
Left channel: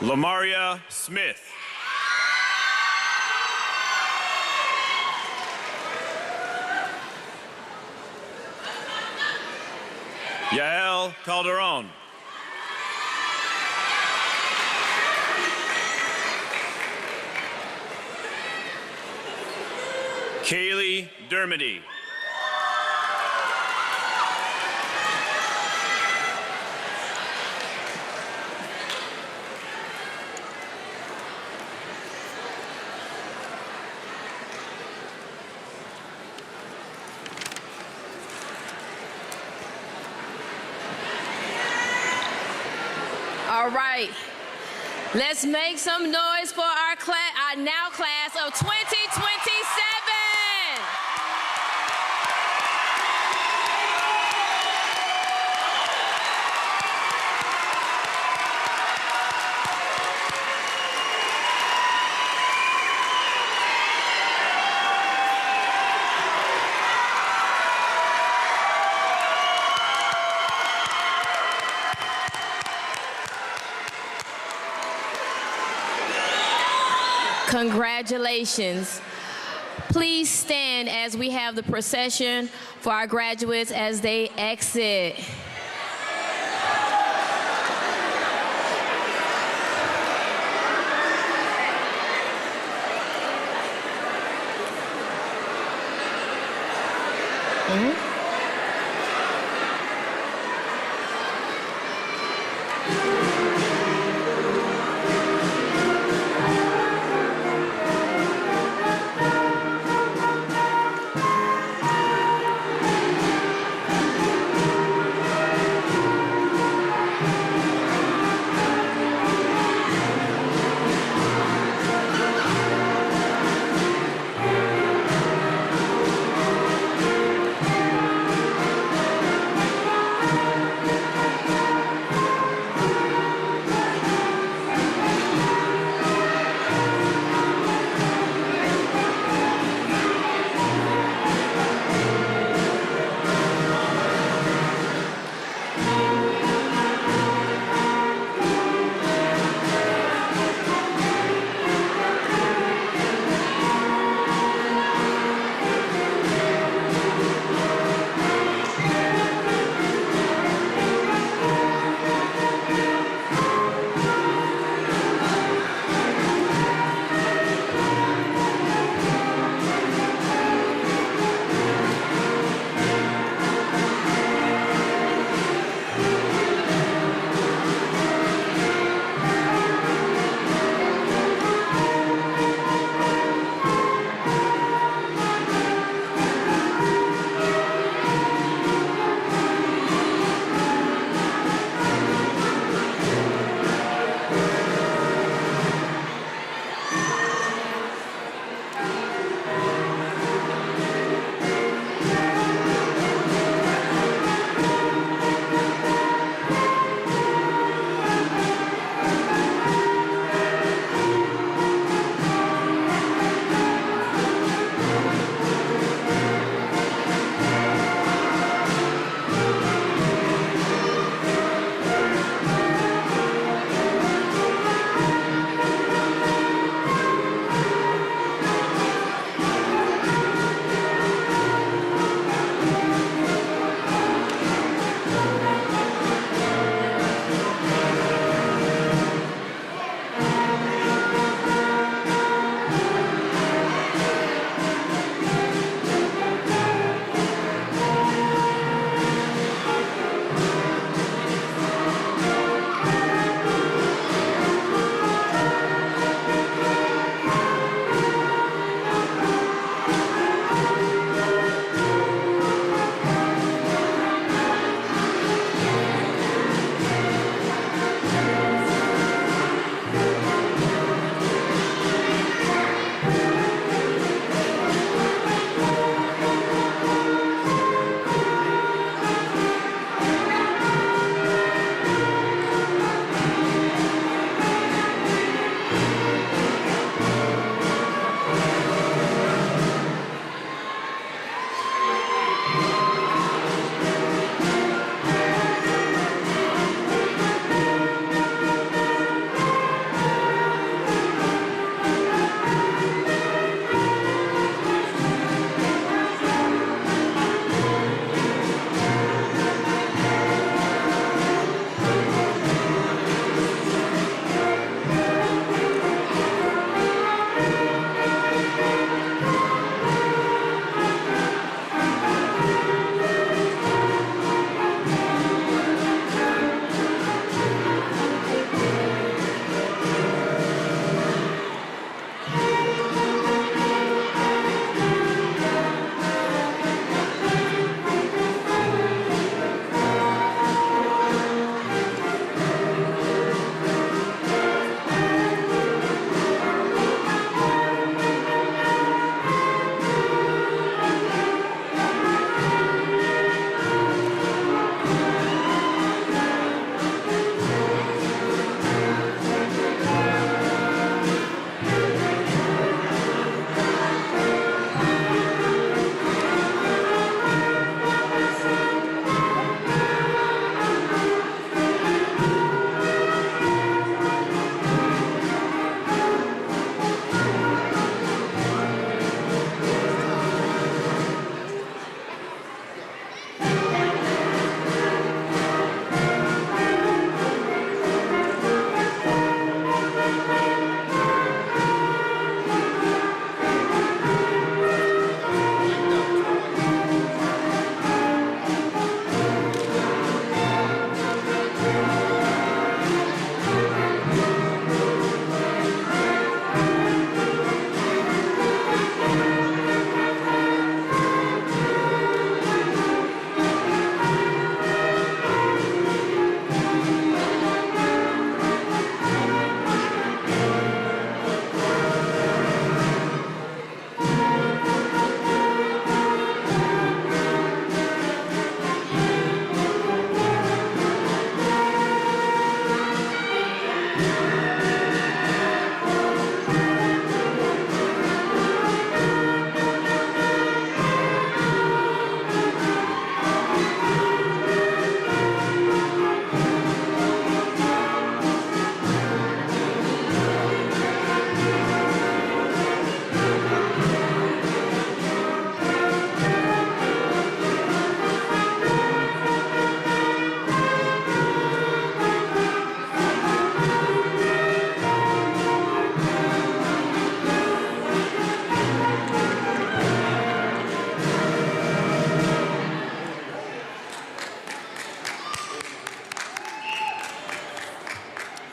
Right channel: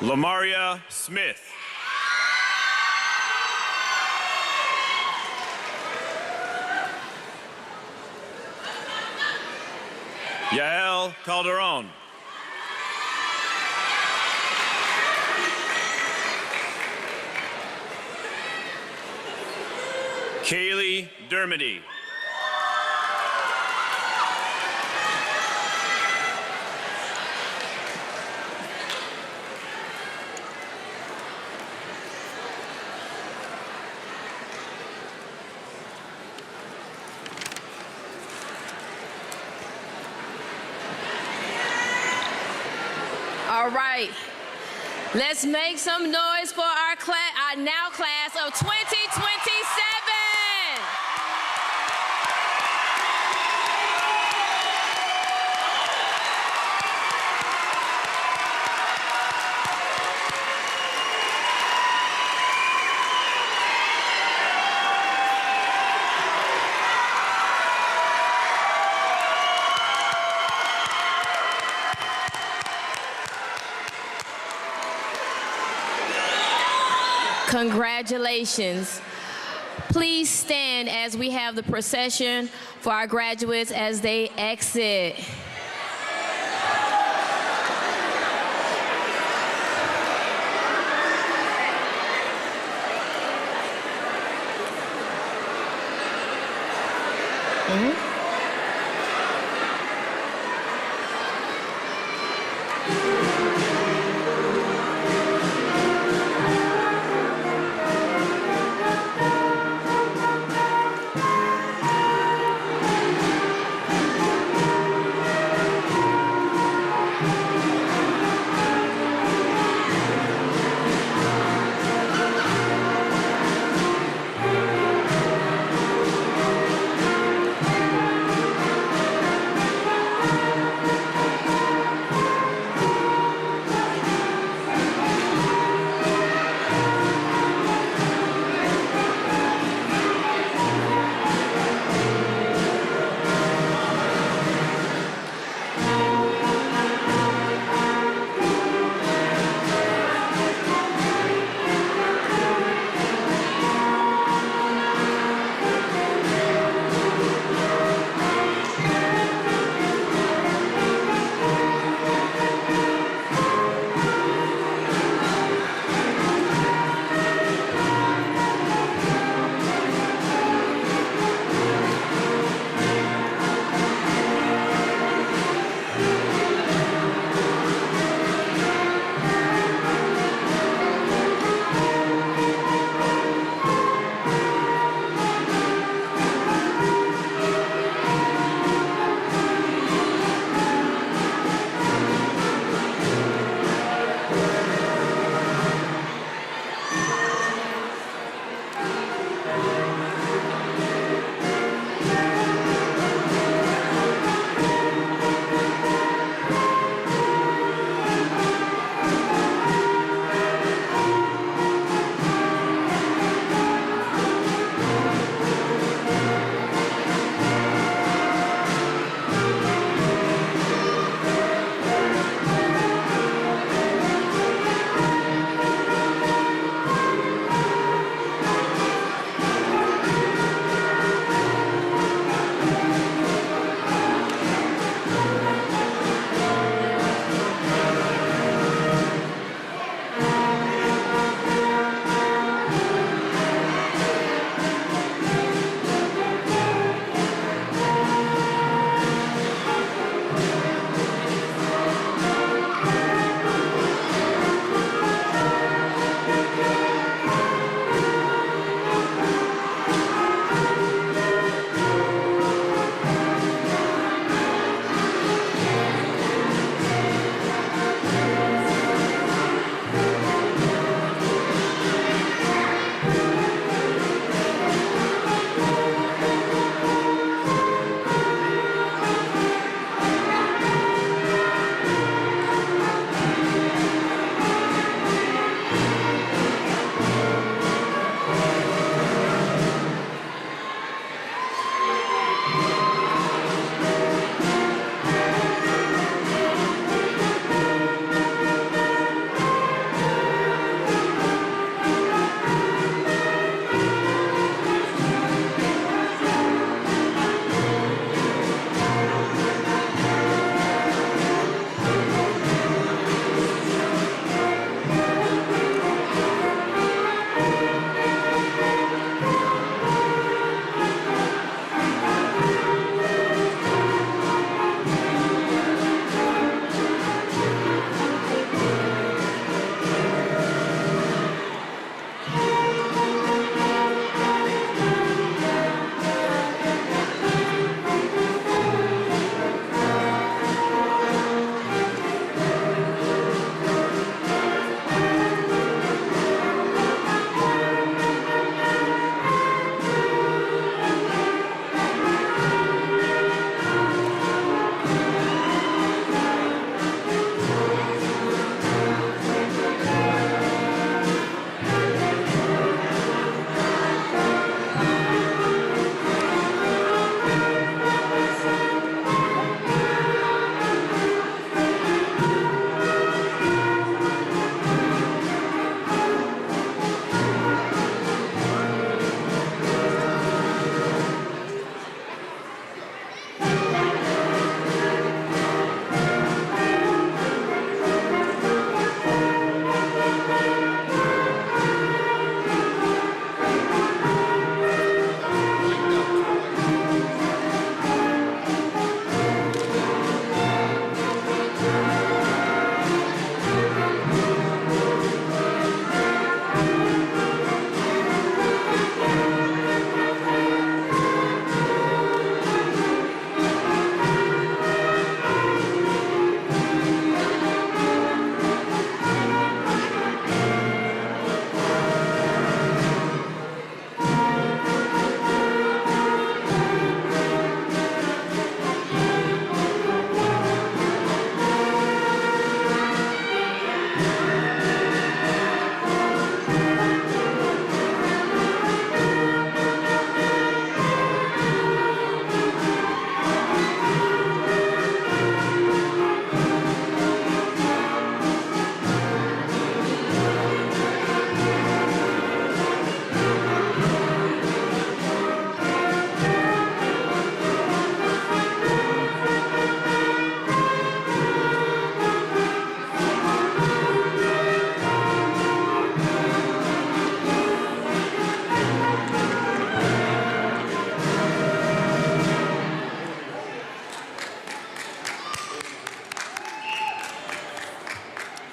Lamaria Smith. Yael Calderon. Kaylee Dermody. All right. Let's make some noise for our now class of 2027. Congratulations. Please stand as we have the procession for our graduates as they exit.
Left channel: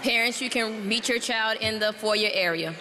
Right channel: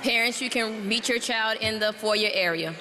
Parents, you can meet your child in the foyer area.